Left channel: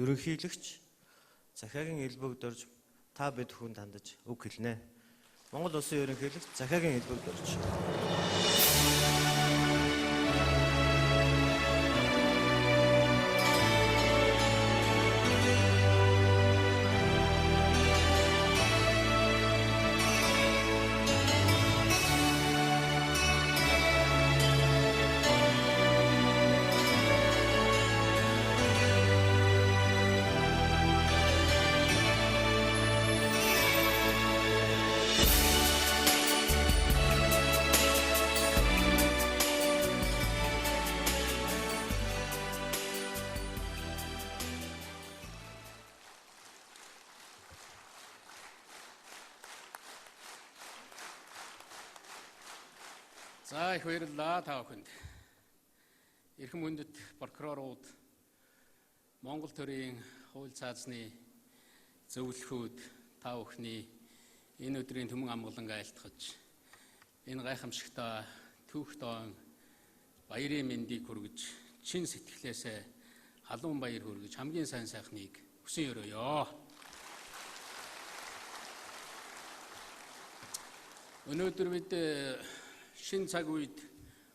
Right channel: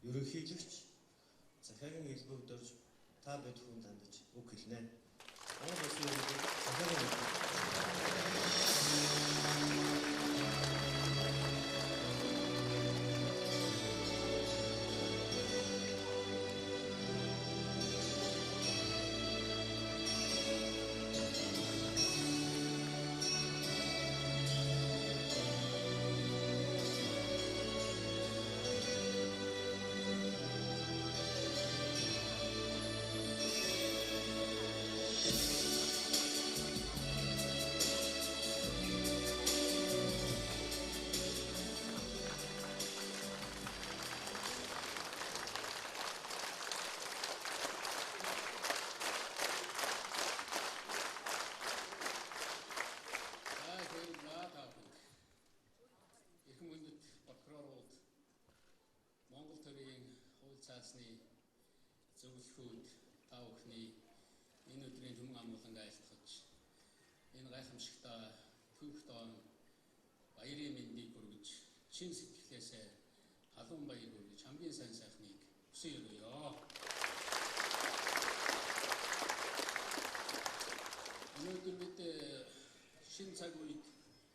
ерөнхийлөгч захиагийн элбэг дорж та бид хүн дандаж үг хэлнэ. Монгол улсын ерөнхийлөгч захиагийн элбэг дорж. За их баярлалаа та бүхэнд. Эрхэм хүндэт прокурорууд, Монгол төрийн хууль цаазны зөвлөхүүд та бүхний энэ өдрийн түмэн амгалан айлтгаж энэ гайхамшигтай түүхтойн баярын мэндийг хүргэж чин сэтгэлээсээ халуун баяр хүргэж хамгийн сайн сайхныг хүсэн өрөөё. Өнөөдөр бид шин цаг үед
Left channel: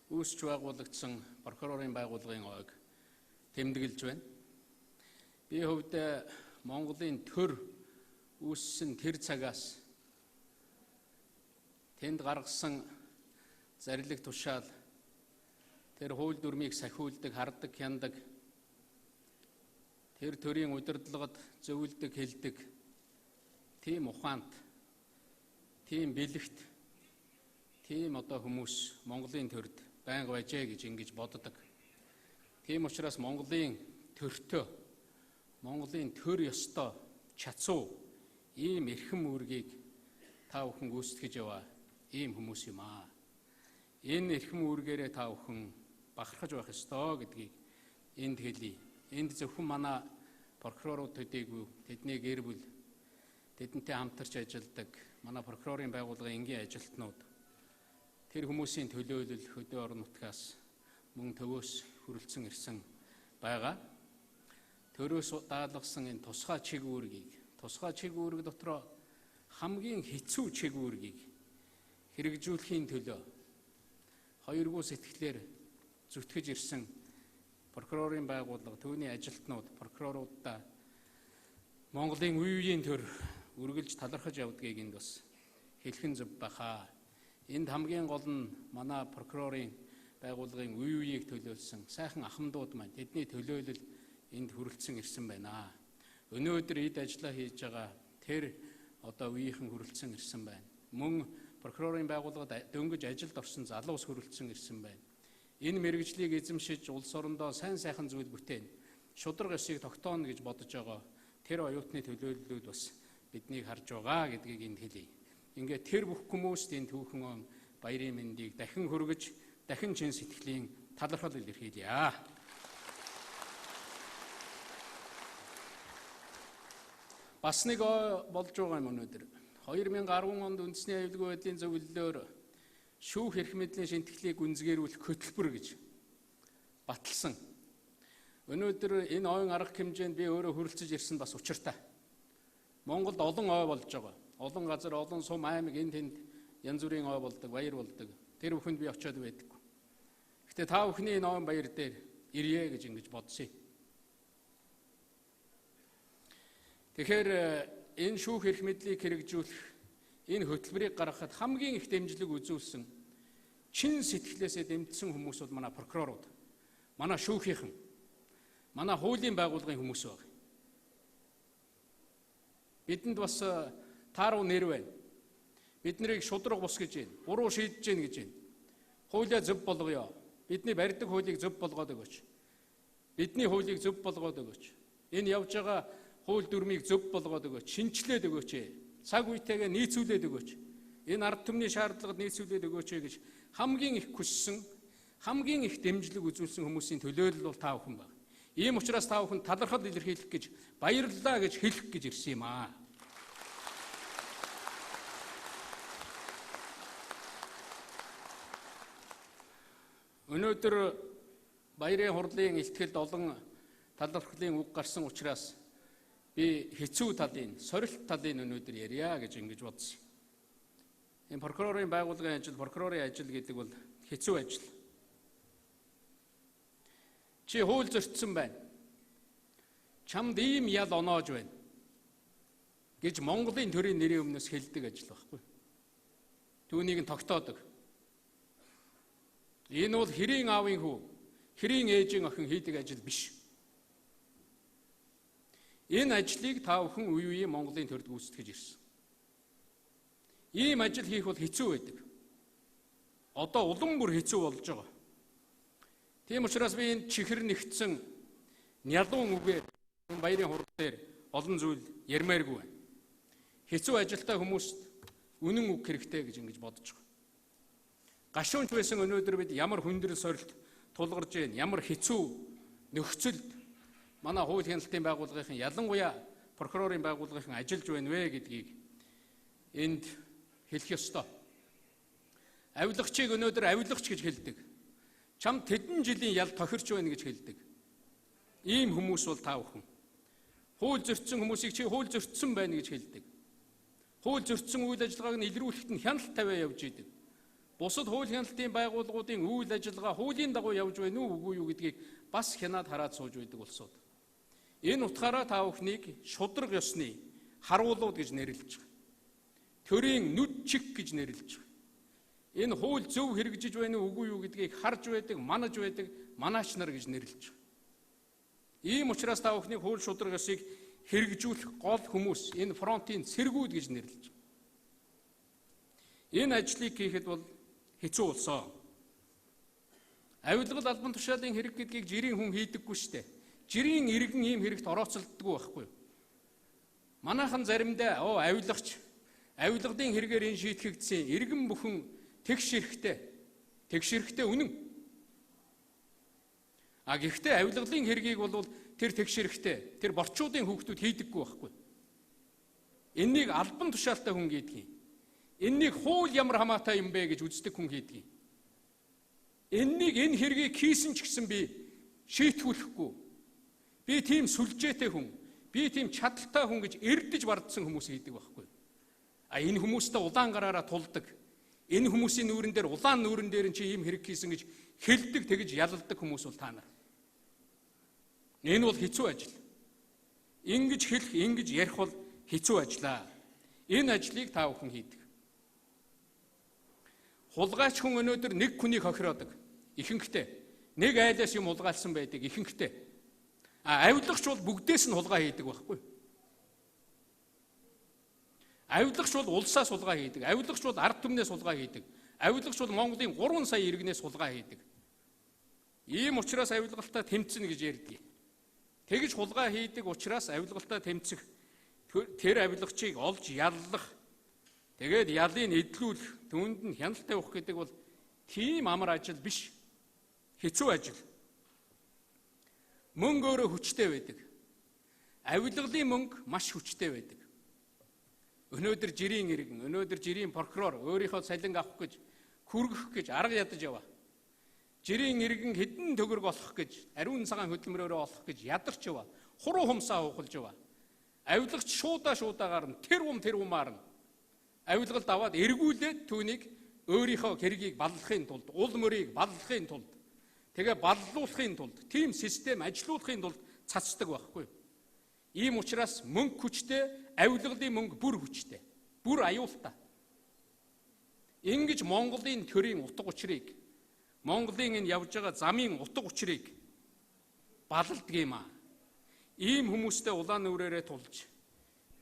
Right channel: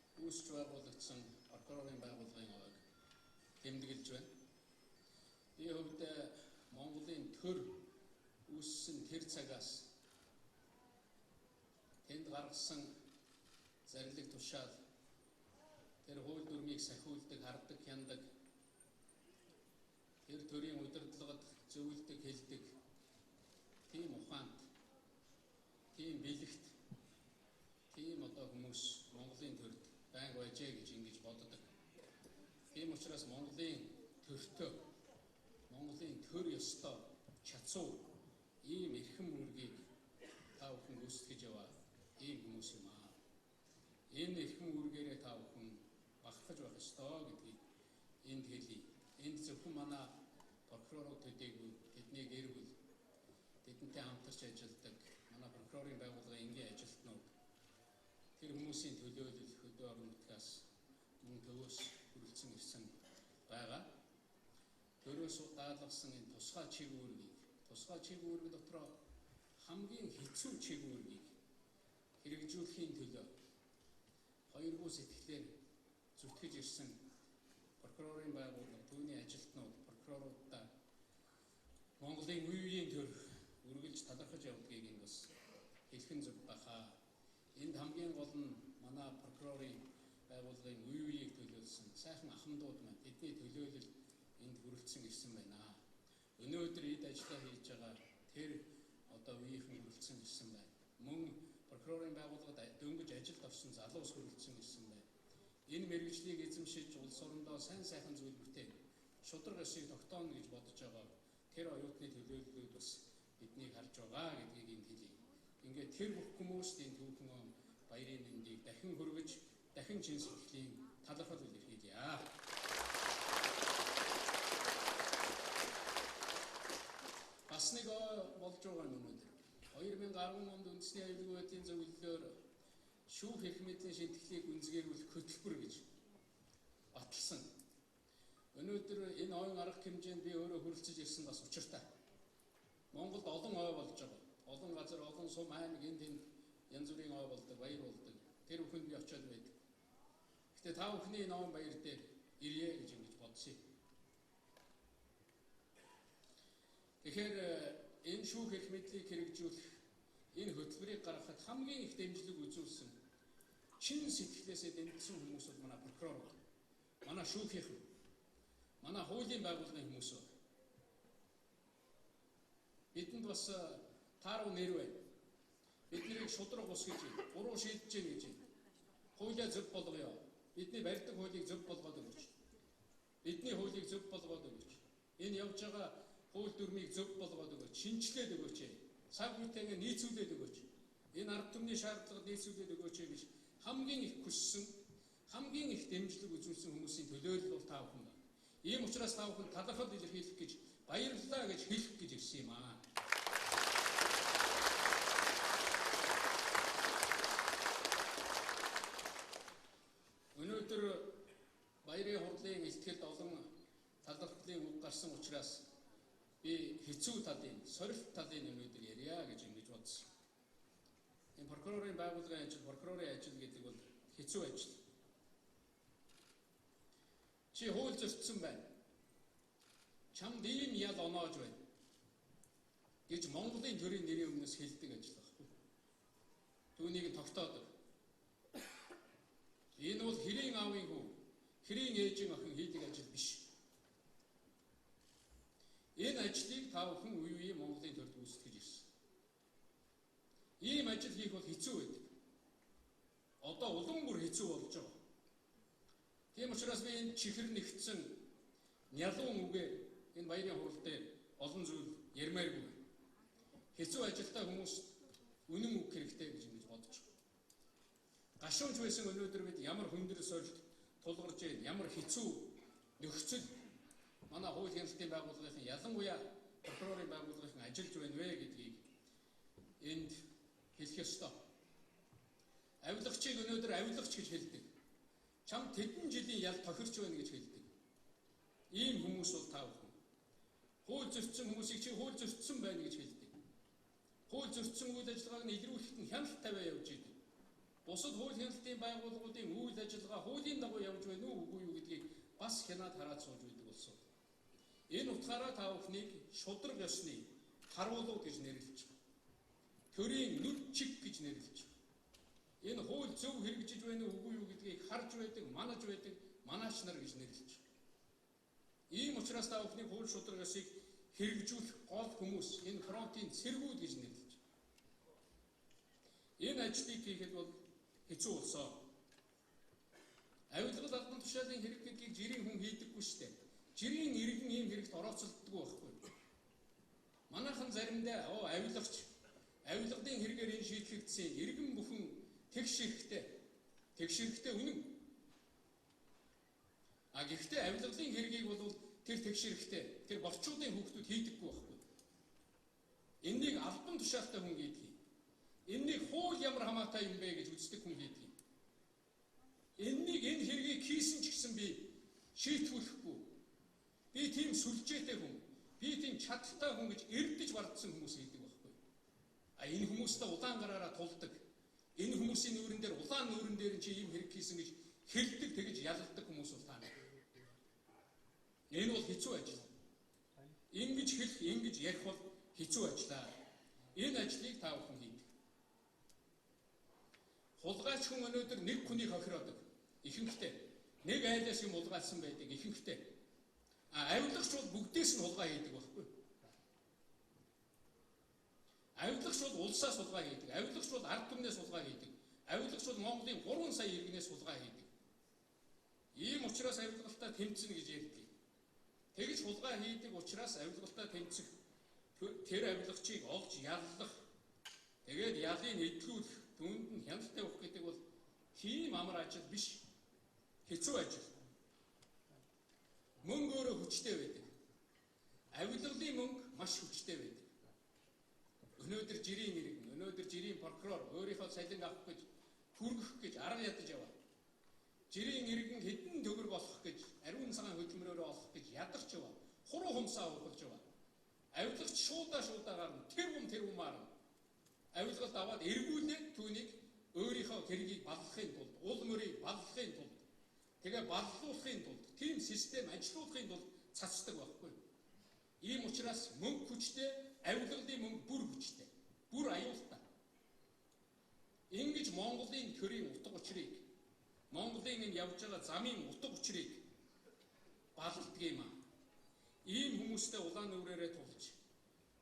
үүсч байгуулагдсан прокурорын байгууллагын ойг тэмдэглэж байна. Би хувьд Монголын төр үүссэн тэр цагаас тэнд гаргасан зарлиг тушаал, тэр хууль дүрмийг сахиулдаг, хардаг, хяндаг, тэр төрийн удирдлагад зөвлөдөг, хэлдэг тийм ухаант, тийм бэлэгт, тийм хүмүүс Монголын төрд байнга байжээ гэж ингэж боддог. Тийм учраас Монголын төртөө, Монголын төр ёстой чацуу ийм эрхэм үүргийг та бүхэн гүйцэтгэж яваа ийм хүмүүс юм аа. Энэ эрхэм үүргээрээ та бүхэн бахархаж байх ёстой гэдгийг энд хэлье. Энд зөвхөн манай прокурорууд төдийгүй, тэдний гэр бүл, тэдэнтэй хамтарч ажилладаг манай прокурорын байгууллагын энгийн ажилтнууд, тэр хүмүүсийн төлөөлөл хөдөө орон нутгаас мөн төвөөс хүрэлцэн ирсэн байгаа. Төрөөс даалгасан энэ тусгай чиг үүрэг дотроо хамгийн хэцүү чиг үүргийг хэрэгжүүлэхийн төлөө хоёргүй сэтгэлээр зүтгэж ирсэн прокурорын байгууллага, түүний ажилтнууд, прокуроруудаа Монголын үе үеийн төр үргэлж талархаж явдгийг энд бас хэлхэн зөв баха. Энд хамгийн гол нь манай прокурорын байгууллагын үе үеийг төлөөлсөн сайхан ахмадууд маань, тэдний төлөөлөл энд хүрэлцэн ирсэн байна. Өнөөдөр эд ажиллаа хийж байгаа тэр үеийнхэн хүрэлцэн ирсэн байна. Мөн прокурорын байгууллагад дөнгөж ажилд орсон залуус хүрэлцэн ирсэн байна. Энэ мэргэжлийг эзэмшиж улс орондоо сайн сайхан зүйл бүтээн, шударга ёсыг тогтооно гэж бодож байгаа тэр оюутны төлөөллүүд бас биднийг харж байгаа гэдгийг энд хэлье. Ингээд тэр бүх хүмүүст энэ түүхэн баярын мэндийг дахин хүргэж, дахин чин сэтгэлийн талархал илэрхийлье. Бас нэг болж байгаа юм өнөөдөр. 2010 онд үндэсний аюулгүй байдлын зөвлөлөөр шүүх эрх мэдлийн шинтгэлийг гүнзгийрүүлэх хөтөлбөр гэж баталсан. Өнөөдөр энэ ойн арга хэмжээнд би өөрөө хүрэлцэж ирсэн бас учиртай. Монголд олон ой болж байгаа. Олон газар, олон сум, аймаг, энд тэнд янз бүрийн ой болдог, баяр болдог. Тэр бүхэнд би очиод байдаг. Гэтэ та бүхний энэ ойн баяр дээр ирье гэж ингэж бодсон. Тэгэхээр энэ шүүх эрх мэдлийг хэрэгжүүлэх энэ хөтөлбөрийг гаргахад хамгийн их дэмжлэг үзүүлсэн, чин сэтгэлээсээ дэмжсэн хүмүүс бол манай прокурорууд, манай шүүхийнхэн, манай хуулийн байгууллагын хүмүүс баг. Бидэнд бас тааруу нэр байна. Бид нарыг шудраг бус гэж байна. Буруу шийдэж гин гэж байна. Хуулиа зөв болгоё. Бидний барьдаг хуулийг зөв болгоод өгөөч. Бидний хуулийг зөв болгоод өгөөч. Энэ явж байгаа хууль дүрмийг зөв болгоод өгөөч. Шинчлээд өгөөч. Цаг үетэйгээ нийцүүлээд өгөөч. Энэ ард түмний шаардлагад нийцүүлээд өгөөч гэж хамгийн их хүссэн, хамгийн их дэмжлэг үзүүлсэн хүмүүсийн төлөөлөл бол та бүхэн байна. Ийм учраас та бүхэн талархал илэрхийлэх гэж, баярлалаа гэж хэлэх гэж ирсэн юм аа. Өнөөдөр баярын хурлын ихтгэл олон талархлын үг гарсан учраас би хэцүү талын, сорилт талын өнөөдөр ярья гэж ингэж бодсон. Энэ прокурорын байгууллагын ажил, прокурорын ажил гэдэг бол хэцүү ажил. Чи хууль зөрчсөн байна. Чамд ийм ял оноож байна гэж Монголын төрийн нэрийн өмнөөс хэлдэг ажил байхгүй. Түүнийг нь тогтоодог. Энэ бол хэрийн аавын хүү, хэрийн ээжийн охин хийдэг ажил биш. Энэ ажлыг та бүхэн үе үеийн Монголын төрд гүйцэтгэж ирсэн. Ийм ажил хийх бол хэцүү байдаг. Одоо улам бүр хэцүү болж байгаа. Тийм учраас би энэ чихэр нэгтсэн нялуун үгээ баярын хурд дээр олон зүйл ярмааргүй байна. Хэцүү ажилтай хүмүүст үнэн үг хэрэгтэй гэж ингэж бодож байгаа. Гашуунч байсан өнөөдөр бид ямар хүндрэл сорилт тулгарч байна, ямар хэцүү нөхцөл манай хууль хяналтын байгууллагын ялангуяа прокурорын байгууллагын ажиллаж байна вэ гэдгийг энд хэлэх ёстой. Авилгачийг өнөөдөр авилгач гэж хэлдэг. Чам тэдэн жилийн ял тохирч байна гэж хэлдэг. Ийм хүмүүс бол та бүхэн. Хууль зөрчсөн хүмүүсийг чи хууль зөрчсөн байна гэж хэлдэг. Хууль зөрчсөн үйл ажиллагааг нь илрүүлэхэд нь хяналт тавиа явж идэг. Бусад хууль хяналтын байгууллагуудын үйл ажиллагаа хуулийн дагуу явж байна уу үгүй юу гэдгийг бас хянаад хараад сууж байдаг улсууд. Энэ утгаараа та бүхнийг шудраг ёсны харуулууд гэж нэрлэж байгаа. Төрийн нүд чиг гэж нэрлэж байгаа. Энэ хууль зөв хэрэгжиж байна уу үгүй юу гэдгийг харж байдаг, манаж байдаг манаач нар гэж нэрлэж байгаа. Ийм учраас та бүхний хууль шудраг ёсыг хэрэгжүүлэх гол хүмүүс энэ фронтын цэргүүд гэж нэрлэж байгаа. Энэ ажлыг хийхэд бол хэцүү болсон. Авилгал албан тушаалын хэрэг гэдгийг жирийн хүн хийдэггүй шүү дээ. Жирийн иргэн ийм хэрэгт орооцолддоггүй байхгүй. Манайхан заримдаа авилгач авилгын хэрэгээр энэ шийтгэгдсэн иргэн бүхэн тэгш эрэхтэй үнэн. Гэхдээ авилгын хэргийг бол тэр тэгш эрэхтэй тэр борчуудын хүүхдүүд хийдэггүй байхгүй. Эннийг албан тушаалтай хүн хийдэг. Эннийг хууль ямар хамаатай юм бэ гэж үздэг хүн хийдэг. Энэ хэргийг хийсэн ч гэсэн би шийтгүүлэхгүй. Би тийм сүлжээтэй хүн, би тийм чадaltaй хүн гэж эрдэж бардсан хүмүүс хийдэг байхгүй. Энэ хүмүүстэй удаан гараараа тулдаг. Энэ хүмүүсийн нүүрэн дээр улаан нүүрэн дээр чи ийм хэрэг хийсэн гэж хэлдэг тэгж ялалдаг хүмүүс бол та нар. Энэ бол хэцүү ажил. Ингэж хэлэх, ингэж ярих бол хэцүү ажиллаа. Энэ ажлыг та бүхэн хийдэг. Хулгайч хүн өнөөдөр нэг хүнийг хохироодог. Ихэнхдээ нэг айлаас юм улгаалсан байдаг ихэнхдээ. Авилгач бол бүгдээс нь хулгай хийдэг байхгүй. Авилгач бол улсаас хулгай хийдэг. Авилгач бол арга түмнээс хулгай хийдэг. Авилгач бол Монголын 3 сая иргэнээс хулгай хийдэг. Ийм учраас авилгалтаа тэмцэнэ гэж ярьдаг. Тэгж хулгай хийдэг учраас авилгалтаа тэмцэх тэр авилгачийг олж яллах тэгээд ялыг эдлүүлэх түүнд нь хяналт тавих гэдэг бол тийм амар ажил биш. Хэцүү ажил. Мөнгө өөрөө хүчтэй байдаг. Авилгалын мөнгө маш хүчтэй байдаг. Өнөөдөр жирийн иргэн, өнөөдөр жирийн прокурор өөрийнхөө салин авах гэж, хүргэх гэж арга ядаж яваа. Жирийн иргэн хэдэн төгрөг олох гэж, ариун цагаан хөдөлмөрөөрөө олох гэж ядарч яваа. Хуруу хумсаа ухалж яваа. Авилгач шуудаагаар нь тэр умаар нь авилгалд аваад эргүүлээд түүнийг өөрийнхөө хэргийг баллахын тулд, уул мөрийг баллахын тулд, тэгээ баллуулахын тулд, тийм систем ажилуулахын тулд цацдаг байхгүй. Ийм учраас мөнгө хүчтэй, авилгалын мөнгө бүр хүчтэй, бүр аюултай. Ингэж Монголын төрийн утга учирыг, Монголын энэ явж байгаа замын утга учирыг балладаг юм аа. Ийм хүмүүстэй улаан нүрээрээ тулж,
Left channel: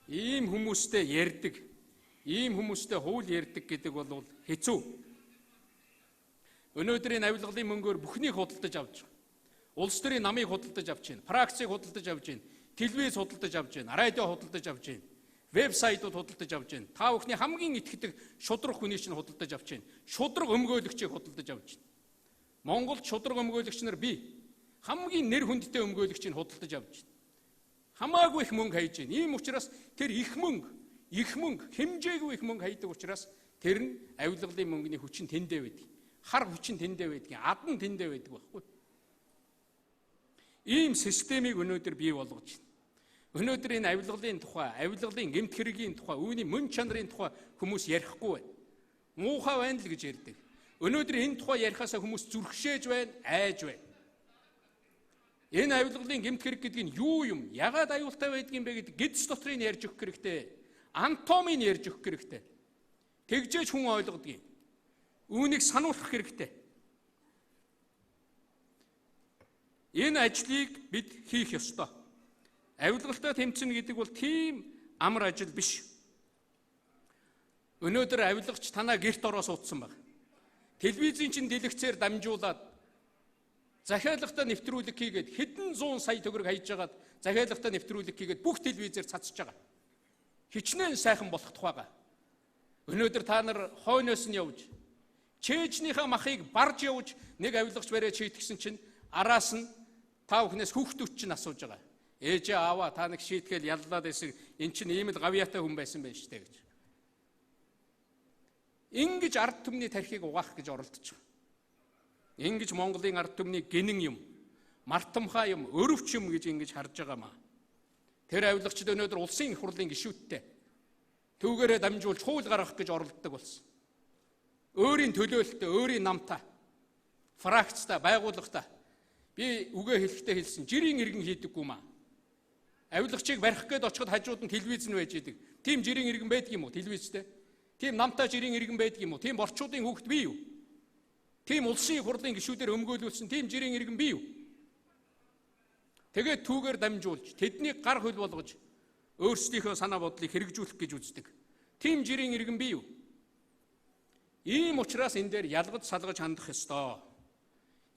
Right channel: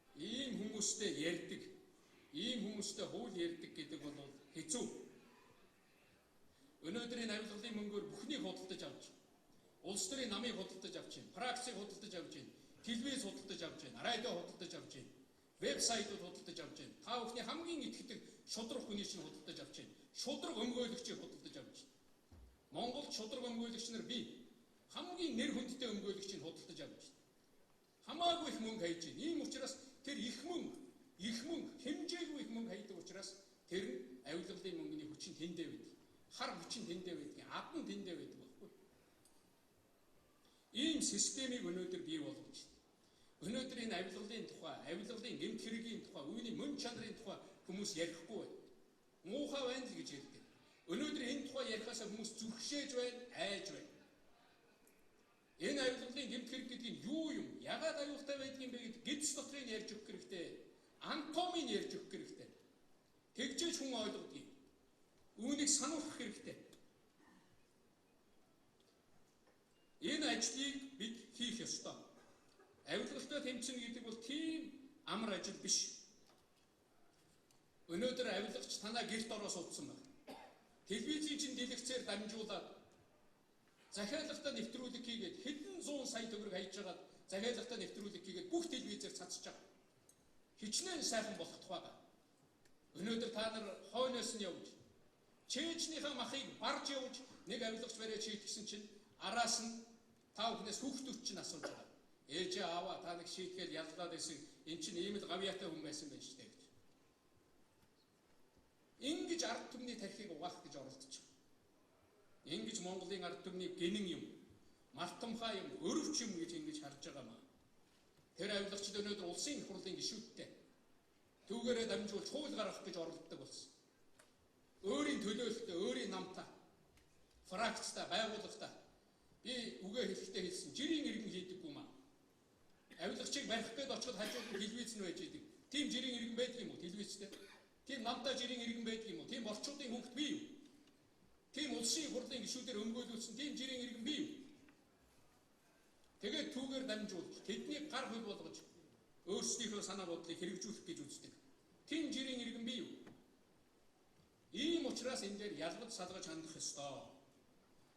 ийм хүмүүстэй ярьдаг, ийм хүмүүстэй хууль ярьдаг гэдэг бол хэцүү. Өнөөдрийн авилгалын мөнгөөр бүхнийг худалдаж авч байгаа. Улс төрийн намыг худалдаж авч байна, практикийг худалдаж авч байна, телевиз худалдаж авч байна, радио худалдаж авч байна, вебсайтууд худалдаж авч байна. Та бүхний хамгийн итгэдэг шудраг хүний чинь худалдаж авч байна. Шудраг өмгөөлөгчийг худалдаж авч байна. Монголд шудраг өмгөөлөгч нар би хамгийн нэр хүндтэй өмгөөлөгчийг худалдаж авч байна. Хамаагүй их мөнгө хайж байна. Ийм учраас тэр их мөнгө, хэмжээгүй их мөнгө хайдаг учраас тэр нь авилгалын мөнгөний хүчин тэндээ байдаг. Хар хүчин тэндээ байдаг. Ад нь тэндээ байдаг байхгүй. Ийм системийг өнөөдөр бий болгож байна. Өнөөдөр энэ авилгалын тухай, авилгалын эмт хэргийн тухай, үүний мөн чанарын тухай хүмүүс ярихгүй байна. Муухай байна л гэж ярьдаг. Өнөөдөр энэ тухай ярихаасаа хүмүүс зүрхшээж байна, айж байна. Энэ авилгалын эмт хэрэг гэдэг нь юу юм? Ягаад аюултай байдгийг бэ гэдэг гидс дотрыг ярьж өгөх хэрэгтэй. Анатомийг ярьж өгөх хэрэгтэй. Тэгжээж хүн ойлгодгийг. Үүнийг сануулах хэрэгтэй. Энэ ажлыг бид хийх ёстой. Авилгалтай тэмцэнэ гэдэг бол тийм амар ажил биш. Өнөөдөр авилгач танаа гэрт ороо суудсан байна. Телевизийн чинь дэлгэцээр дамжуулаад захиалгатай нэвтрүүлэг хийгээд хэдэн зуун сая төгрөг хайж хагаад захиалгатай нэвтрүүлэг хийгээд бүх телевизээр цацж байгаа. Хичнээн сайхан болох тухайга. Өнөөдөр та нар хойноос нь явж, чэйжнийхээ махыг барж явж нэг авилгач бариад шийтгсэн чинь араас нь та бүхнээс хүүхдүүд чинь асууж байгаа. Ээжээ аваа та нэг шийтгэл яллаад байсан. Эн чинь ийм л гавьяатай хүн байсан байж тээ гэж. Ингэж ард түмний тархийг угаах гэж оролдож байгаа. Ингэж Монголын ард түмний гинэн юм, мартамхай юм, өрөвч юм гэж ингэж харж байгаамаа. Тэр авилгачд өнөөдөр улсын их хурлын гишүүдтэй түүгээрээ дамжуулж хууль гаргах гэж оролддог болсон. Өөрийн төлөөлөлтөй, өөрийн намтай, фракцтай, байгууллагатай би үгээ хэлэхдээ хэлсэн. Жирийн иргэн хийдэггүй маа. Авилгачийг барих гээд очиход хажууд нь телевиз нь байж идэг. Тим жирийн иргэн байдаг юм уу телевизтэй? Тим намтай жирийн иргэн байдаг юм уу? Тим орчуудын хүүхэд бий юу? Тим улсын их хурлын гишүүдээр өмгөөлүүлсэн тим жирийн иргэн бий юу? Тэгээд түүгээр дамжуулж тэднийг гар хөл болгож өөрсдийнхөө санаа бодлыг хэрэгжүүлэх гэж үздэг. Тим жирийн иргэн бий юу? Ийм учраас энэ дээр ялгаж салгаж хандах ёстой.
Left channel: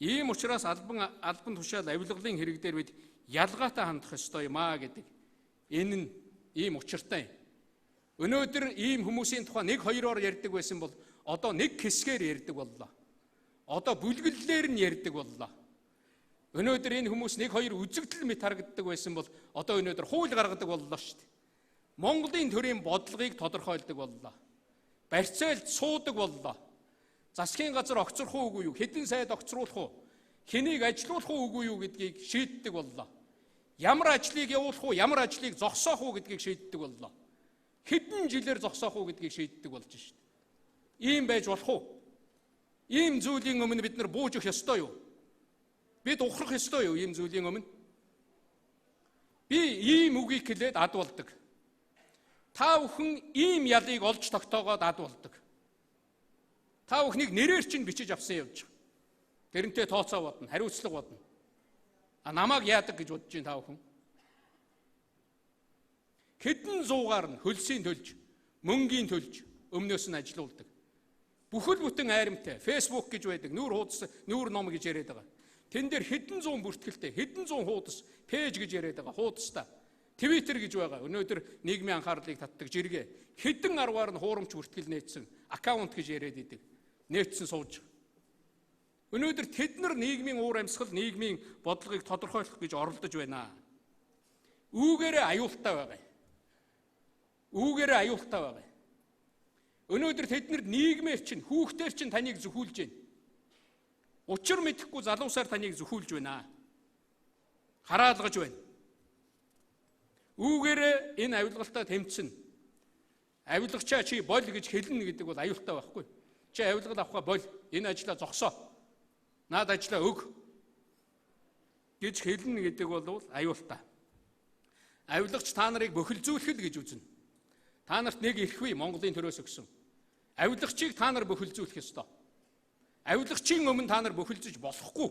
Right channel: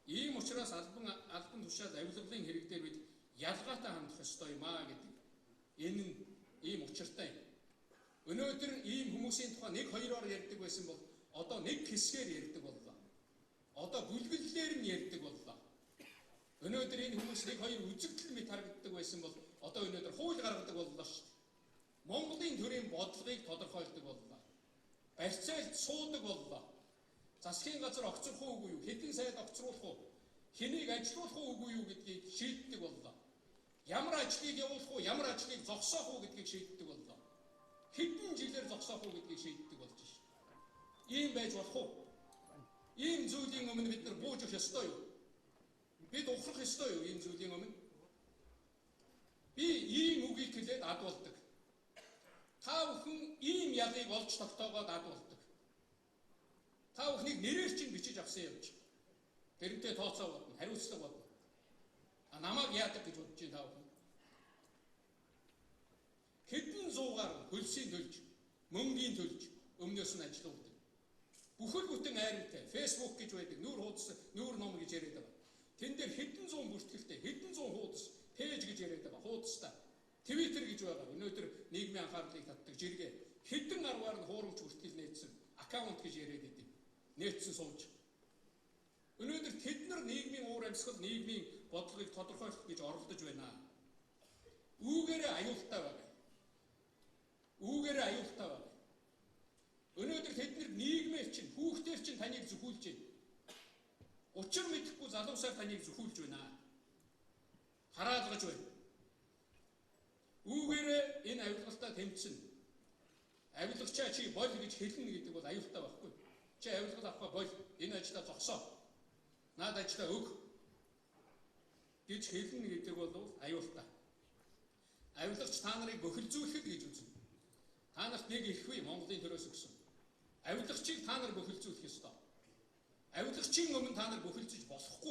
Ийм учраас албан тушаал авилгалын хэрэг дээр бид ялгаатай хандах ёстой юм аа гэдэг. Энэ нь ийм учиртай юм. Өнөөдөр ийм хүмүүсийн тухай нэг хоёроор ярьдаг байсан бол одоо нэг хэсгээр ярьдаг боллоо. Одоо бүлгэллээр нь ярьдаг боллоо. Өнөөдөр энэ хүмүүс нэг хоёр үзэгдэл мэт харагддаг байсан бол одоо өнөөдөр хууль гаргадаг боллоо шүү дээ. Монголын төрийн бодлогыг тодорхойлдог боллоо. Барьцаалд суудаг боллоо. Засгийн газар огцрох уугүй юу? Хэдэн сайд огцруулах уу? Хэнийг ажилуулах уугүй юу гэдгийг шийддэг боллоо. Ямар ажлыг явуулах уу, ямар ажлыг зогсоох уу гэдгийг шийддэг боллоо. Хэдэн жилээр зогсоох уу гэдгийг шийддэг болж шүү дээ. Ийм байж болох уу? Ийм зүйлийн өмнө бид нар бууж өгөх ёстой юу? Бид ухрах ёстой юу ийм зүйлийн өмнө? Би ийм үгийг хэлээд ад болдог. Та бүхэн ийм ялыг олж тогтоогоод ад болдог. Та бүхнийг нэрээр чинь бичиж авсан явж байгаа. Тэрнтэй тооцоо бодно, хариуцлага бодно. Намайг яадаг гэж бодож байна та бүхэн? Хэдэн зуугаар нь хөлсийн төлж, мөнгийн төлж өмнөөс нь ажилуулдаг. Бүхэл бүтэн айрамтай, Facebook гэж байдаг, нүүр хуудас, нүүр ном гэж яриад байгаа. Тэн дээр хэдэн зуун бүртгэлтэй, хэдэн зуун хуудас, пэйж гэж яриад байгаа, хуудастай. Twitter гэж байгаа. Өнөөдөр нийгмийн анхаарлыг татдаг жиргээ. Хэдэн аргаар нь хуурамч бүртгэл нээсэн, аккаунт гэж яриад идэг. Нээсэн сууж. Өнөөдөр тэд нар нийгмийн уур амьсгал, нийгмийн бодлогыг тодорхойлох гэж оролдож байна. Үүгээрээ аюултай байгаа. Үүгээрээ аюултай байгаа. Өнөөдөр тэд нар нийгмээр чинь, хүүхдээр чинь таныг зөвхүүлж байна. Учир мэдэхгүй залуусаар таныг зөвхүүлж байна. Хараалгаж байна. Үүгээрээ энэ авилгалтай тэмцэн. Авилгачаа чи бол гэж хэлнэ гэдэг бол аюултай байхгүй. Чи авилгал авахаа бол, энэ ажлаа зогсоо. Наад ажлаа өг гэж хэлнэ гэдэг бол аюултай. Авилгач та нарыг бөхөлзүүлэх гэж үзнэ. Та нарт нэг эрхвээ Монголын төрөөс өгсөн. Авилгачийг та нар бөхөлзүүлэх ёстой. Авилгачийн өмнө та нар бөхөлзөж болохгүй.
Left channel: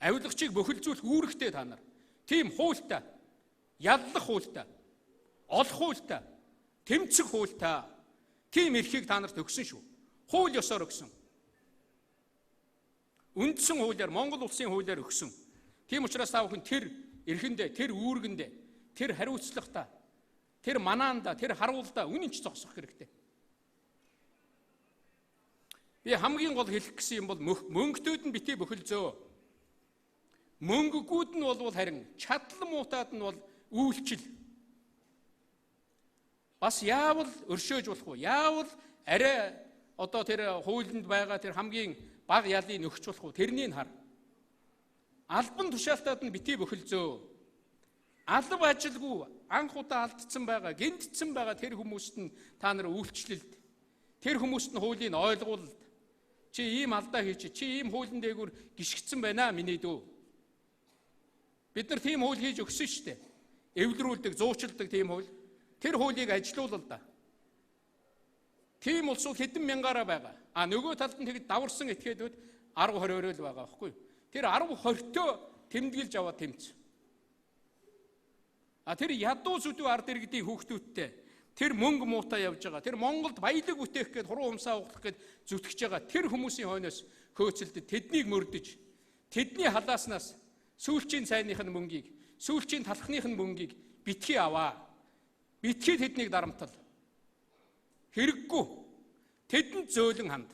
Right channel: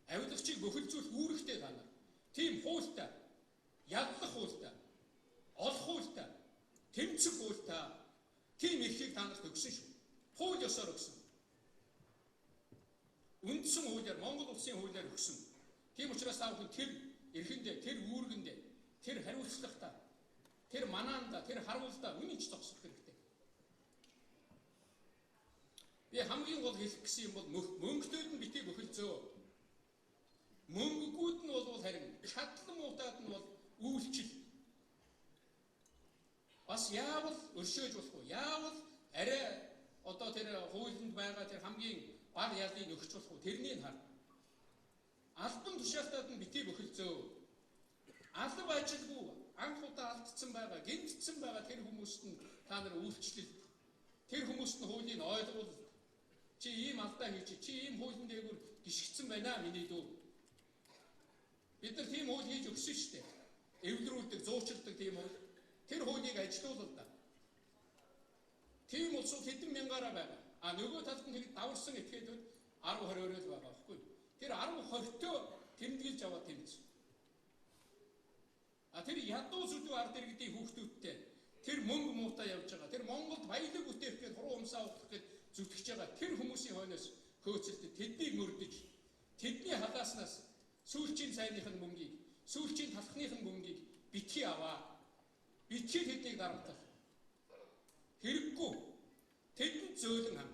Авилгачийг бөхөлзүүлэх үүрэгтэй та нар. Тийм хуультай, яллах хуультай, олох хуультай, тэмцэх хуультай, тийм эрхийг та нарт өгсөн шүү. Хууль ёсоор өгсөн. Үндсэн хуулиар, Монгол улсын хуулиар өгсөн. Тийм учраас та бүхэн тэр эрхэндээ, тэр үүргэндээ, тэр хариуцлагатай, тэр манаанда, тэр харуулдаа үнэн ч зогсох хэрэгтэй. Би хамгийн гол хэлэх гэсэн юм бол мөнгөтүүд нь битгий бөхөлзөө. Мөнгөгүүд нь бол харин чадлан муутаад нь бол үйлчил. Бас яавал өршөөж болох уу? Яавал арай одоо тэр хуулинд байгаа тэр хамгийн бага ялыг нөхч болох уу? Тэрнийг хар. Албан тушаалтаад нь битгий бөхөлзөө. Алба ажилгүй анх удаа алдсан байгаа, гэмтсэн байгаа тэр хүмүүст нь та нар үйлчлэлд, тэр хүмүүст нь хуулийн ойлгуулалт, чи ийм алдаа хийж, чи ийм хуулийн дээгүүр гიშгцэн байна миний дүү. Бид нар тийм хууль хийж өгсөн шүү дээ. Эвлэрүүлдэг, зуучилдаг тийм хууль. Тэр хуулийг ажилуулал да. Тийм улсууд хэдэн мянгаараа байгаа. А нөгөө талд нь тэгэд даварсан этгээдүүд 10-20 өрөөл байгаа байхгүй юу? Тэр 10-20-төө тэмдэглэж аваад тэмцсэн. А тэр ядуу зүдүү ард иргэдийн хүүхдүүдтэй тэр мөнгө муутай явж байгаа. Тэр Монголд баялаг үтээх гээд хуруу умсаа углах гээд зүтгэж байгаа. Тэр хүмүүсийн хойноос хөөцөлдөд тэднийг мөрдөж, тэдний халааснаас сүүлчийн цайных нь мөнгийг, сүүлчийн талхных нь мөнгийг битгий аваа. Битгий тэднийг дарамтал. Хэрэггүй. Тэдэнд зөөлөн ханд.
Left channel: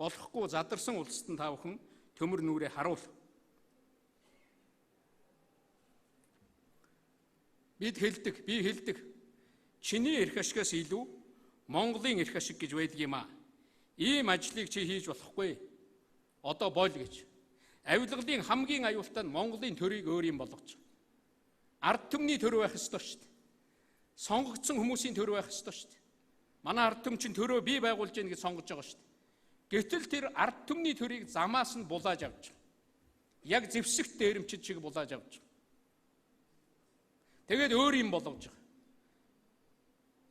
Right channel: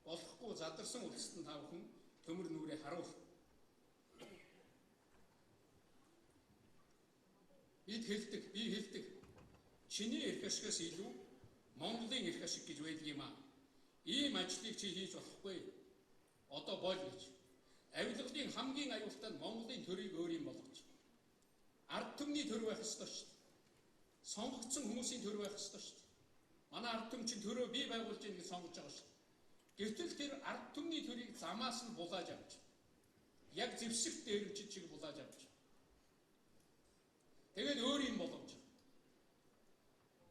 Болохгүй задарсан улсад нь та бүхэн төмөр нүрээ харуул. Бид хэлдэг, би хэлдэг. Чиний эрх ашигаас илүү Монголын эрх ашиг гэж байдаг юм аа. Ийм ажлыг чи хийж болохгүй. Одоо бол гэж. Авилгалын хамгийн аюултай нь Монголын төрийг өөр юм болгож. Ард түмний төр байх ёстой шүү дээ. Сонгогдсон хүмүүсийн төр байх ёстой шүү дээ. Манай ард түмчин төрөө бий байгуулж яах гэж сонгож байгаа шүү дээ. Гэтэл тэр ард түмний төрийг замаас нь булааж авч. Яг зэвсэгт дээрэмчид шиг булааж авч. Тэгээд өөр юм болгож байгаа.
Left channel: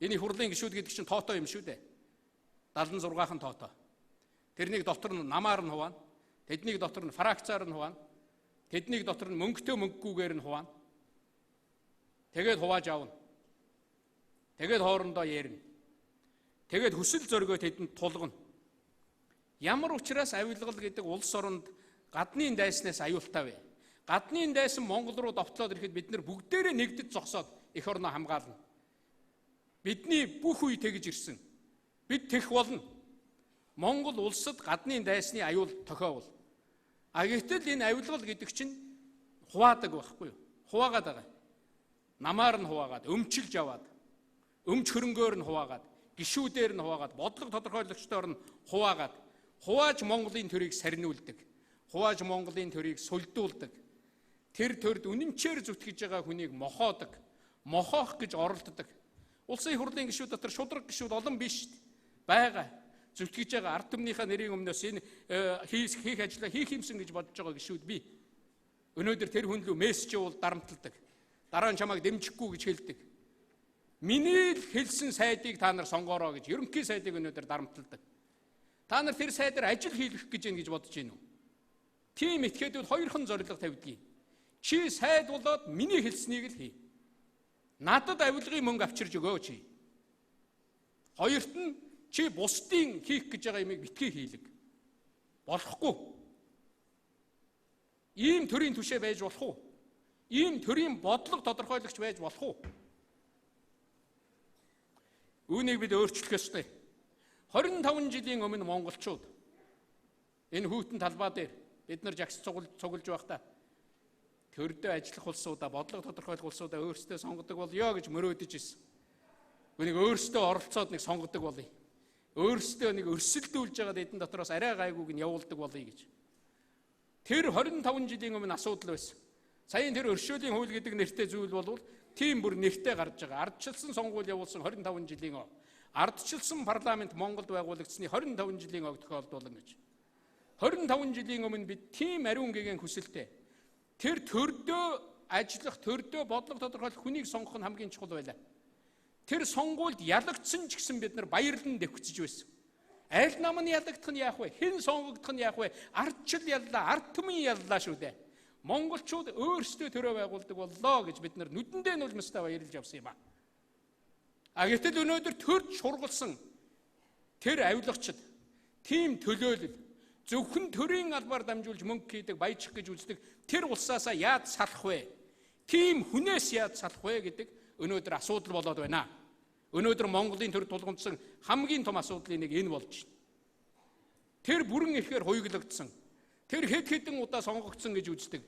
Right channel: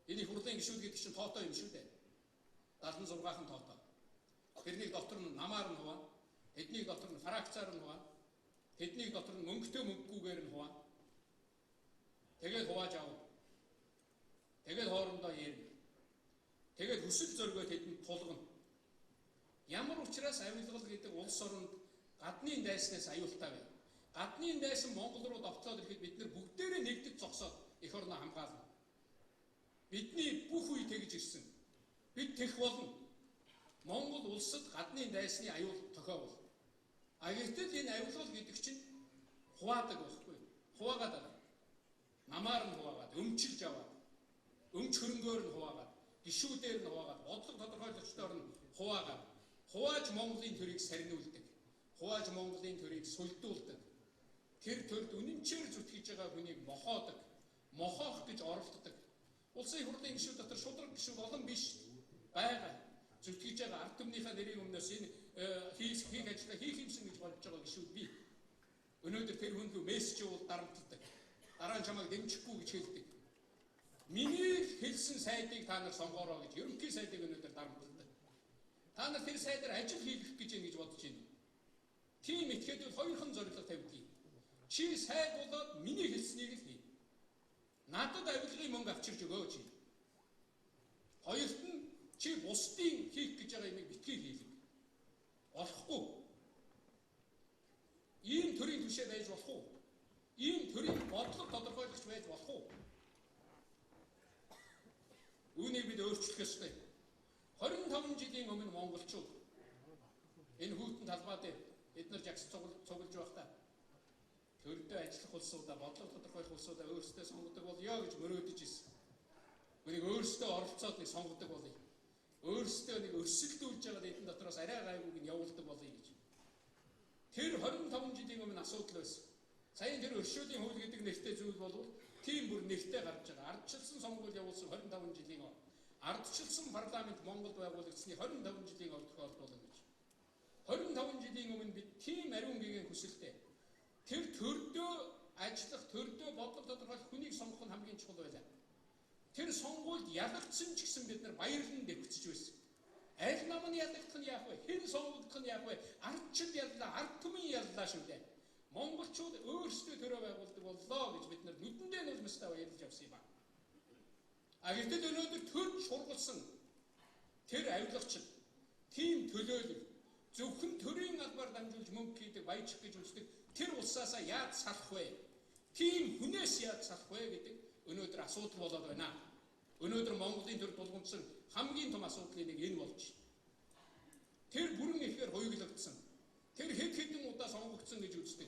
Энэ хурлын гишүүд гэдэг чинь тоотой юм шүү дээ. 76хан тоотой. Тэрнийг дотор нь намаар нь хуваана. Тэднийг дотор нь фракцаар нь хуваана. Тэднийг дотор нь мөнгөтэй мөнгөгүйгээр нь хуваана. Тэгээд хувааж авна. Тэгээд хоорондоо ярина. Тэгээд хүсэл зоригоо тэдэнд тулгана. Ямар учраас авилгал гэдэг улс оронд гадны дайснаас аюултай вэ? Гадны дайсан Монгол руу довтлоод ирэхэд бид нар бүгдээрээ нэгдэж зогсоод эх орноо хамгаална. Бидний бүх үе тэгж ирсэн. Бид тэгэх болно. Монгол улсад гадны дайсны аюул тохиовол. А гэтэл энэ авилгал гэдэг чинь хуваадаг байхгүй юу? Хуваагаад байгаа. Намаар нь хуваагаад, өмчилж аваад, өмч хөрөнгөөр нь хуваагаад, гишүүдээр нь хуваагаад, бодлого тодорхойлогчдоор нь хуваагаад, хувааж Монголын төрийг сарниулдаг. Хувааж Монголын төрийг сулдуулдаг. Тэр төрд үнэнчээр зүтгэж байгаа хүнийг мохоодог. Мохоох гэж оролддог. Улсын хурлын гишүүд дотор шудраг гишүүд олон биш байгаа. Зүтгэж байгаа ард түмнийхээ нэрийн өмнөөс энэ хийх ажлаа хийх юмсан гэж бодож байгаа гишүүд бий. Өнөөдөр тэр хүн рүү мессеж явуул дарамтладаг. Дараа нь чамайг дэмжихгүй гэж хэлдэг. Миний хэлсэн сайдыг та нар сонгоорой гэж ерөнхий сайдыг өнөөдөр дарамтладаг. Та нар тэр сайдаар ажил хийх гэж байна гэж бодож байна уу? Тийм этгээдүүд хоёрхан зорилго тавьдгийг. Чи сайд болоод миний хэлснийг л хий. Надад авилгын мөнгө авчирж өгөөч. Хоёрт нь чи бусдын хийх гэж байгаа юмыг битгий хийлэг. Болохгүй. Ийм төрлийн түшээ байж болох уу? Ийм төрлийн бодлого тодорхойлогч байж болох уу? Үүнийг бид өөрчлөх ёстой. 25 жилийн өмнө монголчууд энэ хүйтэн талбай дээр бид нар жагс цуглаж байхдаа төрдөө ажиллах улсуудаа, бодлого тодорхойлох улсуудаа өөрсдөө сонгодог болёо гэж мөрөөдөж ирсэн. Үнийг өөрсдөө оролцоод нэг сонгодог болъё. Өөрсдөө нэг өрсөлдүүлж байгаа эдэн дотроос арай гайгүйг нь явуулдаг болъё гэж. Тэр 25 жилийн өмнө асуудал байсан. Саяын тэр өршөөлийн хууль гэдэг нэртэй зүйл болвол тийм бүр нэртэй гарч байгаа. Ардчилсан сонгуул явуулсан 25 жилийн ов. Ардчилсан парламент Монголд байгуулагдсны 25 жилийн ов тохиолдуулна гэж. 25 жилийн өмнө бид тийм ариун гэгээн хүсэлтэй. Тэр төрдөө ажиллах, төрдөө бодлого тодорхойлох хүнийг сонгох нь хамгийн чухал байлаа. Тэр сонгуульд ялагдсан ч гэсэн бид нар баярлан дэвхцэж байсан. Аль нам нь ялагдах нь яах вэ? Хэн сонгогдох нь яах вэ? Ардчил яллаа, ард түмэн яллаа шүү дээ. Монголчууд өөрсдөө төрөө байгуулдаг боллоо гэж бид нар нүдэндээ нь улмастай баярлж явсан юм аа. А гэтэл өнөөдөр төрж шургалсан тэр авилгачид тийм төлөөлөл зөвхөн төрийн албаар дамжуулж мөнгө хийдэг, баяжих гэж үздэг тэр улсаасаа яаж салах вэ? Тийм хүнээс яаж салах вэ гэдэг өнөөдөр асуудал болоод байна. Өнөөдөр Монголын төр тулгамдсан хамгийн том асуудлын нэг энэ болж байна. Тэр бүрэн ихээр хуйглагдсан. Тэр хэд хэдэн удаа сонгогдсон гэж үздэг.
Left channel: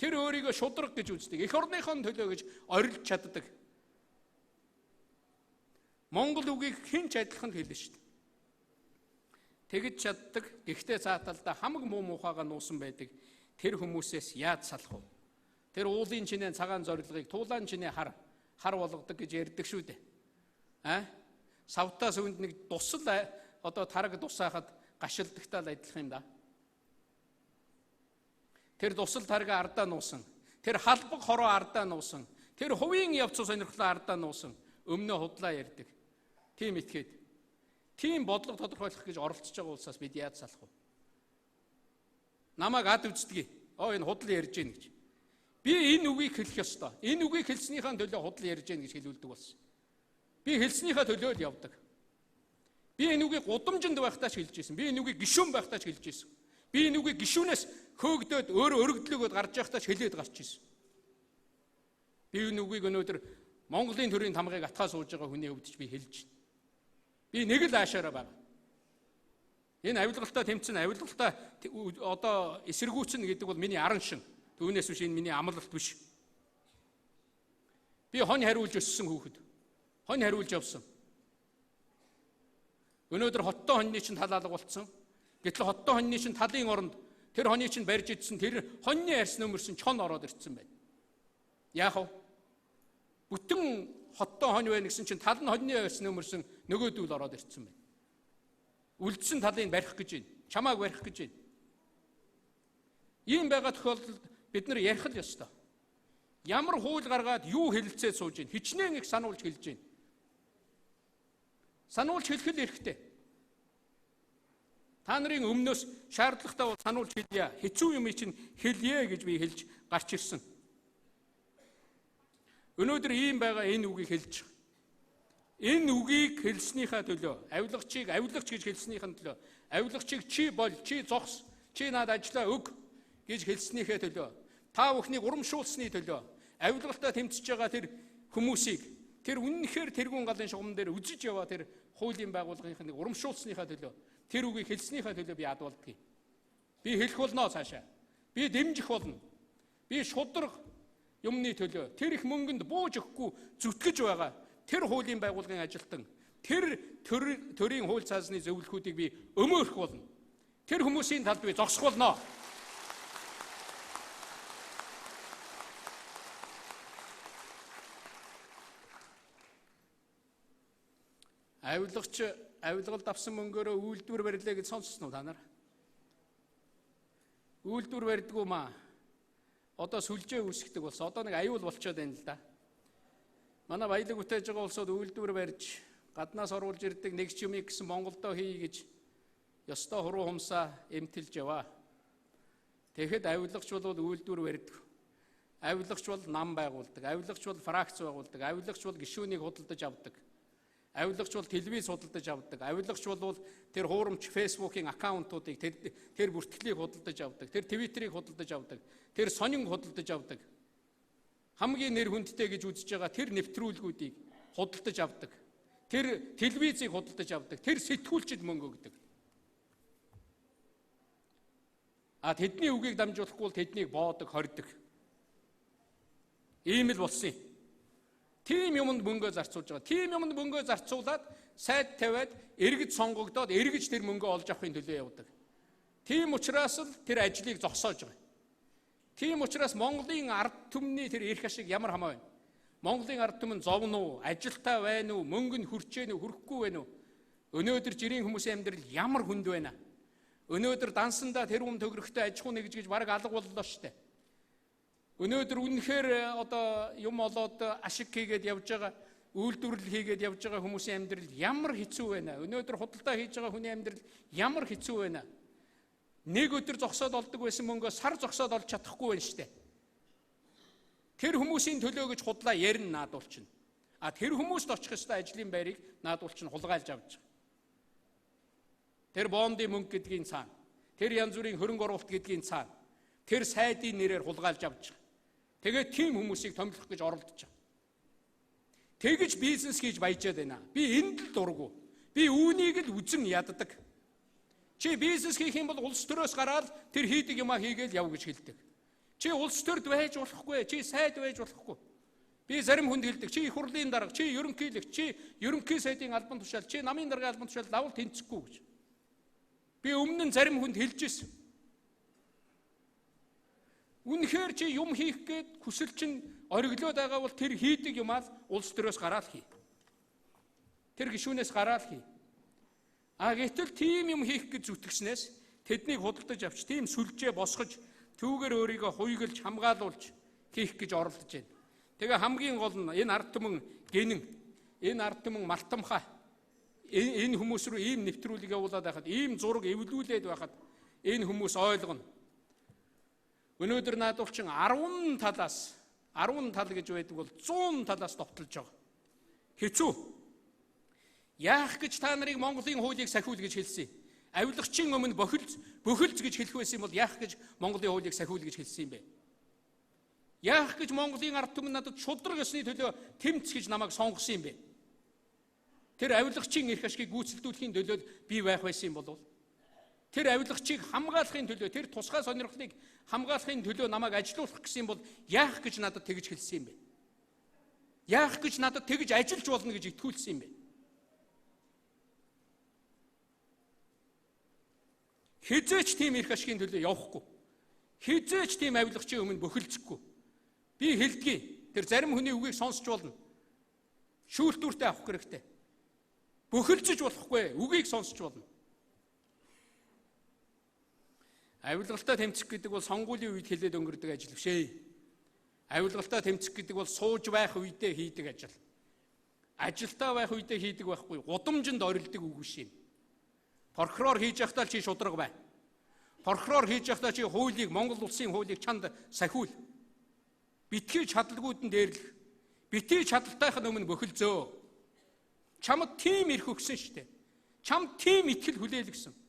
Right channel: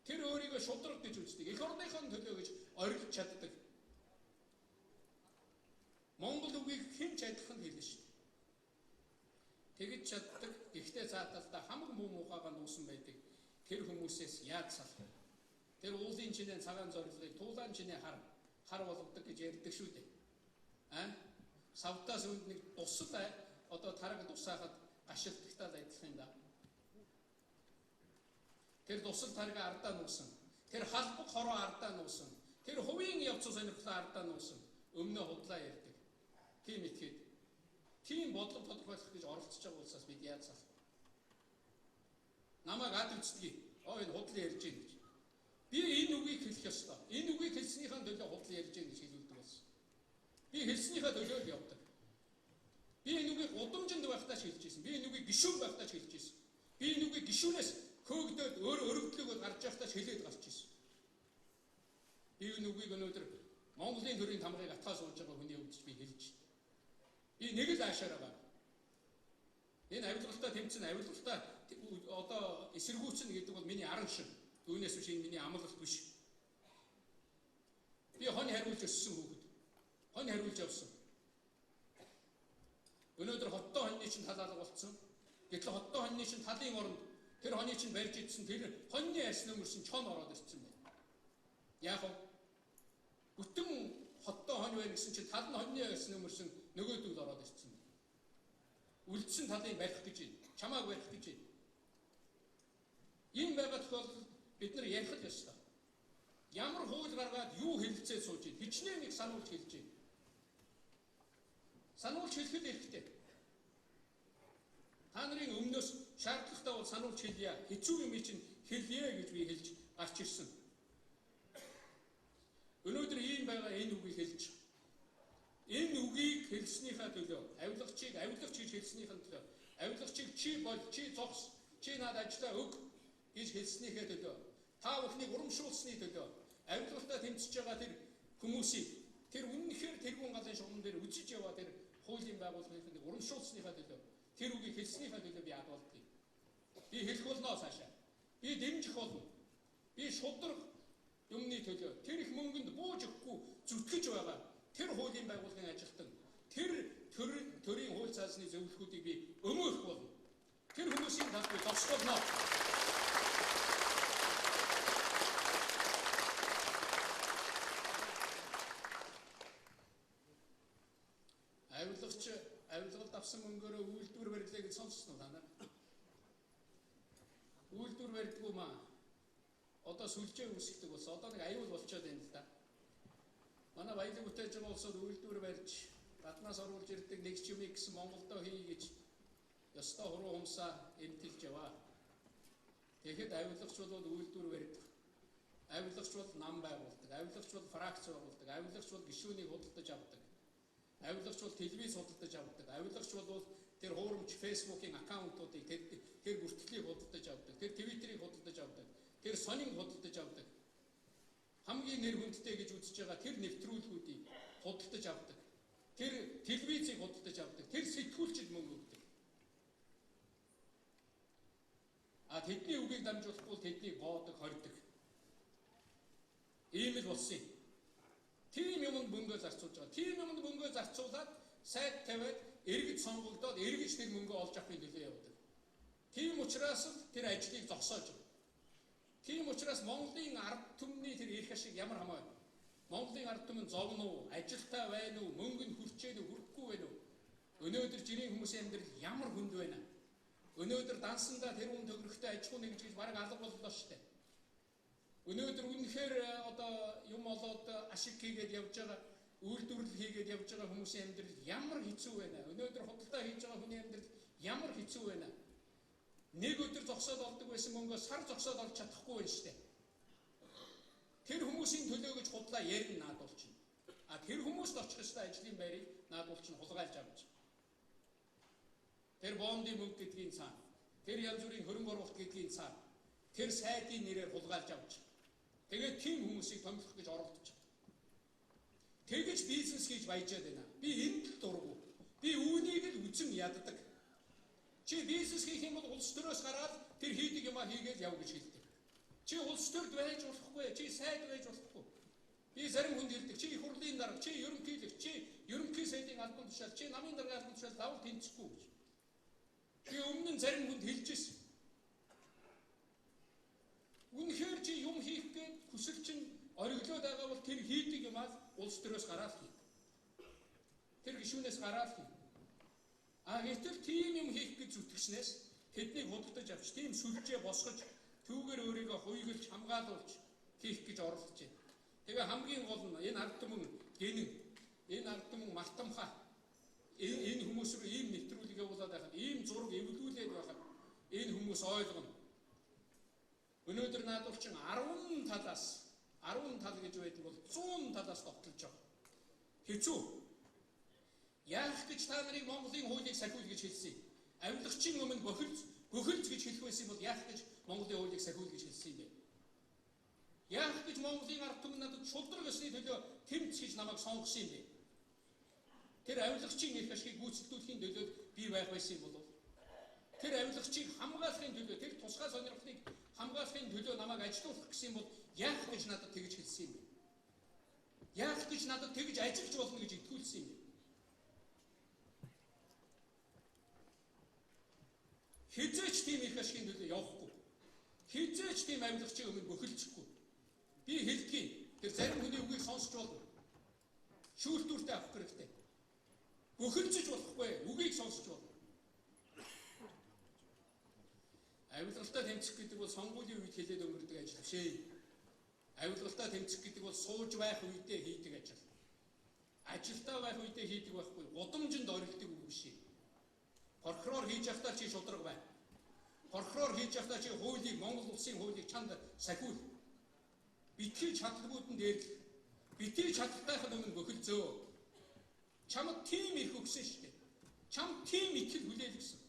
Тэр өөрийгөө шудраг гэж үздэг. Эх орныхон төлөө гэж орилж чаддаг. Монгол үгийг хэн ч адилхан хэлнэ шүү дээ. тэгж чаддаг, ихтэй цааталдаа хамаг муу мухайгаа нуусан байдаг. Тэр хүмүүсээс яаж салах вэ? Тэр уулын чинээ цагаан зорилгыг туулаан чинээ хар болгодог гэж ярьдаг шүү дээ. Савтаас үүнд нэг тусал одоо тараг тусаахад гашилдагтаа л адилхан юм да. Тэр тусал таргаа ардаа нуусан. Тэр халбаг хороо ардаа нуусан. Тэр хувийн явц сонирхлоо ардаа нуусан. Өмнө худлаа ярьдаг. Тийм итгээд. Тийм бодлого тодорхойлох гэж оролцож байгаа улсаас бид яаж салах вэ? Намайг ад үздэгий. Энэ худал ярьж гин гэж. Би энэ үгийг хэлэх ёстой. Энэ үгийг хэлснийхаа төлөө худал ярьж гин гэж хэлүүлдэг болсон. Би хэлснийхаа төлөө л явдаг. Би энэ үгийг гудамжинд байхдаа ч хэлж ирсэн. Би энэ үгийг гишүүн байхдаа ч хэлж ирсэн. Би энэ үгийг гишүүнээс хөөгдөөд өөрөө өргөдлөгөөд гарч байхдаа ч хэлээд гарч ирсэн. Би энэ үгийг өнөөдөр Монголын төрийн тамгыг атгаа сууж байгаа хүний өвдөж би хэлж байна. Би нэг л аашаараа байна. Энэ авилгалтаа тэмцэн авилгалтаа одоо эсэргүүцэн гэдэг бол миний аран шин. Түүнээс биш энэ миний амлалт биш. Би хонь хариулж өссөн хүүхэд. Хонь хариулж явсан. Өнөөдөр хоттой хоньны чинь талаалга болцсон. Гэтэл хоттой хоньны чинь талын оронд тэр хоньны чинь барьж идсэн тэр хоньны арьс нөмөрсөн чон ороод ирсэн байна. Яах вэ? Бүтэн хоттой хонь байна гэсэн чинь тал нь хоньны арьс нөмөрсөн нөгөөдүүл ороод ирсэн байна. Үлдсэн талыг барих гэж байна. Чамааг барих гэж байна. Ийм байгаа тохиолдолд бид нар ярих л ёстой. Ямар хууль гаргаад юу хэлэлцээ сууж байна. Хичнээн их сануулж хэлж байна. Сануулж хэлэх л хэрэгтэй. Та нарын өмнөөс шаардлагатай сануулж хэлье. Хэцүү юм чинь хэлье гэж би хэлж гарч ирсэн. Өнөөдөр ийм байгаа энэ үгийг хэлж байгаа. Энэ үгийг хэлснийхаа төлөө, авилгагч гэж хэлснийхэн төлөө, авилгагчийг чи бол, чи зогс, чи над ажиллаа өг гэж хэлснийхээ төлөө, та бүхнийг урамшуулсны төлөө, авилгалтаа тэмцэж байгаа тэр хүмүүсийг, тэр үнэнхээр тэргүүн галын шугам дээр үзэж яваа тэр хуулийн байгууллагын урамшуулсныхаа төлөө, тэр үгийг хэлснийхаа төлөө би адуулдгийг. Би хэлэх болно цаашаа. Би дэмжих болно. Би шудраг юмны төлөө, тэр их мөнгөнд бууж өгөхгүй зүтгэж байгаа тэр хуулийн байгууллагын ажилтан, тэр төрийн хууль цаасны зөвлөхүүдийг би өмөөрөх болно. Тэр хүмүүсийн талд би зогсох болно. Авилгалд авсан мөнгөөрөө үйлдвэр барилаа гэж сонссон уу та нар? Үйлдвэр барьдгүй маа. Одоо сүлжээ үүсгдэг болсон. Одоо нэг аюул болчиход байна л да. Манай баялаг бүтээж байгаа улсууд үйлдвэр барьж гаднаас оруулж ирдэг нэг ч юм гэсэн Монголдо хий гэж ёстой хуруу хумсаа эмтэлж яваа. Тэгэхэд авилгач бол үйлдвэр барьдаг. Авилгач бол нам байгуулдаг. Авилгач бол фракц байгуулдаг. Авилгач бол гишүүнийг худалдаж авдаг. Авилгач бол телевиз худалдаж авдаг. Авилгач бол тэр хуурамч фейсбુકийн аккаунтуудыг тэр бүртгэлийг худалдаж авдаг. Тэр твиттерийг худалдаж авдаг. Тэр сонин худалдаж авдаг. Хамгийн нэр хүндтэй гэж үзэж байгаа тэр нэвтрүүлгүүдийг худалдаж авдаг. Тэр телевизийг худалдаж авдаг. Тэр сэтгүүлчд мөнгө өгдөг. Тэдний үгийг дамжуулахгүй бол тэднийг боодог, хордог. Ийм л болсон юм. Тийм юмд мөнгөө зарцуулж байгаа. Тийм юмд мөнгөө зарцуулаад сайд тавиад эргэж сонгогдоод эргэж тэр мөнгөө олж авахын төлөө явдаг. Тийм учраас л тэр ажлыг зогсоож байгаа. Тийм учраас Монголын ард түмний тэр эрх ашиг ямар хамаа вэ? Монголын ард түмэн зовно уу? Ажилтаа байна уу? Мөнгө нь хүрчээ нү, хүрэхгүй байна уу? Өнөөдөр жирийн хүмүүсийн амьдрал ямар хүнд байна? Өнөөдөр дансандаа тэрүүн төгрөгтэй аж ахуй нэгж гэж бараг алга боллоо штэ. Өнөөдөр үнэхээр одоо юм олоод ашиг хийгээд явж байгаа, үйлдвэрлэл хийгээд явж байгаа хүмүүсийн амьдрал ямар хэцүү байна? Өнөөдөр худалдаа хийж байгаа хүний амьдрал ямар хэцүү байна? Нэг өдөр зогсоод олдог байсан мөнгөө сар зогсоод олж чадахгүй байна штэ. Тэр хүмүүсийн төлөө гэж худлаа ярина наадуулчихна. Тэр хүмүүст очих ёстой ажлын байрыг наадуулчихна хулгайлж авч байгаа. Тэр бондын мөнгө гэдгийн цаана, тэр янз бүрийн хөрөнгө оруулалт гэдгийн цаана, тэр сайдын нэрээр хулгайлж авч байгаа. Тэгээд тийм хүмүүсийг томилох гэж оролдож байгаа. Тэгж бизнес хийж баяжаад байна. Би энд л дургу. Би үүнийг л үзэн яддаг. Чи бизнес хийх юм бол улс төрөөс гараад тэр хийдэг юмаа хийгээл яв гэж хэлдэг. Чи улс төрд байж болохгүй, чи сайд байж болохгүй. Би зарим хүнд хэлдэг. Чи их хурлын дарга, чи ерөнхийлөгч, чи ерөнхий сайдын албан тушаал, чи намын даргын албан тушаал давал тэнцэхгүй гэж. Би өмнө нь зарим хүнд хэлж ирсэн. Үнэхээр чи юм хийх гээд хүсэл чинь ориглоод байгаа бол тэр хийдэг юмаа улс төрөөс гараад хий. Тэр гишүүнээс гараад хий. Гэтэл тийм юм хийх гэж зүтгэснээс тэднийг худалдаж авч тийм сүлжээ босгож түүгээр өөрийгөө хуйгалж хамгаалуулж хийх гэж оролдож байна. Тэгээ хамгийн гол нь энэ ард түмэн гинэн, энэ ард түмэн мартамхай энэ хүмүүс рүү ийм нэвтрүүлэг явуулаад байхад, ийм зураг эвлүүлээд байхад энэ хүмүүс ойлгоно. Өнөөдөр наадуучин 10 талаас 10 тал гэж байдаг бол 100 талаас довтолж байгаа. Хэцүү. Яах гэж та нарыг Монголын хуулийг сахиул гэж хэлсэн юм? Авилгачийн өмнө бөхөлз гэж хэлэх байсан бол яах гэж Монголын хуулийг сахиул гэж хэлсэн юм бэ? Яах гэж Монголын ард түмэн надад шудраг ёсны төлөө тэмц гэж намайг сонгосон юм бэ? Тэр авилгачийн эрх ашгийг гүйцэлдүүлэхийн төлөө би байх байсан юм болов? Тэр авилгачийг хамгаалахын төлөө, тэр тусгай сонирхлыг хамгаалахын төлөө намайг ажилуулах гэсэн юм бол яах гэж надад тэгж хэлсэн юм бэ? Яах гэж надад тэгж ажиллаж болно гэж итгүүлсэн юм бэ? Хизээч тийм эрх ашигын төлөө явахгүй. Хизээч тийм авилгачийн өмнө бөхөлзөхгүй. Би хэлдгийг тэр зарим хүний үгийг сонсч болно. Шүүлтүүртэй авах хэрэгтэй. Бөхөлзөж болохгүй, үгийг сонсч болно. Авилгалтаа тэмцэх гэдэг бол сонгуулийн үед хэлээд өнгөрдөг ажил биш ээ. Авилгалтаа тэмцэх гэдэг бол сууж байх үедээ хийдэг ажил. Ажилтаа байх үедээ хийдэг байхгүй, гудамжинд орилдог үг биш юм. Прокурор хийж явахдаа чи шудраг бай. Прокурор хийж явахдаа чи хуулийг, Монгол улсын хуулийг чанд сахиул. Битгий чадалгүйд нь дээрлэх. Битгий чадалтайх нь өмнө бөхөлзөө. Чамд тийм ирэх өгсөн шүү дээ. Чамд тийм итгэл хүлээлгэсэн.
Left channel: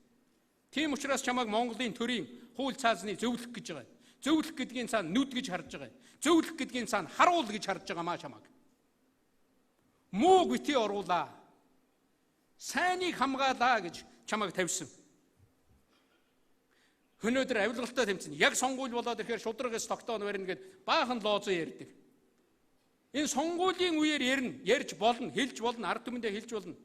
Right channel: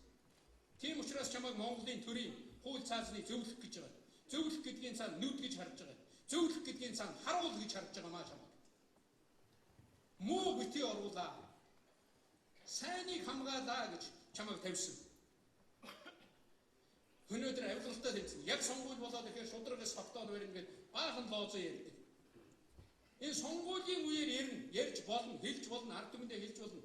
Тийм учраас чамайг Монголын төрийн хууль цаазны зөвлөх гэж байгаа. Зөвлөх гэдгийн цаана нүд гэж харж байгаа. Зөвлөх гэдгийн цаана харуул гэж харж байгаа маа чамайг. Муу битгий оруулаа. Сайныг хамгаалаа гэж чамайг тавьсан. Өнөөдөр авилгалтаа тэмцэн. Яг сонгуул болоод ирэхээр шудрагаас тогтоон барина гэд баахан лоозоо ярьдаг. Энэ сонгуулийн үеэр ярьж болно, хэлж болно, ард түмэндээ хэлж болно.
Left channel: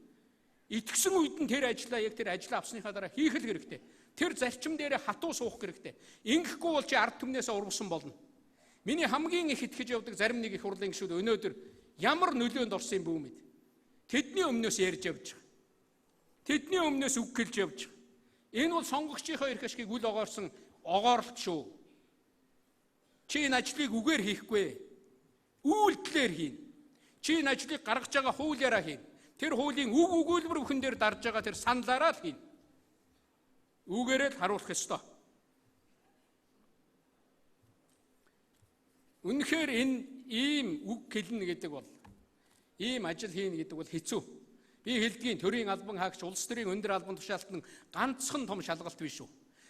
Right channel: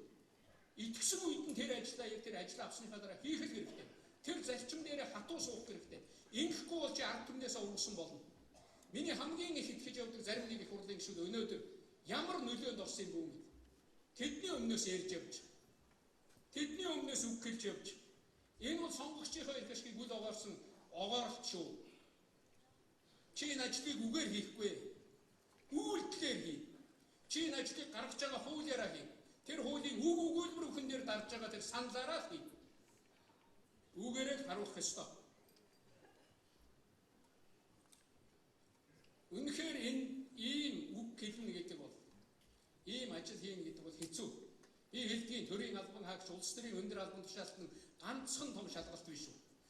Итгэсэн үед нь тэр ажлаа яг тэр ажлаа авсныхаа дараа хийх л хэрэгтэй. Тэр зарчим дээр хатуу суух хэрэгтэй. Ингэхгүй бол чи ард түмнээсээ ургасан болно. Миний хамгийн их итгэж явдаг зарим нэг их хурлын гишүүд өнөөдөр ямар нөлөөнд орсон юм бэ мэд. Тэдний өмнөөс ярьж явж байгаа. Тэдний өмнөөс үг гэлж явж байгаа. Энэ бол сонгогчийнхоо эрх ашгийг үл огоорсон огооролт шүү. Чи энэ ажлыг үгээр хийхгүй. Үйлдэлээр хий. Чи энэ ажлыг гаргаж байгаа хуулиараа хий. Тэр хуулийн үг өгүүлбэр бүхэн дээр дарж байгаа тэр саналаараа л хий. Үгээрээ л харуулах ёстой. Үнэхээр энэ ийм үг хэлнэ гэдэг бол, ийм ажил хийнэ гэдэг бол хэцүү. Би хэлдгийн төрийн албан хаагч улс төрийн өндөр албан тушаалтан ганцхан том шалгалт биш шүү.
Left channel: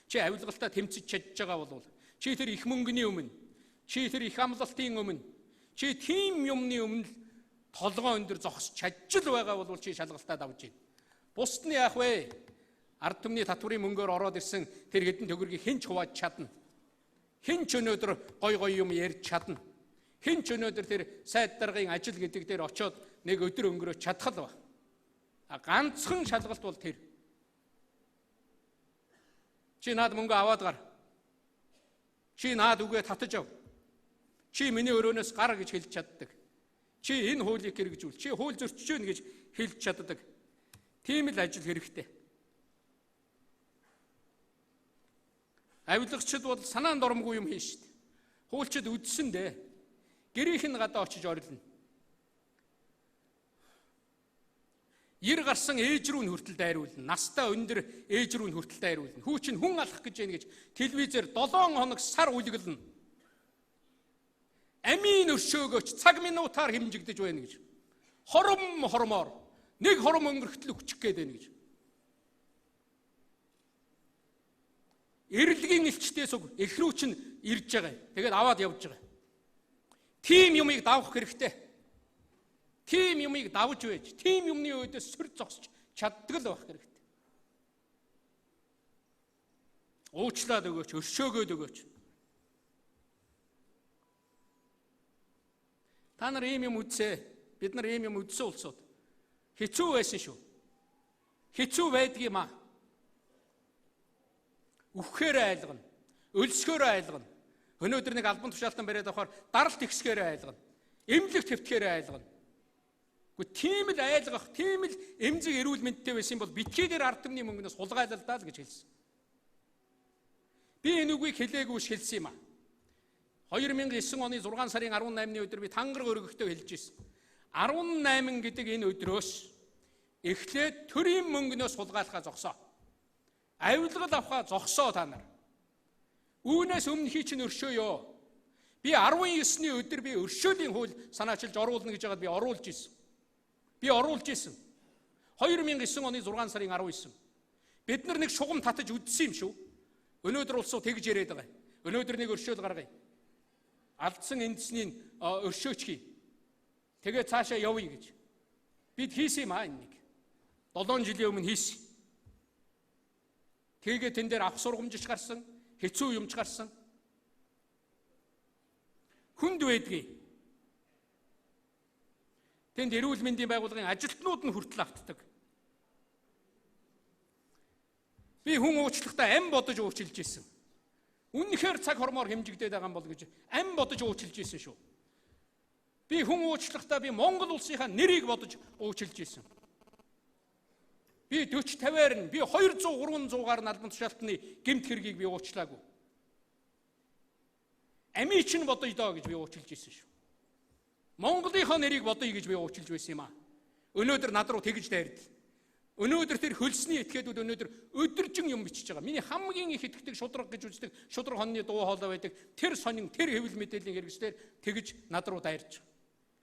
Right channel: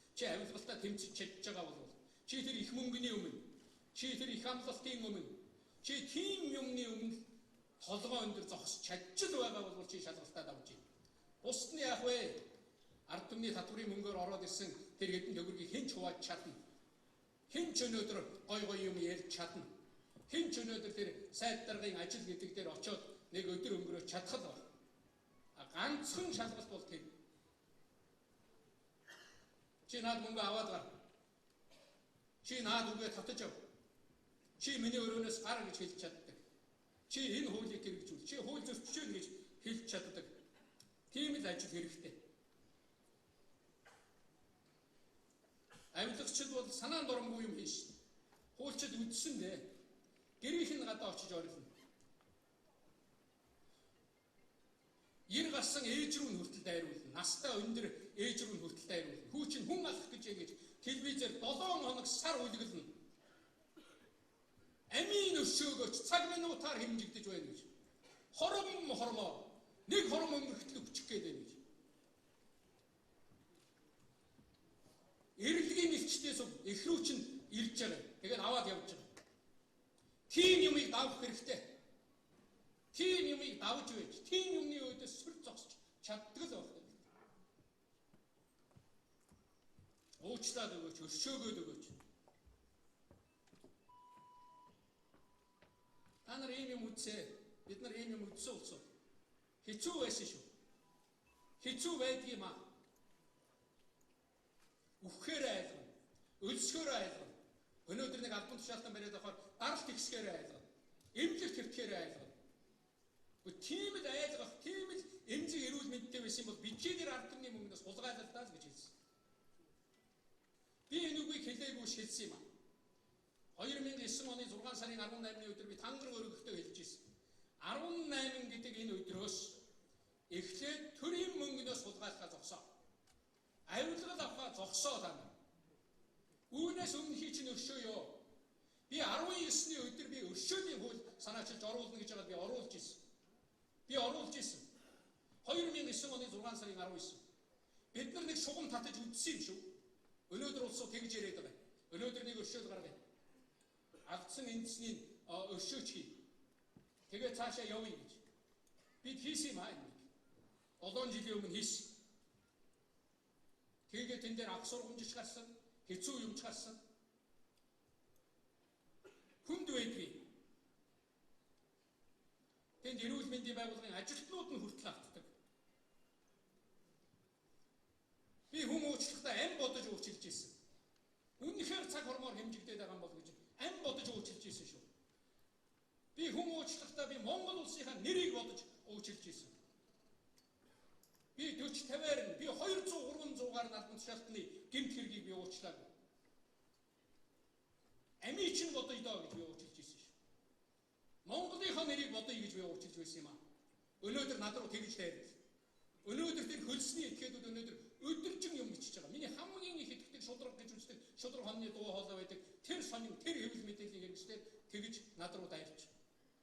Чи авилгалтаа тэмцэж чадж байгаа бол, чи тэр их мөнгөний өмнө, чи тэр их амлалтын өмнө, чи тийм юмны өмнө толгоо өндөр зогсож чадж л байгаа бол чи шалгалтаа давж байна. Бусд нь яах вэ? Ард түмний татврын мөнгөөр ороод ирсэн тэр хэдэн төгрөгийг хэн ч хувааж чадна. Хэн ч өнөөдөр гой юм ярьж чадна. Хэн ч өнөөдөр тэр сайд даргын ажил гэдэг дээр очиод нэг өдөр өнгөрөөж чадах л ба. Ганцхан шалгалт бол тэр. Чи наад мөнгө аваад гар. Чи наад үгээ татаж ав. Чи миний өрөөнөөс гар гэж хэлж чаддаг. Чи энэ хуулийг хэрэгжүүл. Чи хууль зөрчиж гэнэ гэж хэлж чаддаг. Тийм л ажил хэрэгтэй. Авилгачид бол санаанд оромгүй юм хийн шүү дээ. Хуульчид үдсэн дээ. Гэрийнх нь гадаа очиж орилно. Ир гарсан ээж рүү нь хүртэл дайруулна. Настаа өндөр ээж рүү нь хүртэл дайруулна. Хүү чинь хүн алах гэж байна гэж телевизээр 7 хоног сар үлгэлнэ. Амийн өшөөгөөч цаг минутаар хэмжигдэж байна гэж. Хормоор нэг хором өнгөрөхтөл хүчих гээд байна гэж. Эрлэгийн элчтээс үг эхрүү чинь ирж байгаа. Тэгээд аваад явж байгаа. Тим юмыг давах хэрэгтэй. Тим юмыг давж байж, тим юмны өөдөөс сүр зогсож чаддаг л байх хэрэгтэй. Уучлаад өгөөч, өршөөгөөд өгөөч. Та нар ийм юм үзье. Бид нар ийм юм үзсэн улсууд. Хэцүү байсан шүү. Хэцүү байдаг юм аа. үхэхээр айлгана. Өлсгөөр айлгана. Өнөөдөр нэг албан тушаалтан бариад авахаар даралт ихсгээр айлгана. Эмнэлэг твтгэхээр айлгана. Гэхдээ тийм л айлгах, тийм л эмзэг эрүүл мэндтэй байсан бол битгий дээр ард түмний мөнгнөөс хулгайлал даа л гэж хэлсэн. Би энэ үгийг хэлээгүй хэлсэн юм а. 2009 оны 6 сарын 18-ны өдөр би тангараг өргөхтэй хэлж ирсэн. 18 гэдэг энэ өдрөөс эхлээд төрийн мөнгнөөс хулгайлахаа зогсоо. Авилгал авахаа зогсоо та нар. Үүнээс өмнө хий чинь өршөөё. Би 19-ний өдөр би өршөөлийн хууль санаачилж оруулна гэж байгаад би оруулж ирсэн. Би оруулж ирсэн. 2009 оны 6 сарын 19. Бид нар нэг шугам татаж үдсэн юм шүү. Өнөөдөр улсуу тэгж яриад байгаа. Өнөөдөр нэг өршөөл гаргая. Алдсан эндсний өршөөч хий. Тэгээ цаашаа явъя гэж. Бид хийсэн юм аа энийг. 7 жилийн өмнө хийсэн. Тэгээ тэн дээр ах сургамжич гарсан, хэцүү юмч гарсан. Хүнд байдгийг. Тэнд эрүүл мэндийн байгууллагын ажилтнууд нь хүртэл автдаг. Би хүн уучлахдаа ам бодож уучлж ирсэн. Үнэхээр цаг хормоор хэмжигдээд байгаа юм бол гэж ам бодож уучлж ирсэн шүү. Би хүн уучлахдаа би Монгол улсынхаа нэрийг бодож уучлж ирсэн. Би 40-50-аар нь би 200-300-аар нь албан тушаалтны гэмт хэргийг би уучлаагүй. Амийг чинь бодъё доо гэж би уучлж ирсэн шүү. Монголынхаа нэрийг бодъё гэж би уучлж байсан юм аа. Өнөөдөр над руу тэгж дайрд. Өнөөдөр тэр хөлсний этгээдүүд өнөөдөр өдөржин юм бичиж байгаа. Миний хамгийн их итгэдэг шудраг гэж үздэг шудраг хоньны дуу хоолой байдаг. Тэр сонин, тэр хэвлэл мэдээллийн хэрэгслээр тэгж над руу дайрч байгаа.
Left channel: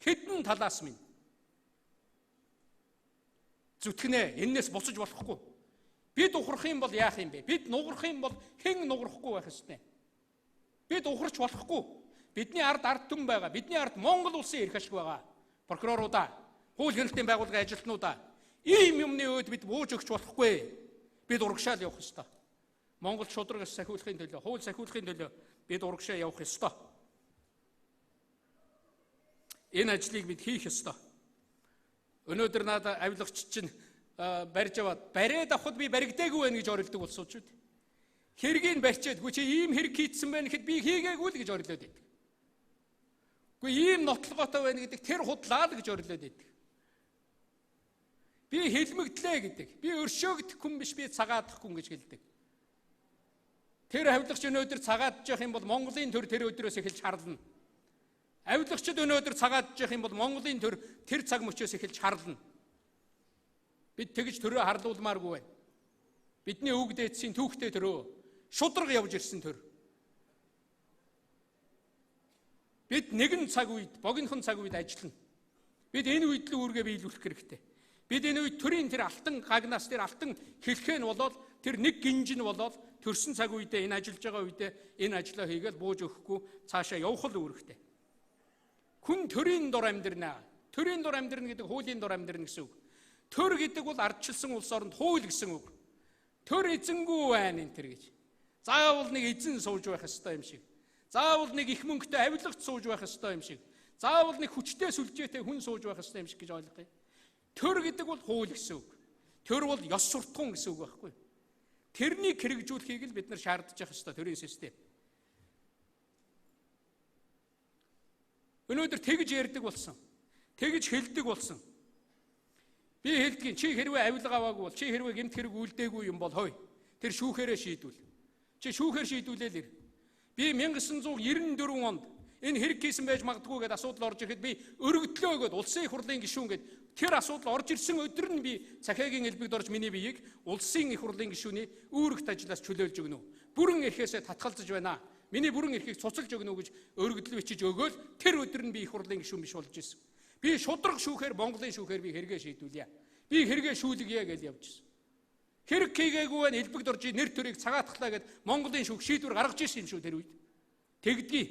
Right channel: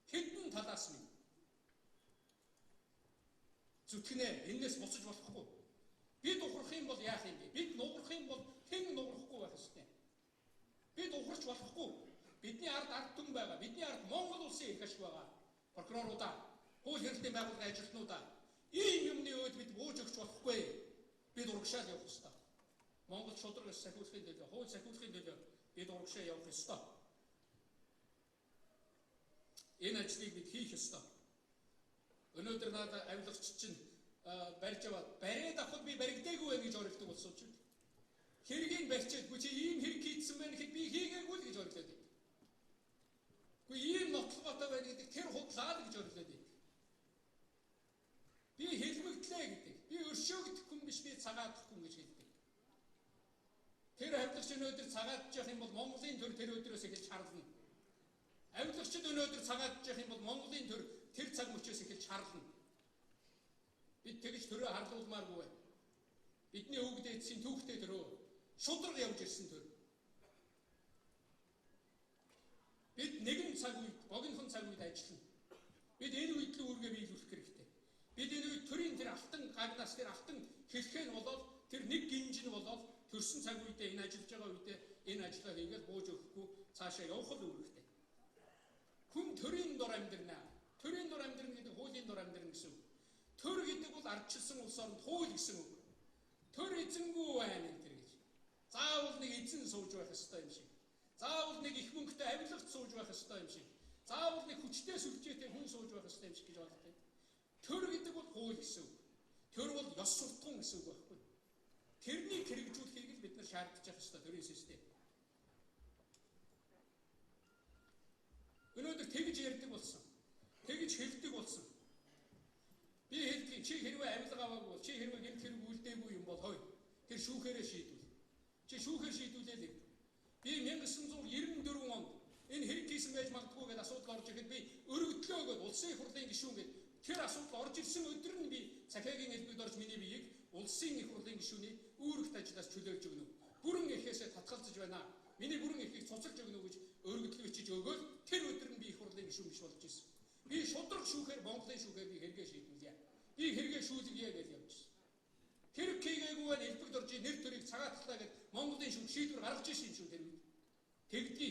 Хэдэн талаас минь зүтгэнэ энэс буцаж болохгүй. Бид ухрах юм бол яах юм бэ? Бид нугарах юм бол хэн нугарахгүй байх ёстой. Бид ухарч болохгүй. Бидний ард түмэн байгаа. Бидний ард Монгол улсын эрх ашиг байгаа. Прокуроруудаа, хууль хэрэгтийн байгууллагын ажилтнуудаа ийм юмны үед бид бууж өгч болохгүй. Бид урагшаал явах ёстой. Монгол шудрагаас сахиулахын төлөө, хууль сахиулахын төлөө бид урагшаа явах ёстой. Энэ ажлыг бид хийх ёстой. Өнөөдөр надад авилгач чинь барьж аваад бариад авахд би баригдаагүй байх гэж орилдог болсон ч үү. Хэргийг барьчаад үгүй чи ийм хэрэг хийцсэн байна гэхэд би хийгээгүй л гэж орилоод байдаг. Үгүй ийм нотлоготой байна гэдэг тэр худлаа л гэж орилоод байдаг. Би хэлмэгдлээ гэдэг. Би өршөөгдөх хүн биш, би цагаадах хүн гэж хэлдэг. Тэр авилгач өнөөдөр цагаадж явах юм бол Монголын төр тэр өдрөөс эхэлж харлана. Авилгачд өнөөдөр цагаадж явах юм бол Монголын төр тэр цаг мөчөөс эхэлж харлана. Бид тэгж төрөө харлуулмааргүй байна. Бидний үг дээдсийн түүхтэй төрөө шудраг явж ирсэн төр. Бид нэгэн цаг үед, богинохон цаг үед ажиллана. Бид энэ үед л үүргээ биелүүлэх хэрэгтэй. Бид энэ үед төрийн тэр алтан гагнаас тэр алтан хэлхээ нь болоод тэр нэг гинж нь болоод төрсөн цаг үедээ энэ ажиллаж байгаа үедээ энэ ажлаа хийгээд бууж өгөхгүй цаашаа явах л үүрэгтэй. Хүн төрийн дор амьдрнаа. Төрийн дор амьдрна гэдэг хуулийн дор амьдрна гэсэн үг. Төр гэдэг бол ардчилсан улс оронд хууль гэсэн үг. Төр эзэнгүй байна энэ төр гэж. Заавал нэг эзэн сууж байх ёстой юм шиг. Заавал нэг их мөнгөтэй авилгач сууж байх ёстой юм шиг. Заавал нэг хүчтэй сүлжээтэй хүн сууж байх ёстой юм шиг гэж ойлгоё. Төр гэдэг бол хууль гэсэн үг. Төр бол ёс суртахуун гэсэн үг байхгүй. Тэрнийг хэрэгжүүлэхийг л бид нар шаардж явах ёстой төрийн систем. Өнөөдөр тэгж ярьдаг болсон. Тэгж хэлдэг болсон. Би хэлдэг чи хэрвээ авилга аваагүй бол чи хэрвээ гэмт хэрэг үлдээгүй юм бол хой. Тэр шүүхээрээ шийдвэл. Чи шүүхээр шийдүүлээл ир. Би 1994 онд энэ хэрэг хийсэн байж магадгүй гэдээ асуудал орж ирэхэд би өргөдлөө гэд улсын их хурлын гишүүн гэд тэр асуудал орж ирсэн өдөр нь би цахиагийн элбэгд орж миний биеийг улсын их хурлын гишүүний үүрэгт ажлаас чөлөөлж өгнө. Бүрэн эрхээсээ татгалзаж байна. Миний бүрэн эрхийг цуцалж өгнө гэж өргөдөл бичиж өгөөл тэр өдөр нь би их хурлын гишүүн биш болж ирсэн. Би шудраг шүүхээр Монголын шүүхээр би хэрэгээ шийдүүлье. Би хэрэгээ шүүлгье гэж явж ирсэн. Хэрэг хийгээгүй байна элбэгд орж нэр төрийг цагаатглаа гэд Монголын шүүх шийдвэр гаргаж ирсэн юм шүү тэр үед. Тэгдгий.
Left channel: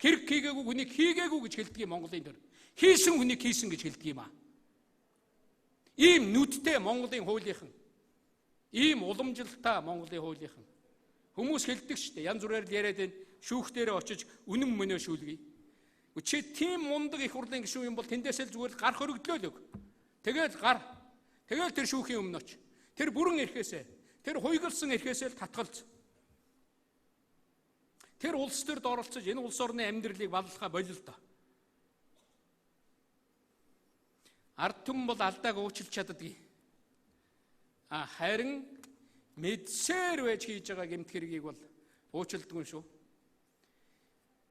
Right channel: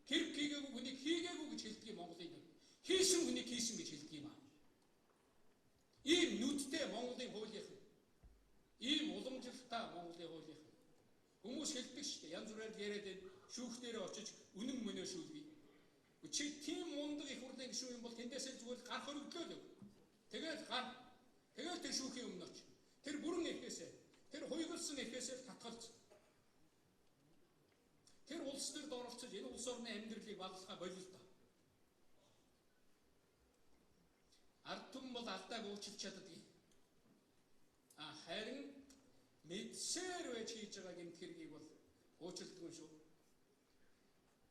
Хэрэг хийгээгүй хүнийг хийгээгүй гэж хэлдэг юм Монголын төр. Хийсэн хүнийг хийсэн гэж хэлдэг юм аа. Ийм нүдтэй Монголын хуулийнхан. Ийм уламжилтаа Монголын хуулийнхан. Хүмүүс хэлдэг шүү дээ. Янз бүрээр яриад байна. Шүүх дээрээ очиж үнэн мөнөө шүүлгэе. Чи тийм мундаг их хурлын гишүүн юм бол тэндээсээ зүгээр гарах өргөдлөө л өг. Тэгээд гар. Тэгээд тэр шүүхийн өмнө оч. Тэр бүрэн эрхээсээ, тэр хуйгалсан эрхээсээ татгалз. тэр улс төрд оролцож энэ улс орны амьдралыг баллахаа болил доо. Ард түмэн бол алдааг уучлах чаддаггүй. Харин мэдсээр байж хийж байгаа гэмт хэргийг бол уучлдаггүй шүү.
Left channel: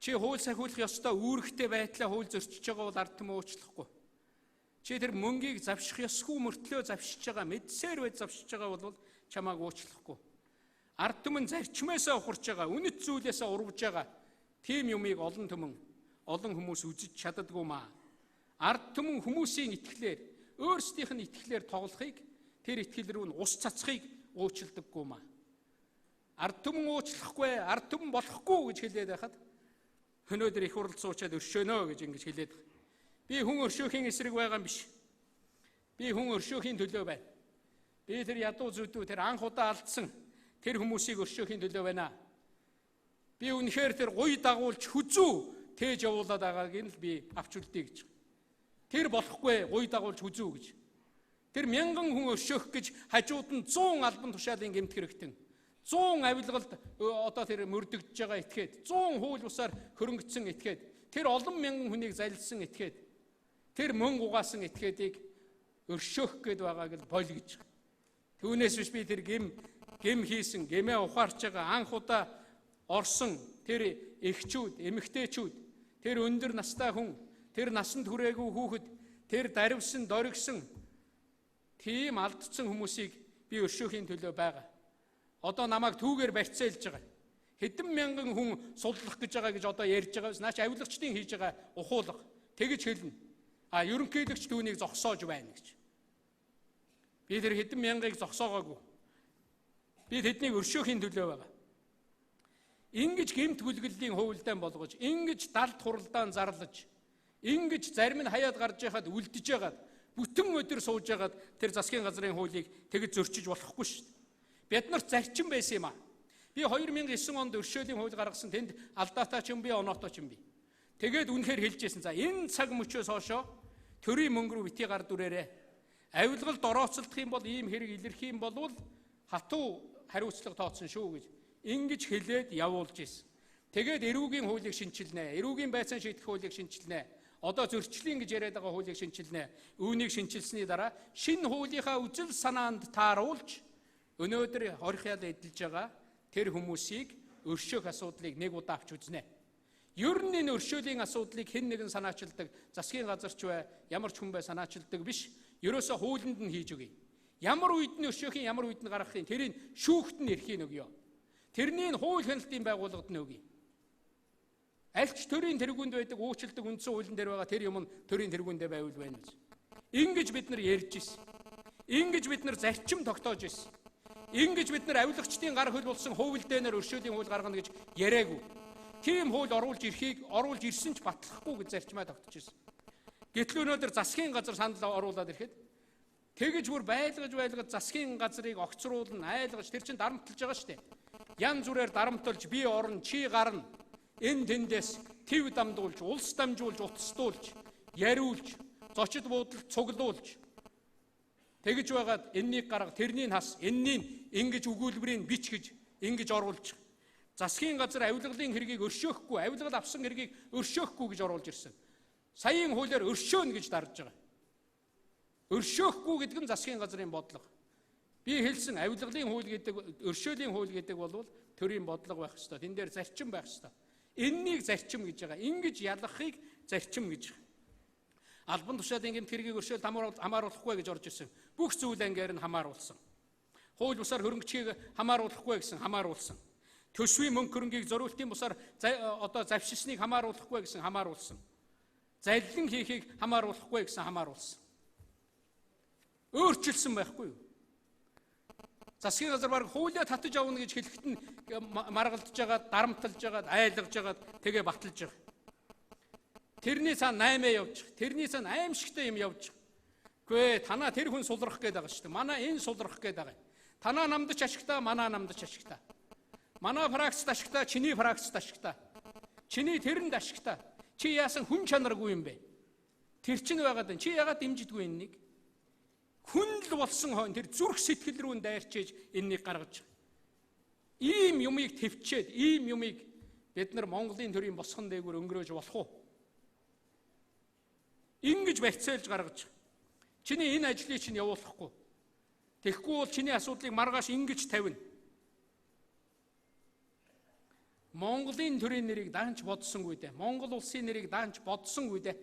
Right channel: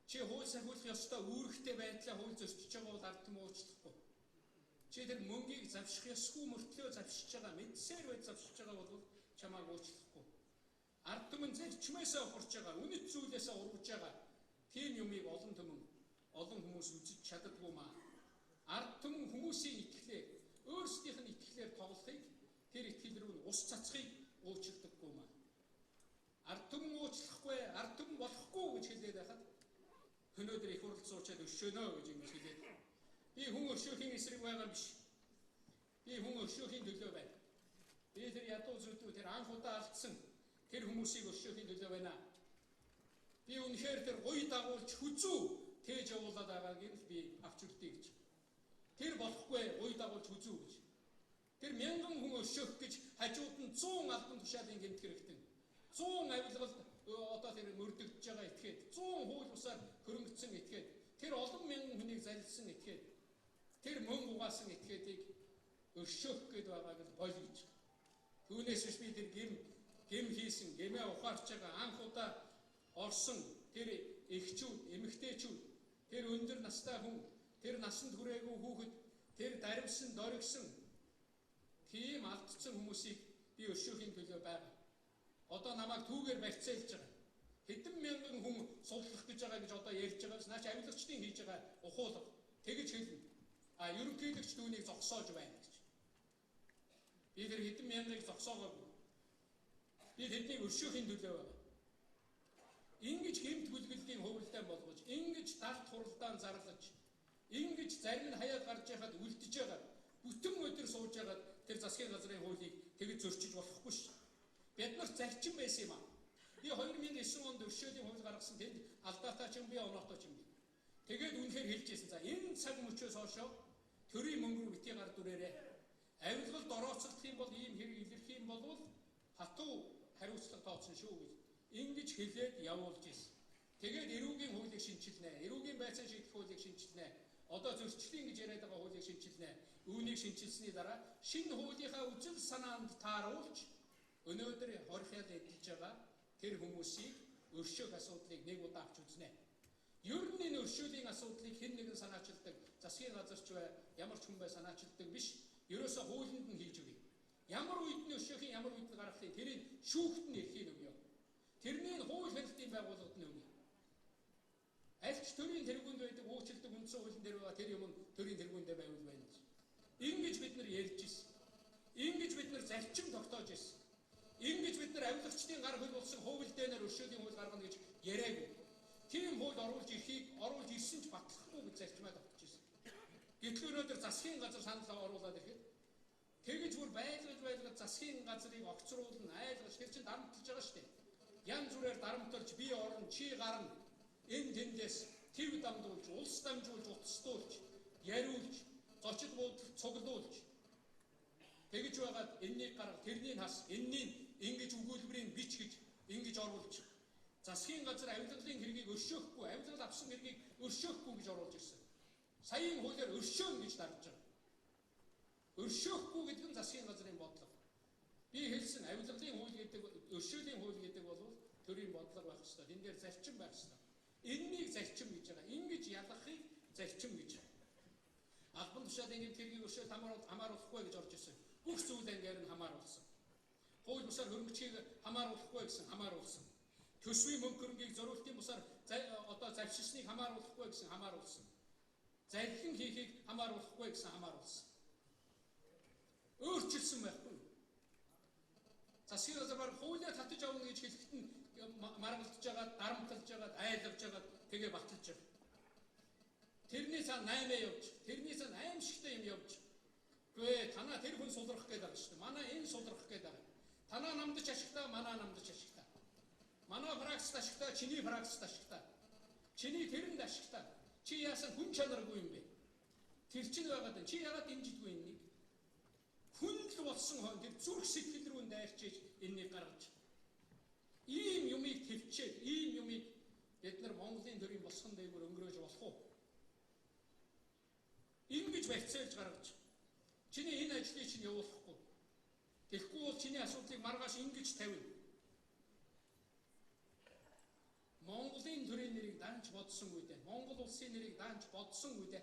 Чи хууль сахиулах ёстой үүрэгтэй байдлаа хууль зөрчиж байгаа бол ард түмэн уучлахгүй. Чи тэр мөнгийг завших ёсгүй мөртлөө завшиж байгаа мэдсээр байж завшиж байгаа бол чамааг уучлахгүй. Ард түмэн зарчмаасаа ухарч байгаа, үнэт зүйлээсээ урвж байгаа тийм юмыг олон хүмүүс үзэж чаддаггүй маа. Ард түмэн хүмүүсийн итгэлээр, өөрсдийнх нь итгэлээр тоглохыг, тэр итгэл рүү нь ус цацхыг уучлдаггүй маа. Ард түмэн уучлахгүй, ард түмэн болохгүй гэж хэлээд байхад өнөөдөр их хурал суучаад өршөөнө гэж ингэж хэлээд. Би хүн өршөөхийн эсрэг байгаа юм биш. Би хүн өршөөхийн төлөө байна. Би тэр ядуу зүдүү, тэр анх удаа алдсан тэр хүмүүсийг өршөөхийн төлөө байна. Би үнэхээр тэр гуй дагуулж хүзүү тээж явуулаад байгааг нь л би авч үлдээ гэж. Тэр болохгүй гуй дагуулж хүзүү гэж. Тэр 1000 хүн өршөөх гэж хажууд нь 100 албан тушаалын гэмт хэрэгтэн 100 авилгалд одоо тэр мөрдөгдөж байгаа этгээд 100 хууль бусаар хөрөнгөцсөн этгээд тэр олон мянган хүнийг залилсан этгээд тэр мөн угаасан этгээдийг өршөөх гээд байгааг л боль гэж. Түүнээс биш би тэр гэм хийсэн гэмээ ухаарч байгаа анх удаа орсон тэр эхчүүд, эмэгтэйчүүд, тэр өндөр настай хүн, тэр насанд хүрээгүй хүүхэд, тэр дарвсан, доргисон тийм алдсан хүмүүсийг би өршөөхийн төлөө байгаа. Одоо намайг түүгээр барьцаалж байгаа. Хэдэн мянган хүн судлах гэж байгаа гэж одоо ярьж байгаа. Наач авилгачдын хийж байгаа ухуулга тэгж хэлнэ. Ерөнхийлөгч түүнийг зогсоож байна гэж. Би тэр хэдэн мянгаыг зогсоогоогүй. Би тэднийг өршөөхийн төлөө байгаа. Ингиж гэмт гүлгэллийн хувилдаан болгож, ингиж далд хуралдаан зарлаж, ингиж зарим нь хаяад гарч яхад үлдэж ягаад, бүтэн өдөр сууж ягаад тэр засгийн газрын хуулийг тэгж зөрчиж болохгүй шүү. Бид нарт зарчим байсан юм аа. Би 2009 онд өршөөлийн хууль гаргасан тэнд алдаатай ч юм би, оноотой ч юм би. Тэгээд үнэхээр хэлжсэн. За энэ цаг мөчөөс хоошоо төрийн мөнгө рүү бити гар дүрээрээ. Авилгалд орооцолдох юм бол ийм хэрэг илэрхий юм болвол хатуу хариуцлага тооцсон шүү гэж ингэж хэлээд явуулж ирсэн. Тэгээд эрүүгийн хуулийг шинчилнэ. Эрүүгийн байцаан шийдэх хуулийг шинчилнэ. Одоо зөрчлийн гэж яриад байгаа хуулийг шинчилнэ. Үүнийг шинчилсэний дараа шинэ хуулийнхаа үзэл санаанд тааруулж өнөөдөр хорихяд эдэлж байгаа тэр хүмүүсийг өршөөх асуудлыг нэг удаа авч үзнэ. Ер нь энэ өршөөлийн асуудлыг хэн нэгэн санаачилдаг, засгийн газар ч бай, ямар ч хүн бай санаачилдаг биш. Ерөөсө хуулинд нь хийж өгье. Ямар үед нь өршөөхийн, ямар үед нь гаргахын тэрийг шүүхт нь эрхийн өгье. Тэрний хууль хяналтын байгууллагад нь өгье. Аль ч төрийн тэргуунд байдаг уучлалт үндсэн хуулийн дээр байгаа тэр юм нь төрийн тэргүүндээ байвал байна гэж. Ингэж бид нар ярьж ирсэн. Ингэж бид нар зарчим тогтоож ирсэн. Ингэж бид нар авилгачдын гар хөл болсон хууль дээр өршөөлийн хууль гаргана гэж яриаггүй. Тийм хууль оруулж ирсэн ч батлахгүй гэж зарчмаа тогтож ирсэн. Гэтэл өнөөдөр засгийн газар санал оруулаад ирэхэд тэгэж бүр байлгаж засгийн газрыг огцруулна, айлгаж тэр чинь дарамтлаж байгаа шүү дээ. Ян зүрээр дарамтлж би орно, чи гарна. Энэ тэндээс төв дамдуулж, улс дамжуулж, утасдуулж, яриулж, зочид буудалд цуглуулж тэгж байгаад энэнийг гарга, тэрнийг хас, энэнийг ингэж өгүүлбэрийг бич гэж ингэж оруулж засгийн газар авилгалын хэргийг өршөөхгүй, авилгал авсан хэргийг өршөөхгүй гэж оруулж ирсэн. Саяын хуулиар өршөөнө гэж дарж байгаа. Өршөөхгүй гэдэг нь засгийн газрын бодлого. Би хэлсэн авилгалын хууль гэдэг, өршөөлийн хууль гэдэг бол төрийн бодлого байх ёстой. Тэн дээр зарчим байх ёстой. Энэнийг зарчим гэж байгаа. Ингэж ялгахыг зарчим гэж. Албан тушаалын гэмт хэргийг өршөөлт хамааруулахгүй гэж орж ирсэн. Бүх зүйл ангиар нь хамааруулсан. Хууль бусаар хөрөнгөчийг хамааруулахгүй гэсэн хамааруулсан. Төсвийн мөнгө хөрөнгийг зориултын бусаар одоо завшилсныг хамааруулахгүй гэсэн хамааруулсан. Залилан хийхийг хамааруулахгүй гэсэн хамааруулсан. Өөрчилсөн байхгүй юу? Засгийн газар баг хуулиа татаж авна гэж хэлэхэд нь маргалдж байгаа, дарамтлж байгаа, айлгаж байгаа, тэгээ баталж байгаа. Тэрний цаана 8 явж, тэрний цаана аимшигтай юм явж. Гүй танаа тэр хүн сулрах гээд байгаа шүү дээ. Манай энэ сулрах гээд байгаа. Танаа намдч ашигтай, манаа намдч ашигтай. Манай фракцт ашигтай, чиний фракцт ашигтай. Чиний тэрэнд ашигтай. Чи яасан хүн чанаргүй юм бэ? Тэр чинь байгаад байна. Чи ягаад дэмжидгүй энэнийг? Хүн л болсон хойно тэр зүрх сэтгэл рүү дайрчиж энэнийг гаргаж. Ийм юмыг төвчээд, ийм юмыг бид нар Монголын төрийн босгон дээгүүр өнгөрөөж болох уу? Ингэж барьцаалж гаргаж чиний энэ ажлыг чинь явуулахгүй. Тэгэхгүй бол чиний асуудлыг маргааш ингэж тавина. Монголын төрийн нэрийг даанч бодсонгүй дээ. Монгол улсын нэрийг даанч бодсонгүй дээ.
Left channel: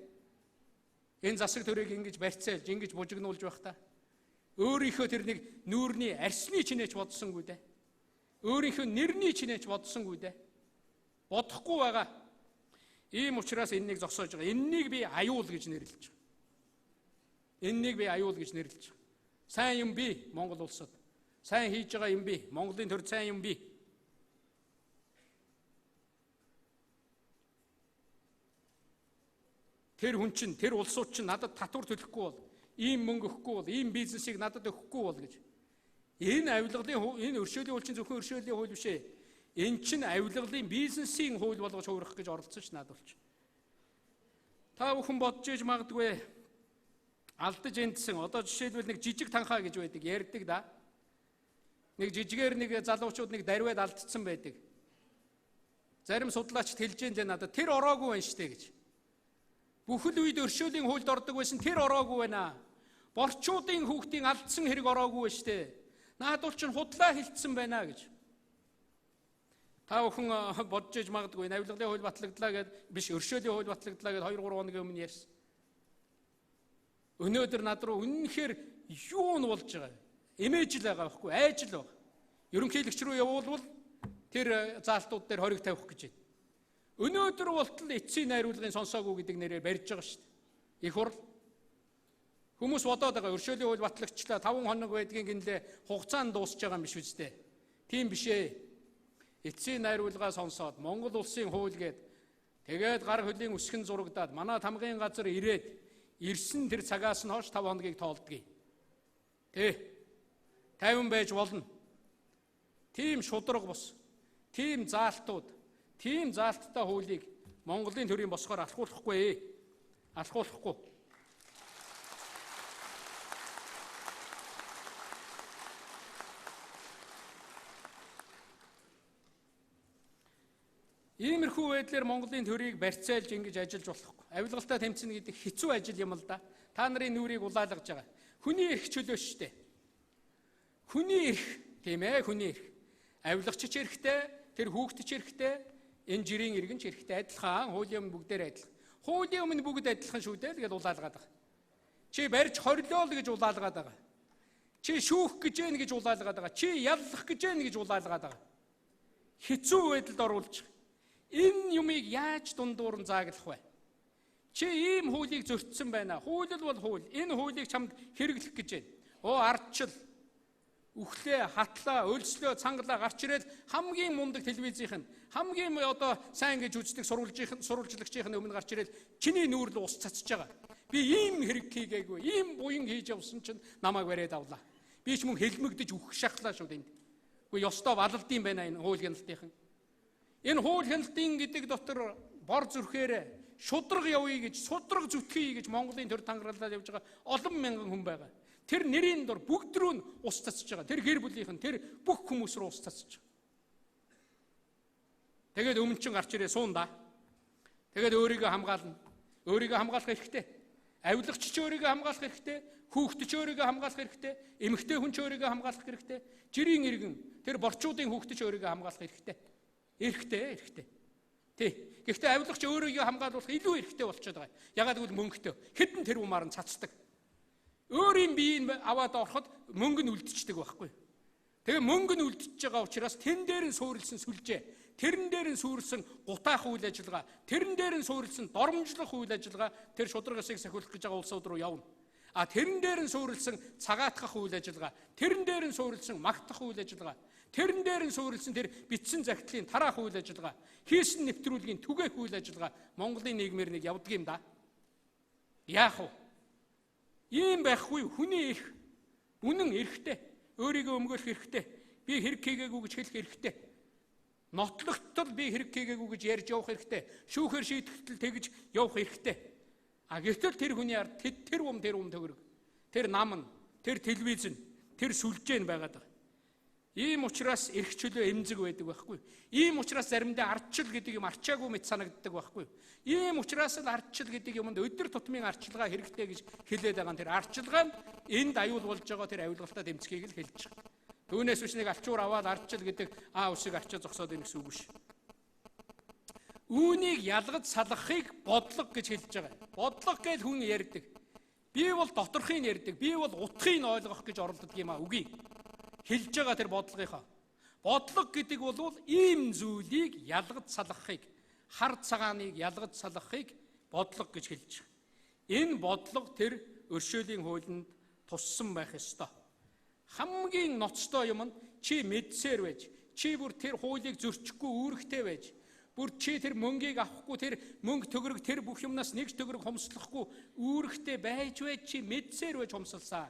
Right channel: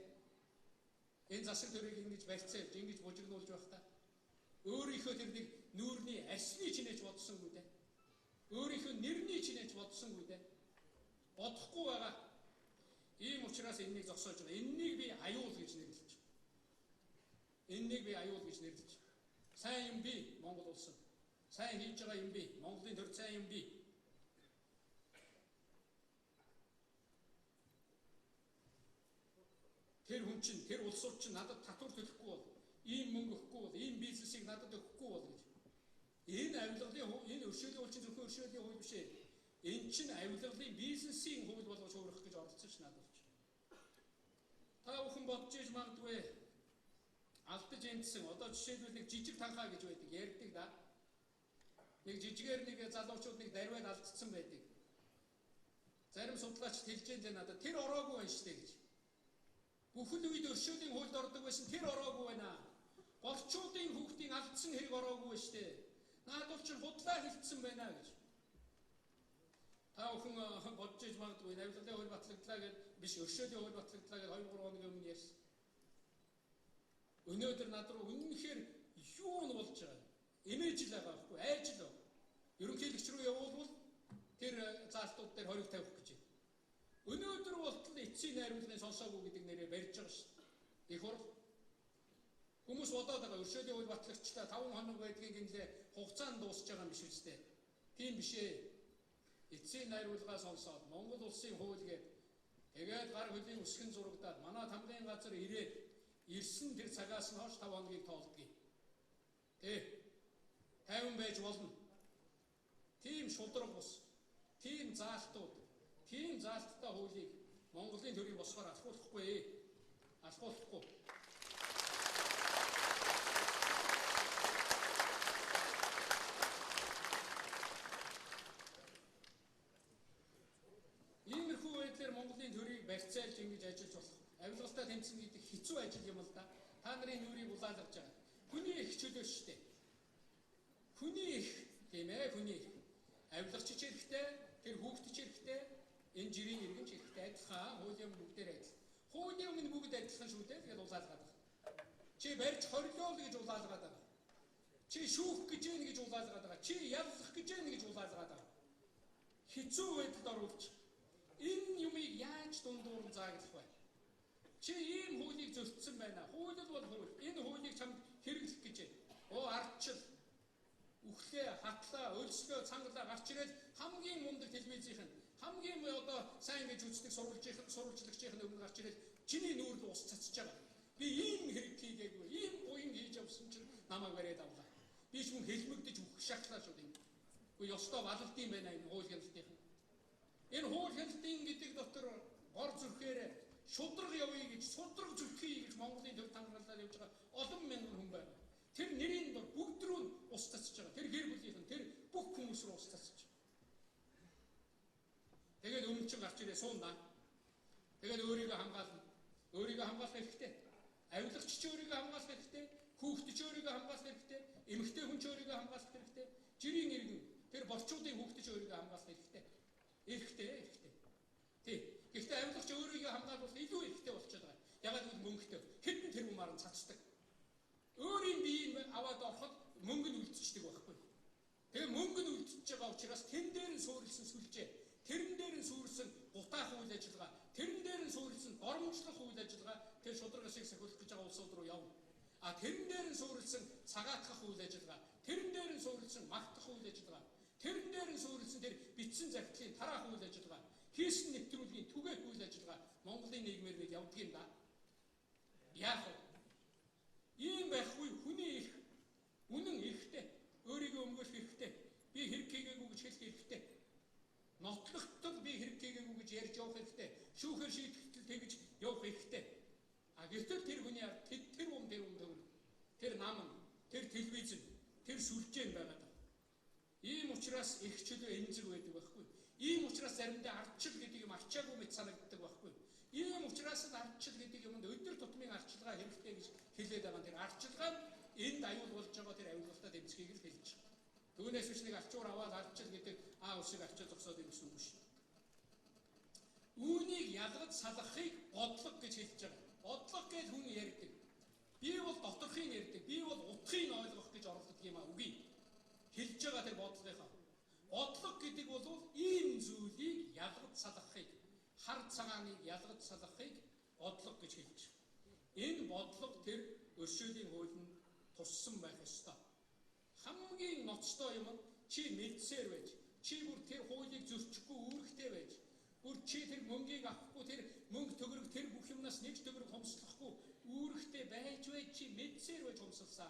Энэ засаг төрийг ингэж барьцаалж, ингэж бужигнуулж байх та. Өөрийнхөө тэр нэг нүүрний арсны чинээч бодсонгүй дээ. Өөрийнхөө нэрний чинээч бодсонгүй дээ. Бодохгүй байгаа. Ийм учраас энэнийг зогсоож байгаа. Энэнийг би аюул гэж нэрлэж байгаа. Энэнийг би аюул гэж нэрлэж байгаа. Сайн юм би Монгол улсад. Сайн хийж байгаа юм би. Монголын төр сайн юм би. Тэр хүн чинь, тэр улсууд чинь надад татвар төлөхгүй бол, ийм мөнгө өгөхгүй бол, ийм бизнесийг надад өгөхгүй бол гэж. Энэ авилгалын энэ өршөөлийн хууль чинь зөвхөн өршөөлийн хууль биш ээ. Энэ чинь авилгалын бизнесийн хууль болгож хуурах гэж оролцсон ш надад ч. Та бүхэн бодож иж магадгүй алдаж эндсэн. Одоо жишээлбэл нэг жижиг танхаа гэж байдаг, ярьдаг да. Нэг жижигээр нэг залуучууд нэг дарваад алдсан байдаг. Зарим судлаачд хэлж дээ надад тэр ороогүй байна штэ гэж. Бүхэл үед өршөөлийн хуульд ордог байсан тэр ороогүй байна. Борчуудын хүүхдийн алдсан хэрэг ороогүй байна штэ. Наадуул чинь худлаа хилцсэн байна гэж. Та бүхэн бодож иж магадгүй авилгалын хууль батлагдлаа гэд биш өршөөлийн хууль батлагдлаа гэд 2-3 хоногийн өмнө ярьсан. Өнөөдөр над руу үнэнхээр юу нь болж байгаа? Имиж л байгаа байхгүй, айж л байгаа. Ерөнхийлөгч рүү явуулвал тэр заалтууд дээр хориг тавих гэж байна. Өнөөдөр болтол эцсийн найруулгын сонсоогүй гэдэг нэрээр барьж байгаа шүү дээ. Их хурл. Хүмүүс бодоод байгаа өршөөлийн хууль батлагчлаа 5 хоног байдгийн гинлээ хугацаанд дуусч байгаа юм биш үстэй. Тийм биш ээ. Эцсийн найруулгаа сонсоод Монгол улсын хууль гээд тэгээд гар хөлийн үсгэн зурагдаад манай тамгын газар ирээд ирсэн тэр цагаас нь хойш 5 хоногийг тоолдгий. Тэ 50 байж болно. Тийм шудраг бус. Тийм заалтууд, тийм заалттай хуулийг Монголын төрийн босгоор алхуулахгүй. Алхуулахгүй. Иймэрхүү байдлаар Монголын төрийг барьцаалж ингэж ажиллаж болохгүй. Авилгалтаа тэмцэнэ гэдэг хэцүү ажил юм л да. Та нарын нүрийг улаалгаж байгаа. Хүний эрх чөлөө шүү дээ. Хүний эрх, тийм ээ, хүний эрх. Авилгач ч эрхтэй, тэр хүүхэд ч эрхтэй, энэ жирийн иргэн ч эрхтэй адилхан, хуулийн өмнө бүгдээр адилхан. Хуулийн өмнө бүгд адилхан шүү дээ л гэж улаалгаад байгаа. Чи барьж хорлоо л гэж улаалгаад байгаа. Чи шүүх гэж байна гэж улаалгаад байгаа. Чи яллах гэж байна гэж улаалгаад байгаа. Хэцүү байдалд оруулж энэ юмыг яаж дундуур нь зааглах вэ? Чи ийм хуулийг зөрчсөн байна. Хууль бол хууль. Энэ хуулийг чамд хэрэглэх гэж байна. Оо ардчил, үхлээ, хатлаа, өлслөө, цангалаа гарч ирээд хамгийн мундаг телевизийнх нь хамгийн одоо сайн гэж үздэг сурвалжлагчийн өмнө гарч ирээд чиний нүүр л ус цацж байгаа. Би ийм хэрэг хийгээгүй, ийм буян хийж явсан чинь намайг бариад авлаа. Би ч мөн хэлмэгдэж үхэх шахлаа шүү дээ. Үгүй ёстой балалдсан байна энэ хууль хяналтынхан. Энэ хууль хяналтын гэдэг дотор бор зүрхээр шудраг явъя гэж, шудраг зүтгэе гэж Монголын төр тангаралаад явж байгаа олон мянган хүн байгаа. Тэр нэрийн дор бүгд рүү нь ус цацж байгаа. Тэр гэр бүлийнхэн тэр бүх хүмүүс рүү ус цацж байгаа. Тэгээд өмнө гарч ирээ суун да. Тэгээд өөрийгөө хамгаална. Өөрийгөө хамгаалах хэрэгтэй. Авилгач ч өөрийгөө хамгаалах хэрэгтэй. Хүүхэд ч өөрийгөө хамгаалах хэрэгтэй. Эмэгтэй хүн ч өөрийгөө хамгаалах хэрэгтэй. Жирийн иргэн тэр борчуудын хүүхэд ч өөрийгөө хамгаалах хэрэгтэй. Эрхтэй. Тий. Гэхдээ авилгач өөрийгөө хамгаалуулах илүү эрхтэй болчиход байгаа. Ягаад гэвэл мөнгөтэй. Хэдэн тэрбумаар нь цацдаг. Өөрийн биеийг аваад ороход мөнгө нь үлдчихдэг байхгүй. Тэгээ мөнгө нь үлдчихэж байгаа учраас тэн дээр нь суурилсан сүлжээ, тэрэн дээр нь суурилсан гутаах үйл ажиллагаа, тэрэн дээр нь суурилсан доромжлох үйл ажиллагаа тэр шудраг ёсыг сахиулах гэж байгаа улсууд руу явна. А тэрэн дээр нь суурилсан цагаатгах үйл ажиллагаа, тэрэн дээр нь суурилсан магтах үйл ажиллагаа, тэрэн дээр нь суурилсан тэр битсэн захидлын тараах үйл ажиллагаа, хийсэн нэвтрүүлгийн түгээх үйл ажиллагаа Монголын нийгмээр нэг явдаг юм да. Яах вэ? Ийм байхгүй хүний эрх үнэн эрхтэй. Өөрийгөө өмгөөлөх эрхтэй. Би хэрэг хийгээгүй гэж хэлэх эрхтэй. Нотлогтол би хэрэг хийгээгүй гэж ярьж явах эрхтэй. Шүүхээр шийтгэл тэгж явах эрхтэй. А гэтэл тэр хүний ард тэр төгрөг. Тэр нам нь, тэр телевиз нь, тэр сүлжээ нь байгаад байгаа. Ийм учраас эрх чөлөө эмзэг байдаг байхгүй. Ийм учраас заримдаа ардчил гэдэг юм арчаагүй мэт санагддаг байхгүй. Ийм учраас л ардчил гэдэг юмд өдөр тутмын арчилгаа хэрэгтэй гэж хэлээд байгаа. Тэр арчилгаа нь энд аюул болж байгаа тэр аюулгалтаа тэмцэхийг л хэлж байгаа. Түүнээс биш нэг алчуур аваад ардчил гэдэг усыг арчаа зогсоод ирэх гэсэн үг биш. Үүнийг ялгаж салгахыг бодлого гэж хэлж байгаа. Бодлого гэж хүн ярьдаг. Би бол доторхыг ярьдаг. Би бол утгыг ойлгох гэж оролддог юм а үгүй. Хэлж байгаа тэр бодлогынхаа. Бодлого гэдэг бол ийм зүйлийг ялгаж салгахыг, хар цагааныг ялгаж салгахыг бодлого гэж хэлж байгаа. Энэ бодлого тэр өршөөлийн хуулинд туссан байх ёстой. Хамгийн ноцтой юм нь чи мэдсээр байж, чи бүр тэр хуулийг зөрчихгүй үүрэгтэй байж, бүр чи тэр мөнгийг авахгүй, тэр мөнгө төгрөг тэр бүх юмнаас нэг төгрөг хомслохгүй үүрэгтэй байж чи мэдсээр байж хомсолсаа.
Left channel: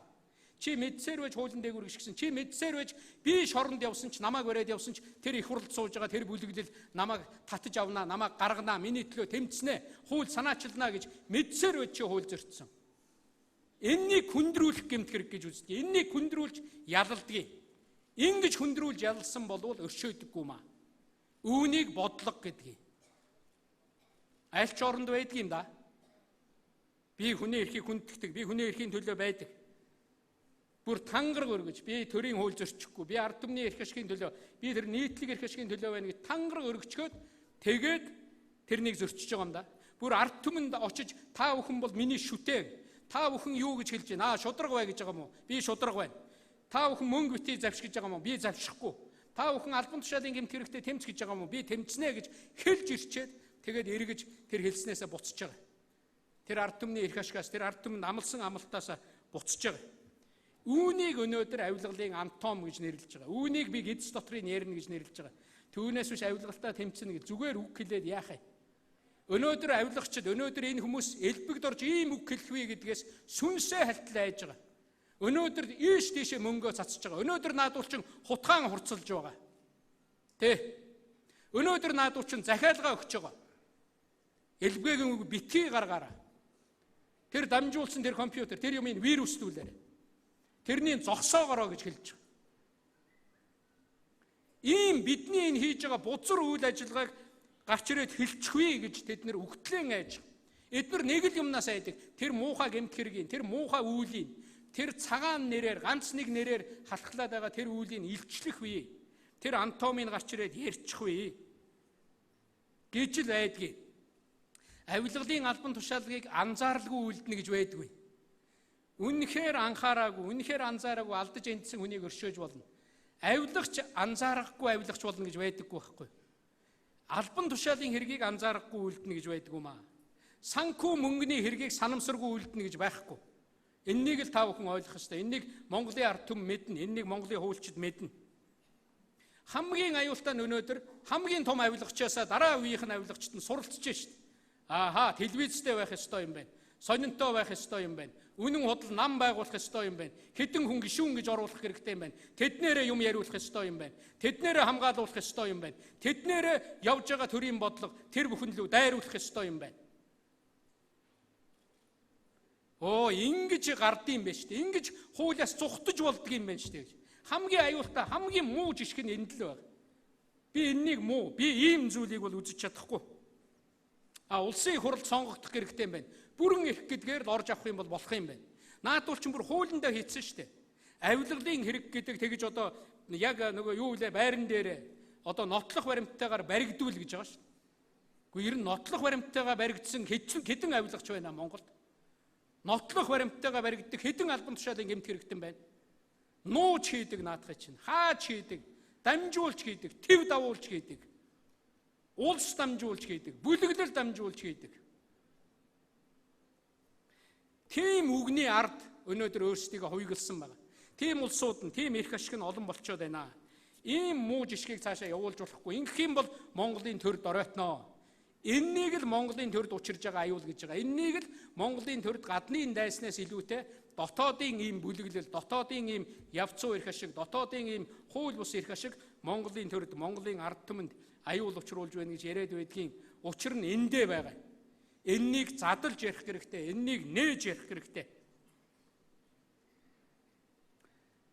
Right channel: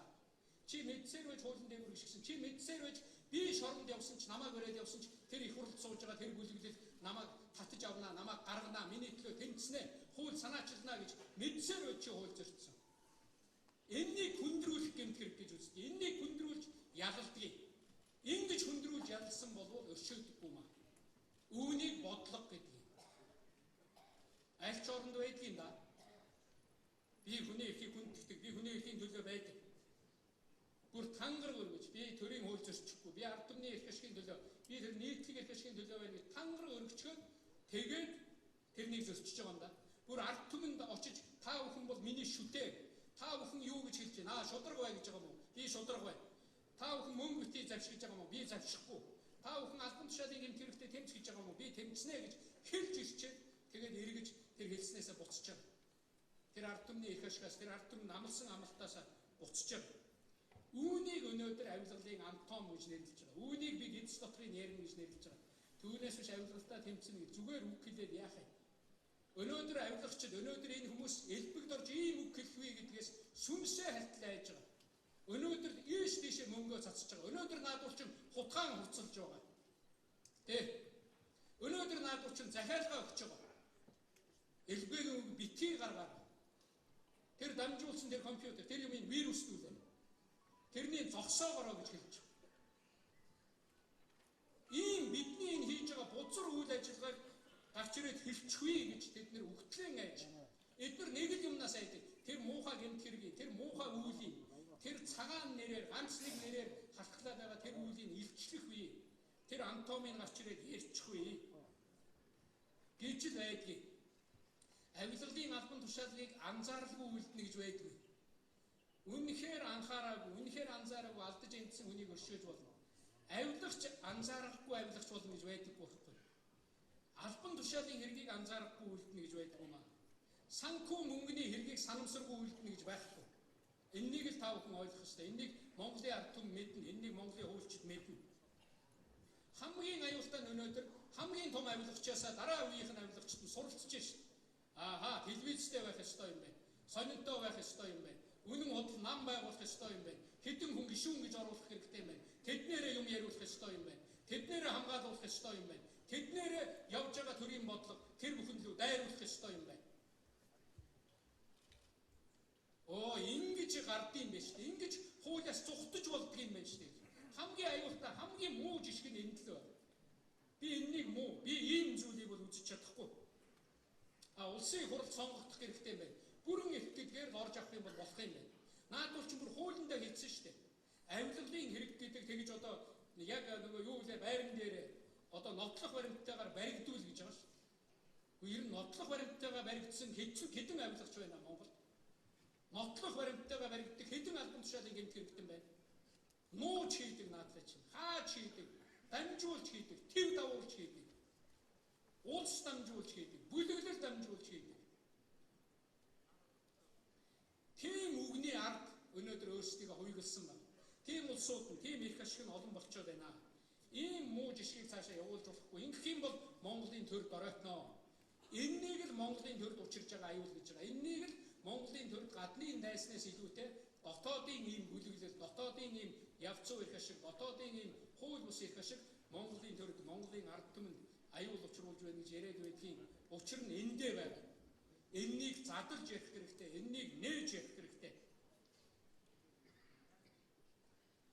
Чи мэдсээр байж хуулийн дээгүүр гიშгсэн. Чи мэдсээр байж би шоронд явсан ч намайг бариад явсан ч тэр их хурлд сууж байгаа тэр бүлэглэл намайг татаж авнаа, намайг гарганаа, миний төлөө тэмцэнэ, хууль санаачилнаа гэж мэдсээр байж чи хууль зөрчсөн. Эннийг хүндрүүлэх гэмт хэрэг гэж үздэг. Эннийг хүндрүүлж ялалдгийг. Ингэж хүндрүүлж ялалсан болвол өршөөдөггүй маа. Үүнийг бодлого гэдгийг. Аль ч оронд байдаг юм да. Би хүний эрхийг хүндэтдэг, би хүний эрхийн төлөө байдаг. Бүр тангараг өргөж, би төрийн хууль зөрчихгүй, би ард түмний эрх ашигын төлөө, би тэр нийтлэг эрх ашигын төлөө байна гэж тангараг өргөчгөөд тэгээд тэрнийг зөрчиж байгаа юм да. Бүр ард түмэнд очиж та бүхэн бол миний шүтээ. Та бүхэн юу гэж хэлж байна? Шудраг бай гэж байгаа юм уу? Би шудраг байна. Та бүхэн мөнгө битгий завшиж байгаа юм уу? Би завшихгүй. Та бүхэн албан тушаалын гэмт хэрэгтэй тэмц гэж байгаа юм уу? Би тэмцнэ гэж хэлж ирчээд тэгээд эргэж тэр хэлснээсээ буцаж байгаа. Тэр ард түмний эрх ашигаас, тэр ард түмэнд амлсан амлалтаасаа буцаж байгаа. Үүнийг өнөөдөр авилгалын антом гэж нэрлэж байгаа. Үүнийг би эцэс дотрын ярина гэж нэрлэж байгаа. Түүнээс биш авилгалтаа тэмцэнэ гэж зүгээр үг хэлээд яах вэ? Өнөөдөр авилгачид, өнөөдөр энэ хүмүүс элбэгд орж ийм үг хэлэхвэ гэдгээс сүнсээ халтал айж байгаа. Өнөөдөр ийш тийшээ мөнгөө цацж байгаа. Өнөөдөр наадуулчин хутгаан хурцлж байгаа. Тэ? Өнөөдөр наадуулчин захиалгаа өгч байгаа. Элбэгийн үг битгий гаргаараа. Тэр дамжуулсан тэр компьютер, тэр юмыг вируслүүлээрэй. Тэрний зогсоогороо гэж хэлж байгаа. Ийм бидний энэ хийж байгаа бузар үйл ажиллагааг гарч ирээд хэлчихвээ гэж тэд нэр үгтлэн айж байгаа. Эдгээр нэг л юмнаас айдаг. Тэр муухай гэмт хэргийн, тэр муухай үүлийн, тэр цагаан нэрээр, ганц нэг нэрээр халахлаад байгаа тэр үүлийн илчлэх үе. Тэр антомыг гарч ирээд ярьчих үе. Гэж л айдгийг. Авилгалын албан тушаалгыг анзааралгүй үлдэнэ гэж байдгүй. Үнэхээр анхаараагүй, үнэхээр анзаараагүй алдаж эндсэн хүнийг өршөөж болно. Авилагч анзаарахгүй авилагч болно гэж байдаггүй байхгүй. Албан тушаалын хэргийг анзаарахгүй үлдэнэ гэж байдаггүй маа. Санхүү мөнгөний хэргийг санамсаргүй үлдэнэ гэж байхгүй. Эннийг л та бүхэн ойлгох ёстой. Эннийг Монголын ард түмэн мэднэ, эннийг Монголын хуульчид мэднэ. Хамгийн аюултай нь өнөөдөр хамгийн том авилагчаасаа дараа үеийнх нь авилагчд нь суралцж шít. Ааха, телевизтэй байх ёстой юм байна. Сонинтой байх ёстой юм байна. Үнэн худал нам байгуулах ёстой юм байна. Хэдэн хүн гишүүн гэж оруулах хэрэгтэй юм байна. Тэднэрээ юм яриулах ёстой юм байна. Тэднэрээ хамгаалуулах ёстой юм байна. Тэднэрээ явж байгаа төрийн бодлого тэр бүхэн лөө дайруулах ёстой юм байна. Ингэж гардыг юм байна шүү дээ. Ингэж хуулиас зүхтэж болдго юм байна шүү дээ. Хамгийн аюултай, хамгийн муу жишг нь энд л байна. Би энэнийг муу, би ийм зүйлийг бол үзэж чадахгүй. Улсын хурлд сонгогдох хэрэгтэй юм байна. Бүрэн эрх гэдгээр л орж авах юм бол болох юм байна. Наадуул ч бүр хуулиндаа хийсэн шүү дээ. Авилгалын хэрэг гэдэг тэгж одоо яг нөгөө юу вэ байран дээр одоо нотлох баримттайгаар баригдуул гэж байгаа шүү дээ. Гэхдээ ер нь нотлох баримттайгаар баригдсан хэдэн авилагч байна Монголд? Нотлох баримттайгаар баригддаг хэдэн албан тушаалын гэмт хэрэгтэн байна? Нууж хийдэг наадах чинь, хааж хийдэг, дамжуулж хийдэг, төв давуулж хийдэг. Улс дамжуулж хийдэг, бүлэглэл дамжуулж хийдэг. Тийм үгний ард өнөөдөр өөрсдийгөө хувигласан байна. Тийм улсууд нь, тийм эрх ашиг нь олон болчиход байна. Ийм муу жишгийг цаашаа явуулж болохгүй. Ингэх юм бол Монголын төрд оройтноо. Эннийг л Монголын төрд учирж байгаа аюул гэж байгаа. Эннийг л Монголын төрд гадны дайснаас илүүтэй дотоодын ийм бүлэглэл, дотоодын ийм явцуу эрх ашиг, дотоодын ийм хууль бус эрх ашиг Монголын төрд, Монголын ард түмэнд аюул учруулж байна гэж яриад байдгийн учир нь эндээ байгаа. Эннийг задлж ярих хэрэгтэй, эннийг нээж ярих хэрэгтэй.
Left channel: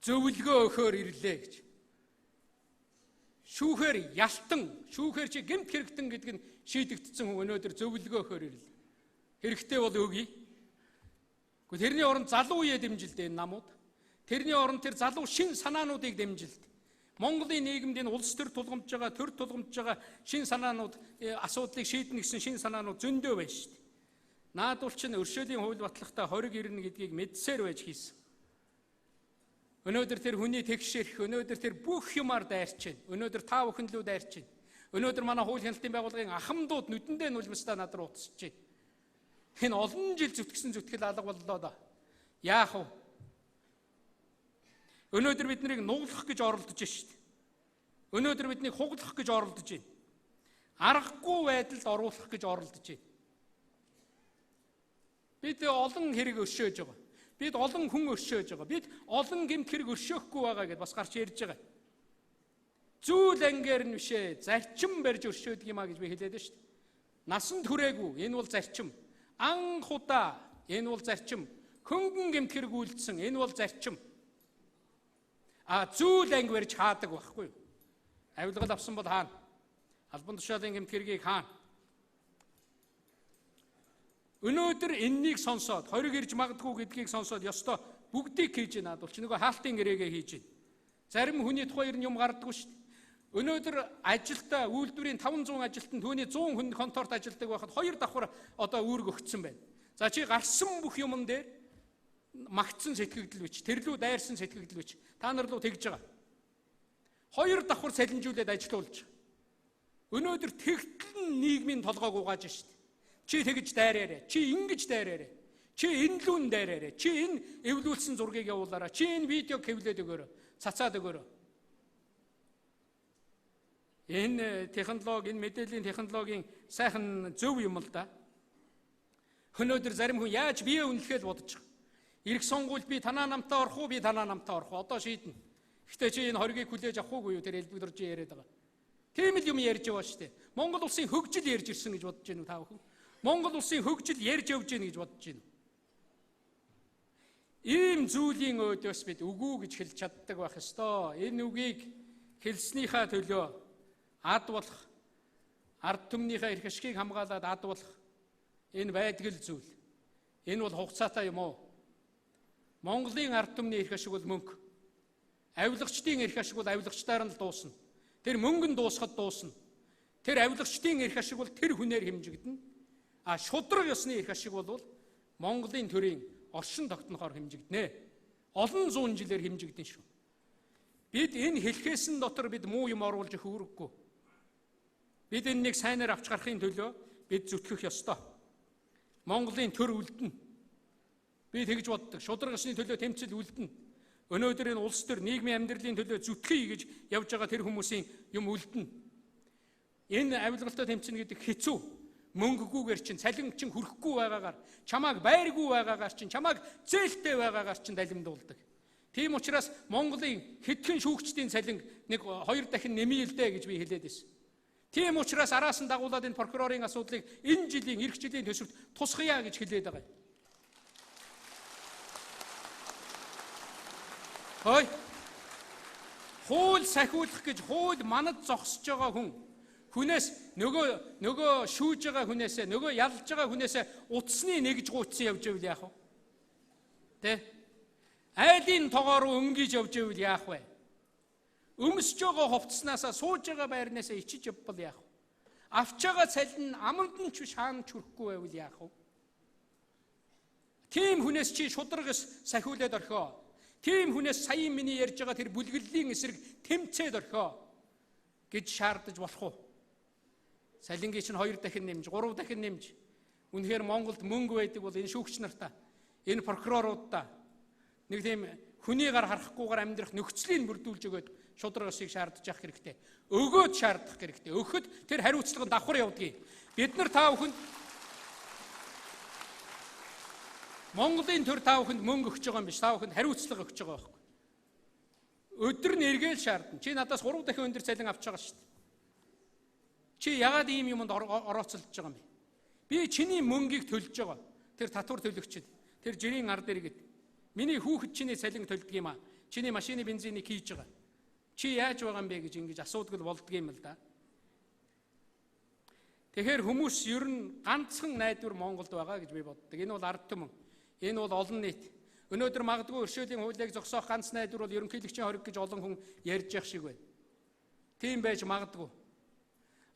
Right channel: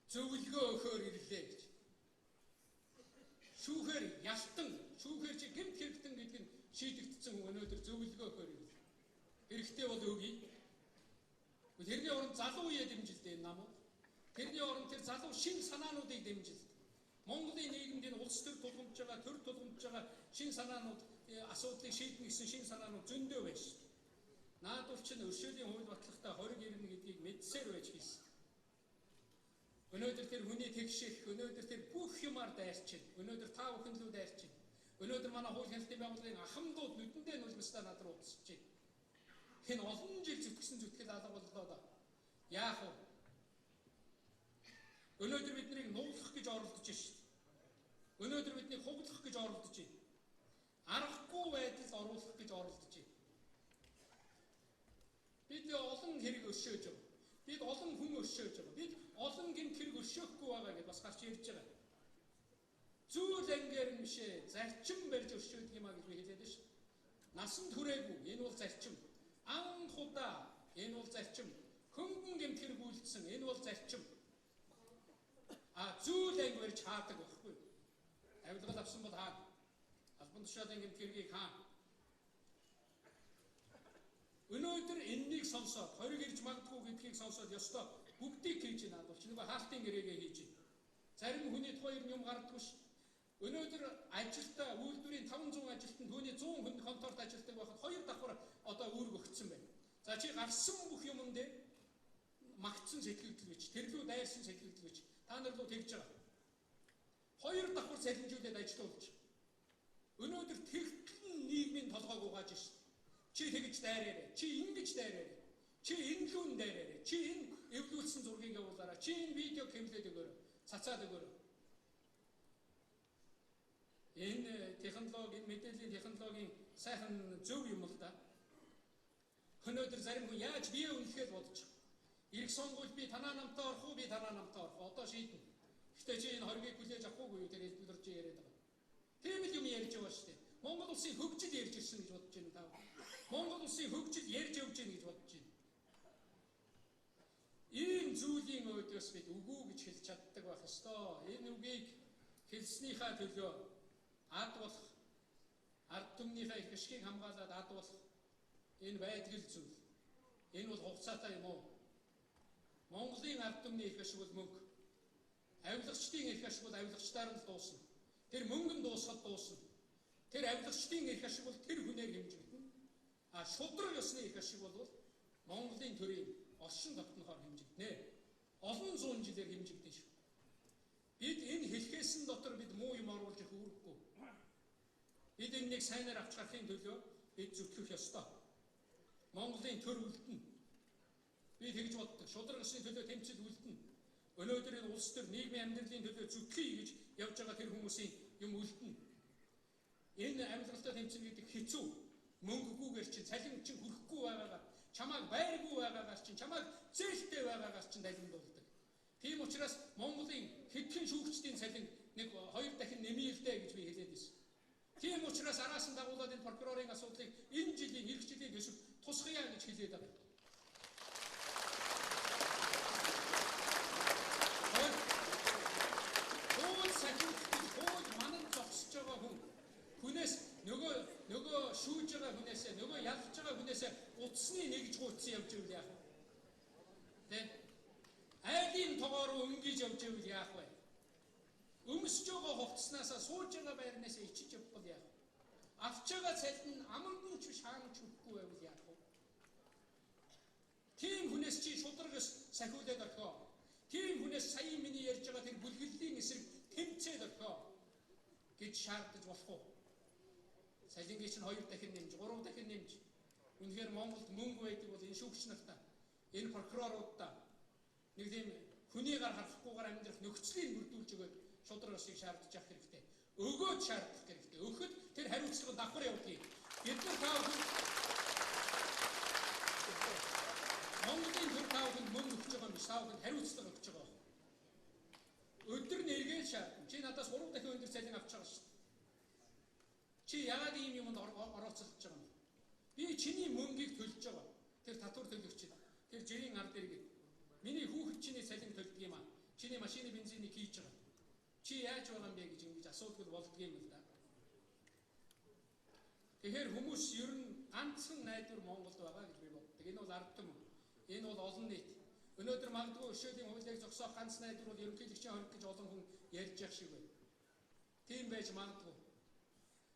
Зөвлөгөө өгөхөөр ирлээ гэж. шүүхээр ялтан, шүүхээр чи гэмт хэрэгтэн гэдэг нь шийдэгдсэн хүн өнөөдөр зөвлөгөө өгөхөөр ирэл. Хэрэгтэй бол өгье. Гэхдээ тэрний оронд залуу үе дэмжилдэг энэ намууд. Тэрний оронд тэр залуу шин санаануудыг дэмжилдэг. Монголын нийгэмд энэ улс төр тулгамдж байгаа, төр тулгамдж байгаа шин санаанууд, асуудлыг шийднэ гэсэн шин санаанууд зөндөө байна шүү дээ. Наадуул чинь өршөөлийн хууль батлагтаа 20 ирнэ гэдгийг мэдсээр байж хийсэн. Өнөөдөр тэр хүний тэгшэрх, өнөөдөр тэр бүх юмар дайрч байна. Өнөөдөр та бүхэн лүү дайрч байна. Өнөөдөр манай хууль хяналтын байгууллагын ахмадууд нүдэндээ нулимсдаа над руу утасч байна. Энэ олон жил зүтгэсэн зүтгэл алга боллоо да. Яах вэ? Өнөөдөр биднийг нуглах гэж оролдож байна шүү дээ. Өнөөдөр биднийг хуглах гэж оролдож байна. Аргагүй байдалд оруулах гэж оролдож байна. Бид олон хэрэг өршөөж байгаа. Бид олон хүн өршөөж байгаа. Бид олон гэмт хэрэг өршөөхгүй байгаа гэдээ бас гарч ярьж байгаа. Зүйл ангиар нь бишээ, зарчим барьж өршөөдөг юм а гэж би хэлээд байна шүү дээ. Насан туршаагүй, энэ бол зарчим. Анх удаа, энэ бол зарчим. Хөнгөн гэмт хэрэг үйлдсэн, энэ бол зарчим. Зүйл анги барьж хаадаг байхгүй юу? Авилгал авсан бол хаана? Албан тушаалын гэмт хэргийг хаана? Өнөөдөр энэнийг сонсоод, хориг ирж магадгүй гэдгийг сонсоод ёстой бүгдийг хийж байна. Бол ч нөгөө хаалтын гэрээгээ хийж байна. Зарим хүний тухай юм гардаггүй шүү дээ. Өнөөдөр ажилдаа үйлдвэрийн 500 ажилтан түүний 100 хүн конторт ажилдаг байхад 2 давхар одоо үүрэг өгсөн байна. За чи гарсан бүх юмн дээр магтсан сэтгэгдэл бич, тэрлүү дайрсан сэтгэгдэл бич. Та нар руу тэгж байгаа. 2 давхар салинжуулаад ажиллуулж байгаа. Өнөөдөр тэгтэл нийгмийн толгойг угааж шүү дээ. Чи тэгж дайраарэ, чи ингэж дайраарэ, чи энэ лүүн дайраарэ, чи энэ эвлүүлсэн зургийг явуулаарай, чи энэ видеог хэвлээд өгөөрэй, цацаад өгөөрэй. Энэ технологи, энэ мэдээллийн технологийн сайхан зөв юм л да. Өнөөдөр зарим хүн яаж бие үнэлэхэд бодож байгаа. Ирэх сонгуульд би танаа намтаа орох уу, би танаа намтаа орох уу? Одоо шийднэ. Гэхдээ чи энэ хоргийг хүлээж авах уугүй юу? Тэр элбэгдэрж яриад байгаа. Тийм л юм ярьж байгаа шүү дээ. Монгол улсын хөгжил ярьж ирсэн гэж бодож байна уу та бүхэн? Монгол улсын хөгжил ярьж явж гин гэж бодож байна. Ийм зүйлийн өөдөөс бид үгүй гэж хэлж чаддаг байх ёстой. Энэ үгийг хэлснийхаа төлөө ад болох, ард түмнийхээ эрх ашигыг хамгаалаад ад болох энэ байдгал зүйл. Энэ бол хугацаатай юм уу? Монголын ард түмний эрх ашиг бол мөнгө. Авилагчдын эрх ашиг бол авилагчдаар нь л дуусна. Тэр мөнгө нь дуусахад дуусна. Тэр авилагчдын эрх ашиг бол тэр хүнээр хэмжигдэнэ. Шудраг ёсны эрх ашиг бол Монголын төрийн оршин тогтнохоор хэмжигдэнэ. Олон зуун жилээр хэмжигдэн шүү. Бид энэ хэлхээсэн дотор бид муу юм оруулж өгөх үүрэггүй. Бид энэнийг сайнаар авч гарахын төлөө бид зүтгэх ёстой. Монголын төр үлдэнэ. Би тэгж боддог. Шудраг ёсны төлөө тэмцэл үлдэнэ. Өнөөдөр энэ улс төр нийгмийн амьдралын төлөө зүтгэе гэж явж байгаа тэр хүмүүсийн юм үлдэнэ. Энэ авилгалтай тэмцэнэ гэдэг хэцүү. Мөнгөгүйгээр чинь цалин чинь хүрэхгүй байгаагаар, чамааг байргүй байгаагаар чинь, чамааг зээлтэй байгаагаар чинь далимдуулдаг. Тийм учраас Монголын хэдхэн шүүгчдийн цалин нэг 2 дахин нэмээ л дээ гэж би хэлээд байсан. Тийм учраас араас нь дагуулад энэ прокурорын асуудлыг энэ жилийн эх жилийн төсөвт тусгая гэж хэлээд байгаа. Хууль сахиулах гэж хууль манад зогсож байгаа хүн хүнээс нөгөө шүүж байгаа хүнээсээ, нөгөө ялж байгаа хүнээсээ утасны нэгж гуйцсан явж ивэл яах вэ? Тэ? Айлын тоогоор өнгөж явж ивэл яах вэ? Өмсөж байгаа хувцснаасаа сууж байгаа байрнаасаа ичиж явбал яах вэ? Авч байгаа цалин аманд нь ч шаан чүрхгүй байвал яах вэ? Тийм хүнээс чи шудраг сахиулаад орхио. Тийм хүнээс саяын миний ярьж байгаа тэр бүлгэллийн эсрэг тэмцээд орхио гэж шаардаж болох уу? Салингийн чинь 2 дахин нэмж, 3 дахин нэмж. Үнэхээр Монголд мөнгө байдаг бол энэ шүүгч нартаа, энэ прокуроруудаа нэг тийм хүний гар харахгүйгээр амьдрах нөхцөлийг бүрдүүлж өгөөд шудраг ёсыг шаардаж явах хэрэгтэй. Өгөөд шаардах хэрэгтэй. Өгөхөд тэр хариуцлага давхар явдгийг. Бид нар та бүхэнд Монголын төр та бүхэнд мөнгө өгч байгаа юм биш, та бүхэнд хариуцлага өгч байгаа байхгүй. Өдөр нь эргээл шаардна. Чи надаас 3 дахин өндөр цалин авч байгаа шүү дээ. Чи яагаад ийм юмд орооцолж байгаа юм бэ? Би чиний мөнгийг төлж байгаа. Тэр татвар төлөгчд, тэр жирийн ар дээр гээд. Миний хүүхэд чиний цалин төлдөг юм аа. Чиний машины бензинийг хийж байгаа. Чи яаж байгаа юм бэ гэж ингэж асуудаг л болдго юм л да. Тэгэхээр хүмүүс ер нь ганцхан найдвар Монголд байгаа гэж би боддог. Энэ бол ард түмэн. Энэ бол олон нийт. Өнөөдөр магадгүй өршөөлийн хуулийг зогсоох ганц найдвар бол ерөнхийлөгчийн хориг гэж олон хүн ярьж явах шиг байна. Тийм байж магадгүй.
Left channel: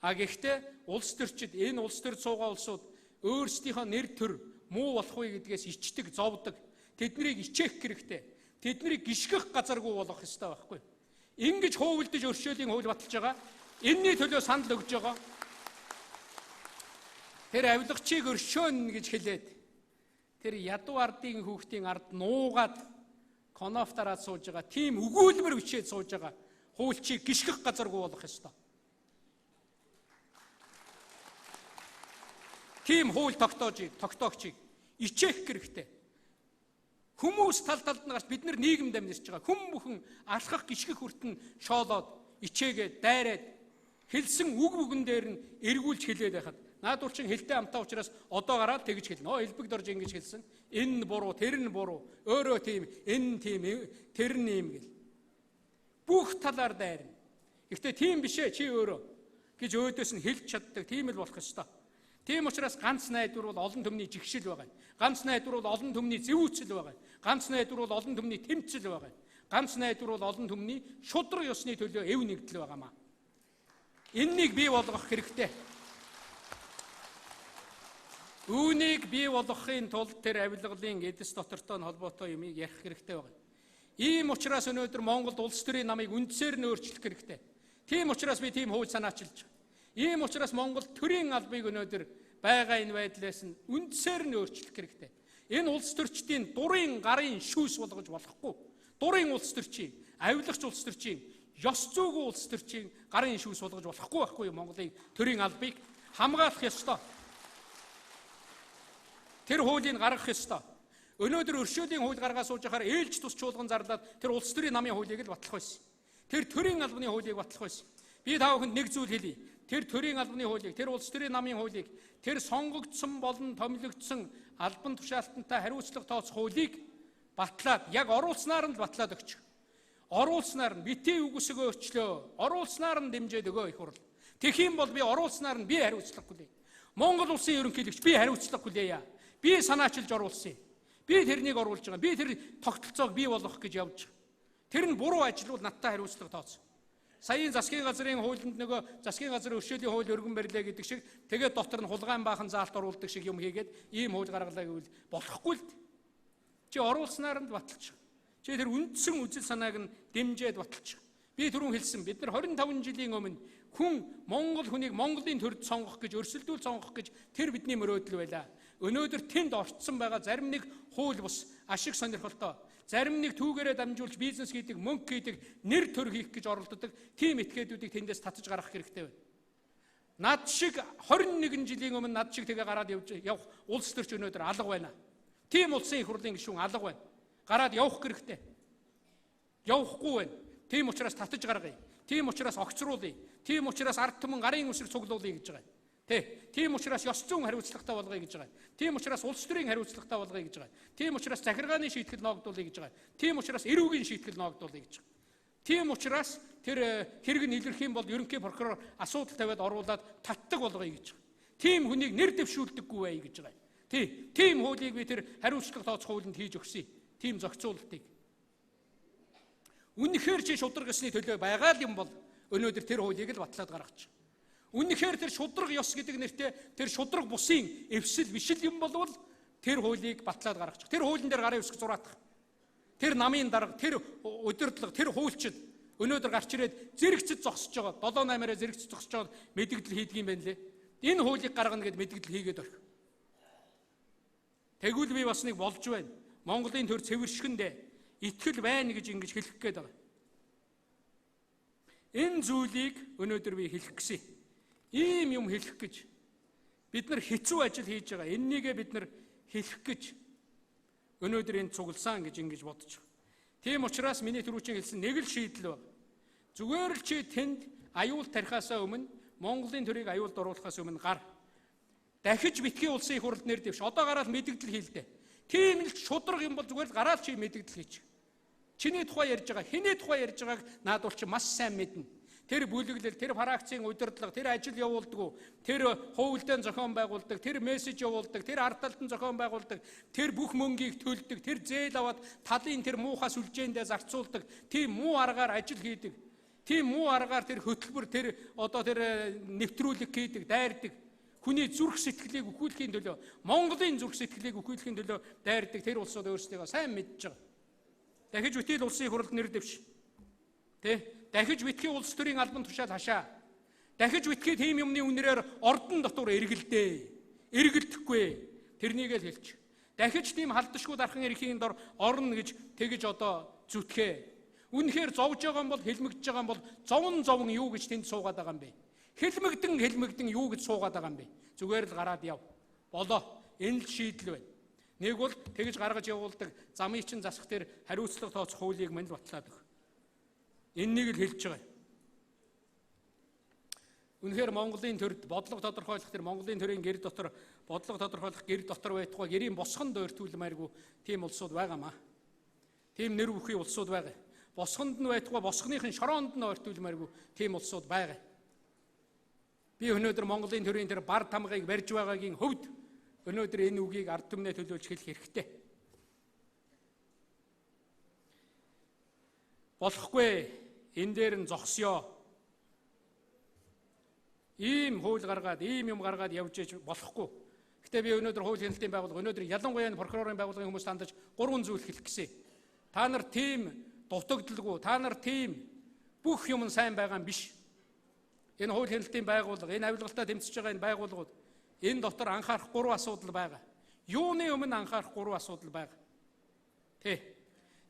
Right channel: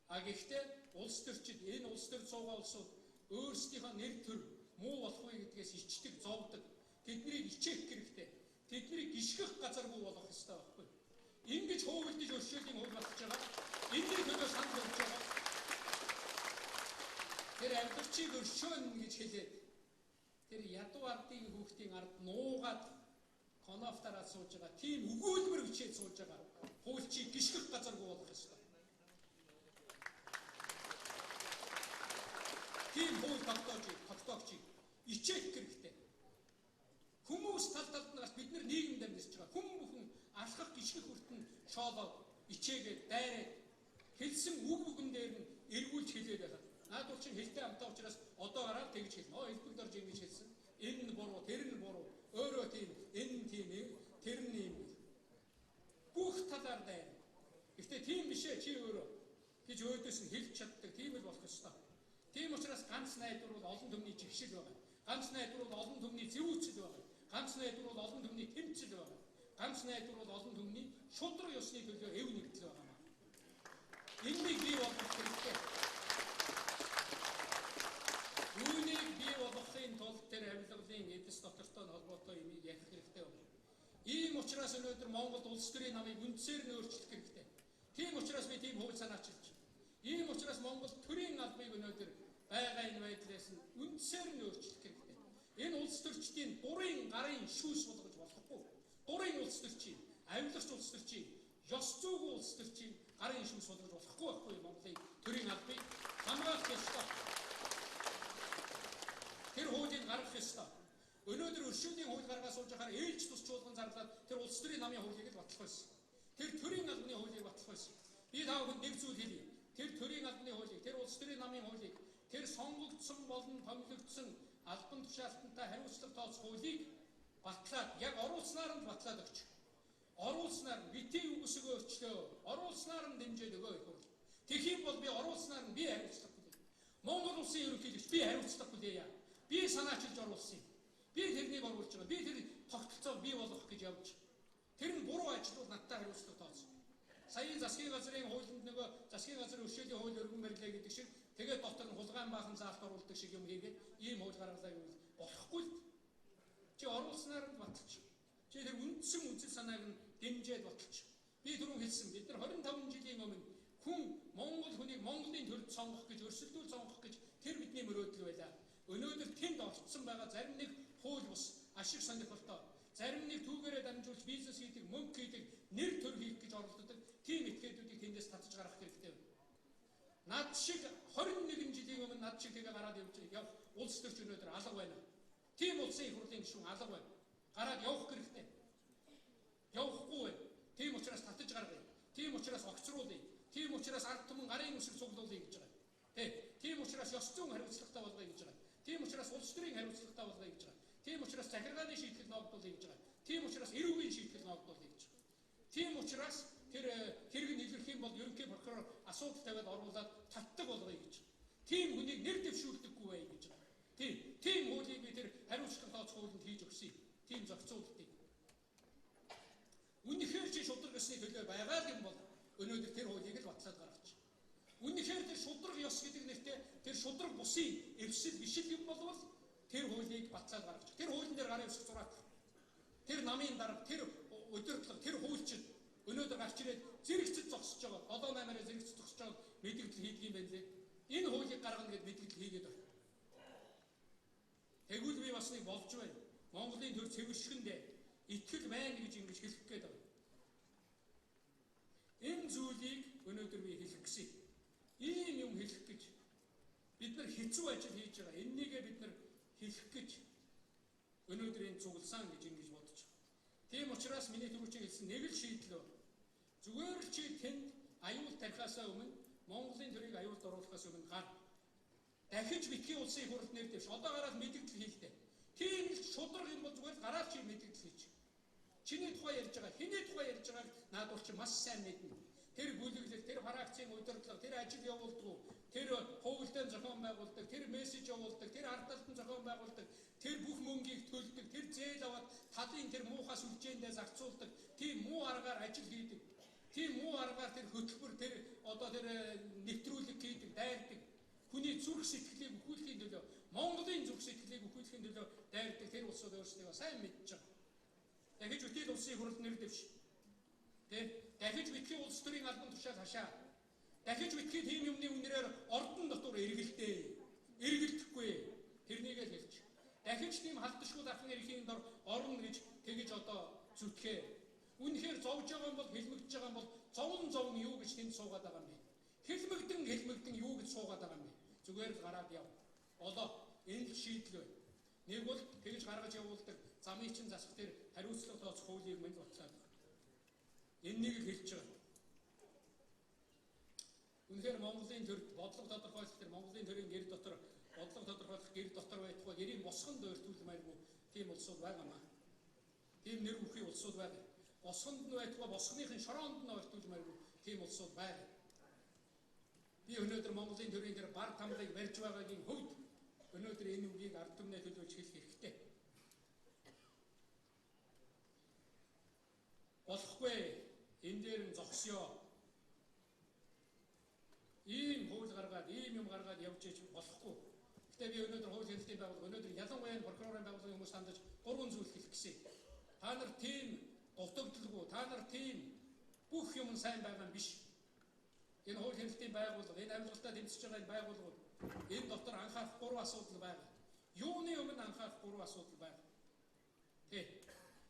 А гэхдээ улс төрчид энэ улс төр цуугаа улсууд өөрсдийнхөө нэр төр муу болох вэ гэдгээс ичдэг, зовдөг. Тэднийг ичээх хэрэгтэй. Тэднийг гიშгэх газаргүй болох ёстой байхгүй. Ингэж хуувлдаж өршөөлийн хууль баталж байгаа. Энэний төлөө санал өгж байгаа. Тэр авилгачийг өршөөн гэж хэлээд тэр ядуу ардын хүүхдийн ард нуугаад конофтараад сууж байгаа. Тийм өгүүлбэр бичээд сууж байгаа. Хуульчийг гიშгэх газаргүй болох ёстой. Тийм хууль тогтоогчийг ичээх хэрэгтэй. Хүмүүс тал талд нь гарч бид нар нийгэмд амьдарч байгаа. Хүм бүхэн алхах гიშгэх хүртэн шоолоод ичээгээд дайраад хэлсэн үг бүгэн дээр нь эргүүлж хэлээд байхад наадуур чин хэлтэй амтаа учраас одоо гараад тэгж хэлнэ. Элбэгд орж ингэж хэлсэн. Энэ нь буруу, тэр нь буруу. Өөрөө тийм, энэ нь тийм, тэр нь ийм гэл. Бүх талаар дайрна. Гэхдээ тийм биш ээ чи өөрөө гэж өөдөөс нь хэлж чаддаг. Тийм л болох ёстой. Тийм учраас ганц найдвар бол олон түмний жигшил байгаа. Ганц найдвар бол олон түмний зэвүүцэл байгаа. Ганц найдвар бол олон түмний тэмцэл байгаа. Ганц найдвар бол олон түмний шудраг ёсны төлөө эв нэгдэл байгаамаа. Эннийг бий болгох хэрэгтэй. Үүнийг бий болгохын тулд тэр авилгалын эдэс дотортой холбоотой юмыг ярих хэрэгтэй байна. Ийм учраас өнөөдөр Монголд улс төрийн намыг үндсээр нь өөрчлөх хэрэгтэй. Тийм учраас би тийм хууль санаачилж байна. Ийм учраас Монгол төрийн албыг өнөөдөр байгаа энэ байдлаас нь үндсээр нь өөрчлөх хэрэгтэй. Энэ улс төрчдийн дурын гарын шүүс болгож болохгүй. Дурын улс төрчийн, авилгач улс төрчийн, ёс зүйн улс төрчийн гарын шүүс болгож болохгүй Монголын төрийн албыг хамгаалах ёстой. Тэр хуулийг гаргах ёстой. Өнөөдөр өршөөлийн хууль гаргаа сууж байхаар ээлж тус чуулган зарлаад тэр улс төрийн намын хуулийг л батлах байсан. Тэр төрийн албаны хуулийг батлах байсан. Би та бүхэнд нэг зүйл хэлье. Тэр төрийн албаны хуулийг, тэр улс төрийн намын хуулийг, тэр сонгогдсон болон томилогдсон албан тушаалтантай хариуцлага тооцох хуулийг батлаад, яг оруулснаар нь батлаад өгчих. Оруулснаар нь битгий үгсийг өөрчлөө. Оруулснаар нь дэмжээд өгөө их хурл. Тэгэх юм бол би оруулснаар нь би хариуцлага хүлэе. Монгол улсын ерөнхийлөгч би хариуцлага хүлээе. Би санаачилж оруулсан юм. Би тэрнийг оруулж байгаа. Би тэр тогтолцоог бий болгох гэж явж байгаа. Тэр нь буруу ажил бол надтай хариуцлага тооцсон. Саяын засгийн газрын хуулинд нөгөө засгийн газрын өршөөлийн хууль өргөн барилаа гэдэг шиг тэгээд дотор нь хулгайн баахан заалт оруулдаг шиг юм хийгээд ийм хууль гаргалаа гэвэл болохгүй л. Чи оруулснаар нь баталчих. Чи тэр үндсэн үзэл санааг нь дэмжиж баталчих. Би түрүүн хэлсэн бид нар 25 жилийн өмнө хүн Монгол хүнийг Монголын төрд сонгох гэж өрсөлдүүл сонгох гэж тэр бидний мөрөөдөл байлаа. Өнөөдөр тэнд орцсон байгаа зарим нэг хууль бус ашиг сонирхолтой, зарим нэг түүгээрээ дамжуулж бизнес хийдэг, мөнгө хийдэг, нэр төр хийх гэж оролддог тийм этгээдүүдийг тэндээс татаж гаргах хэрэгтэй байна. Над шиг 21 жилийн өмнө над шиг тэгээ гараад явах улс төрч өнөөдөр алга байна. Тийм улсын их хурлын гишүүн алга байна. Гараад явах хэрэгтэй. Явахгүй байна. Тийм учраас татаж гаргая. Тийм учраас огцруулъя. Тийм учраас ард түмэн гарын үсэг цуглуулъя гэж байгаа. Тийм учраас ёс зүйн хариуцлагатай болгоё гэж байгаа. Тийм учраас улс төрийн хариуцлагатай болгоё гэж байгаа. Тийм учраас захиргааны шийтгэл ногдуулъя гэж байгаа. Тийм учраас эрүүгийн шийтгэл ногдуулъя гэж байгаа. Тийм учраас тэр хэрэг нь илэрх юм бол ерөнхий прокурор асуудал тавиад оруулаад татдаг болгоё гэж байгаа. Тийм хүнийг нэр дэвшүүлдэггүй бай гэж байгаа. Тийм хуулийг би тэр хариуцлага тооцох хуулинд хийж өгсөй. Тийм зохицуултыг. Үнэхээр чи шудраг ёсны төлөө байгаа юм бол өнөөдөр тэр хуулийг л батлаад гаргаж. Үнэхээр тэр шудраг ёс гэдэг нэртэй тэр шудраг бусын эвсэл бишил юм болвол тэр хуулийг батлаад гаргаж. Тэр хуулийн дээр гарын үсэг зураадах. Тэр намын дарга, тэр удирдлага, тэр хуульчид өнөөдөр гарч ирээд зэрэгцэд зогсож байгаа. 7-8-аараа зэрэгцэд зогсож байгаа мэдэгдэл хийдэг юм байна лээ. Энэ хуулийг гаргана гэд мэдэгдэл хийгээд орхив. Тэгвэл би бас нэг болж байна. Монголын төр цэвэршгэндээ итгэл байна гэж ингэж хэлэх гээд байгаа. Энэ зүйлийг өнөөдөр би хэлэх гэсэн. Ийм юм хэлэх гэж бид нар хэцүү ажил хийж байгаа. Эннийгээ бид нар хэлэх гэж өнөөдөр энэ цугласан гэж ингэж бодож байгаа. Тийм учраас миний түрүүчийн хэлсэн нэг л шийдэл байна. Зүгээр л чи тэнд аюул тарихаасаа өмнө Монголын төрийг аюулд оруулахаас өмнө гар. Дахиж битгий улсын их хурлд нэр дэвш. Одоо гараад мэдэгдэл хийлдэ. Тийм л шудраг юм бол зүгээр л гараад чи мэдэгдэл хийчих. Чиний тухай ярьж байгаа, хэний тухай ярьж байгааг наад бол чи маш сайн мэднэ. Тэр бүлэглэл, тэр фракцийн удирдлага, тэр ажил явуулдаг, тэр хуулиудын зохион байгуулдаг, тэр мессеж явуулдаг, тэр ард талдан зохион байгуулдаг, тэр бүх мөнгийг төлдөг, тэр зээл аваад талын тэр муухай сүлжээндээ зарцуулдаг, тийм муу аргаар ажил хийдэг. Тийм муу аргаар тэр хөтөлбөр, тэр нэвтрүүлэг хийдэг, дайрдаг. Хүний зүрх сэтгэлийг өгүүлэхийн төлөө, Монголын зүрх сэтгэлийг өгүүлэхийн төлөө дайрдаг тэр улсууд өөрсдөө сайн мэдж байгаа. Дахиж үтэл улсын хурлд нэр дэвш. Дахиж битгий улс төрийн албан тушаал хашаа. Дахиж битгий тийм юмны үнрээр ордон дотор эргэлдэхгүй. Тэрнийг л хэлчих. Дахиж тийм халдшгүй дархан эрхийн дор орно гэж тэгж зүтгэе. Үнэхээр зовж байгаа юм бол, хэлмэгдэж байгаа юм бол зовн юу гэж тэнд суугаад байгаа юм бэ? Хэлмэгдэн юу гэж суугаад байгаа юм бэ? Зүгээр л гараад яв. Болоо. Энэ л шийдэл байна. Нэг бол тэгж гаргаж явуулдаг замын чин засах дээр хариуцлага тооцох хуулийг мань батлаад өгөх. Энэнийг л хэлж байгаа. Үнэхээр Монголын төрд бодлого тодорхойлох тэр Монголын төрийн гэр дотор бодлого тодорхойлох гэр дотор байтугай гэрийн босгонд ойртуулмааргүй тийм улсууд байгаамаа. Тийм нэр бүхий улсууд байгаа. Босгонд нь байтугай босгоныхын шороонд нь ойртуулмааргүй тийм улсууд байгаа. Би өнөөдөр Монголын төрийн тэр бар тамгыг барьж байгаагийн хөвд өнөөдөр энэ үгийг ард түмнээ төлөөлж хэлэх хэрэгтэй. Болохгүй энэ дээр нь зогсё. Ийм хууль гаргаад, ийм юм гаргаад явж иж болохгүй. Гэтэ би өнөөдөр хууль хяналтын байгууллага, өнөөдөр ялангуяа прокурорын байгууллагын хүмүүс тандаж 3 зүйл хэлэх гэсэн. Та нар тийм дутагдaltaгүй, та нар тийм бүх юм сайн байгаа юм биш. Энэ хууль хяналтын байгууллага, энэ авилгалтаа тэмцэж байгаа энэ байгууллагууд энэ дотор анхаарах 3 асуудал байгаа. Юуны өмнө анхаарах 3 асуудал байгаа.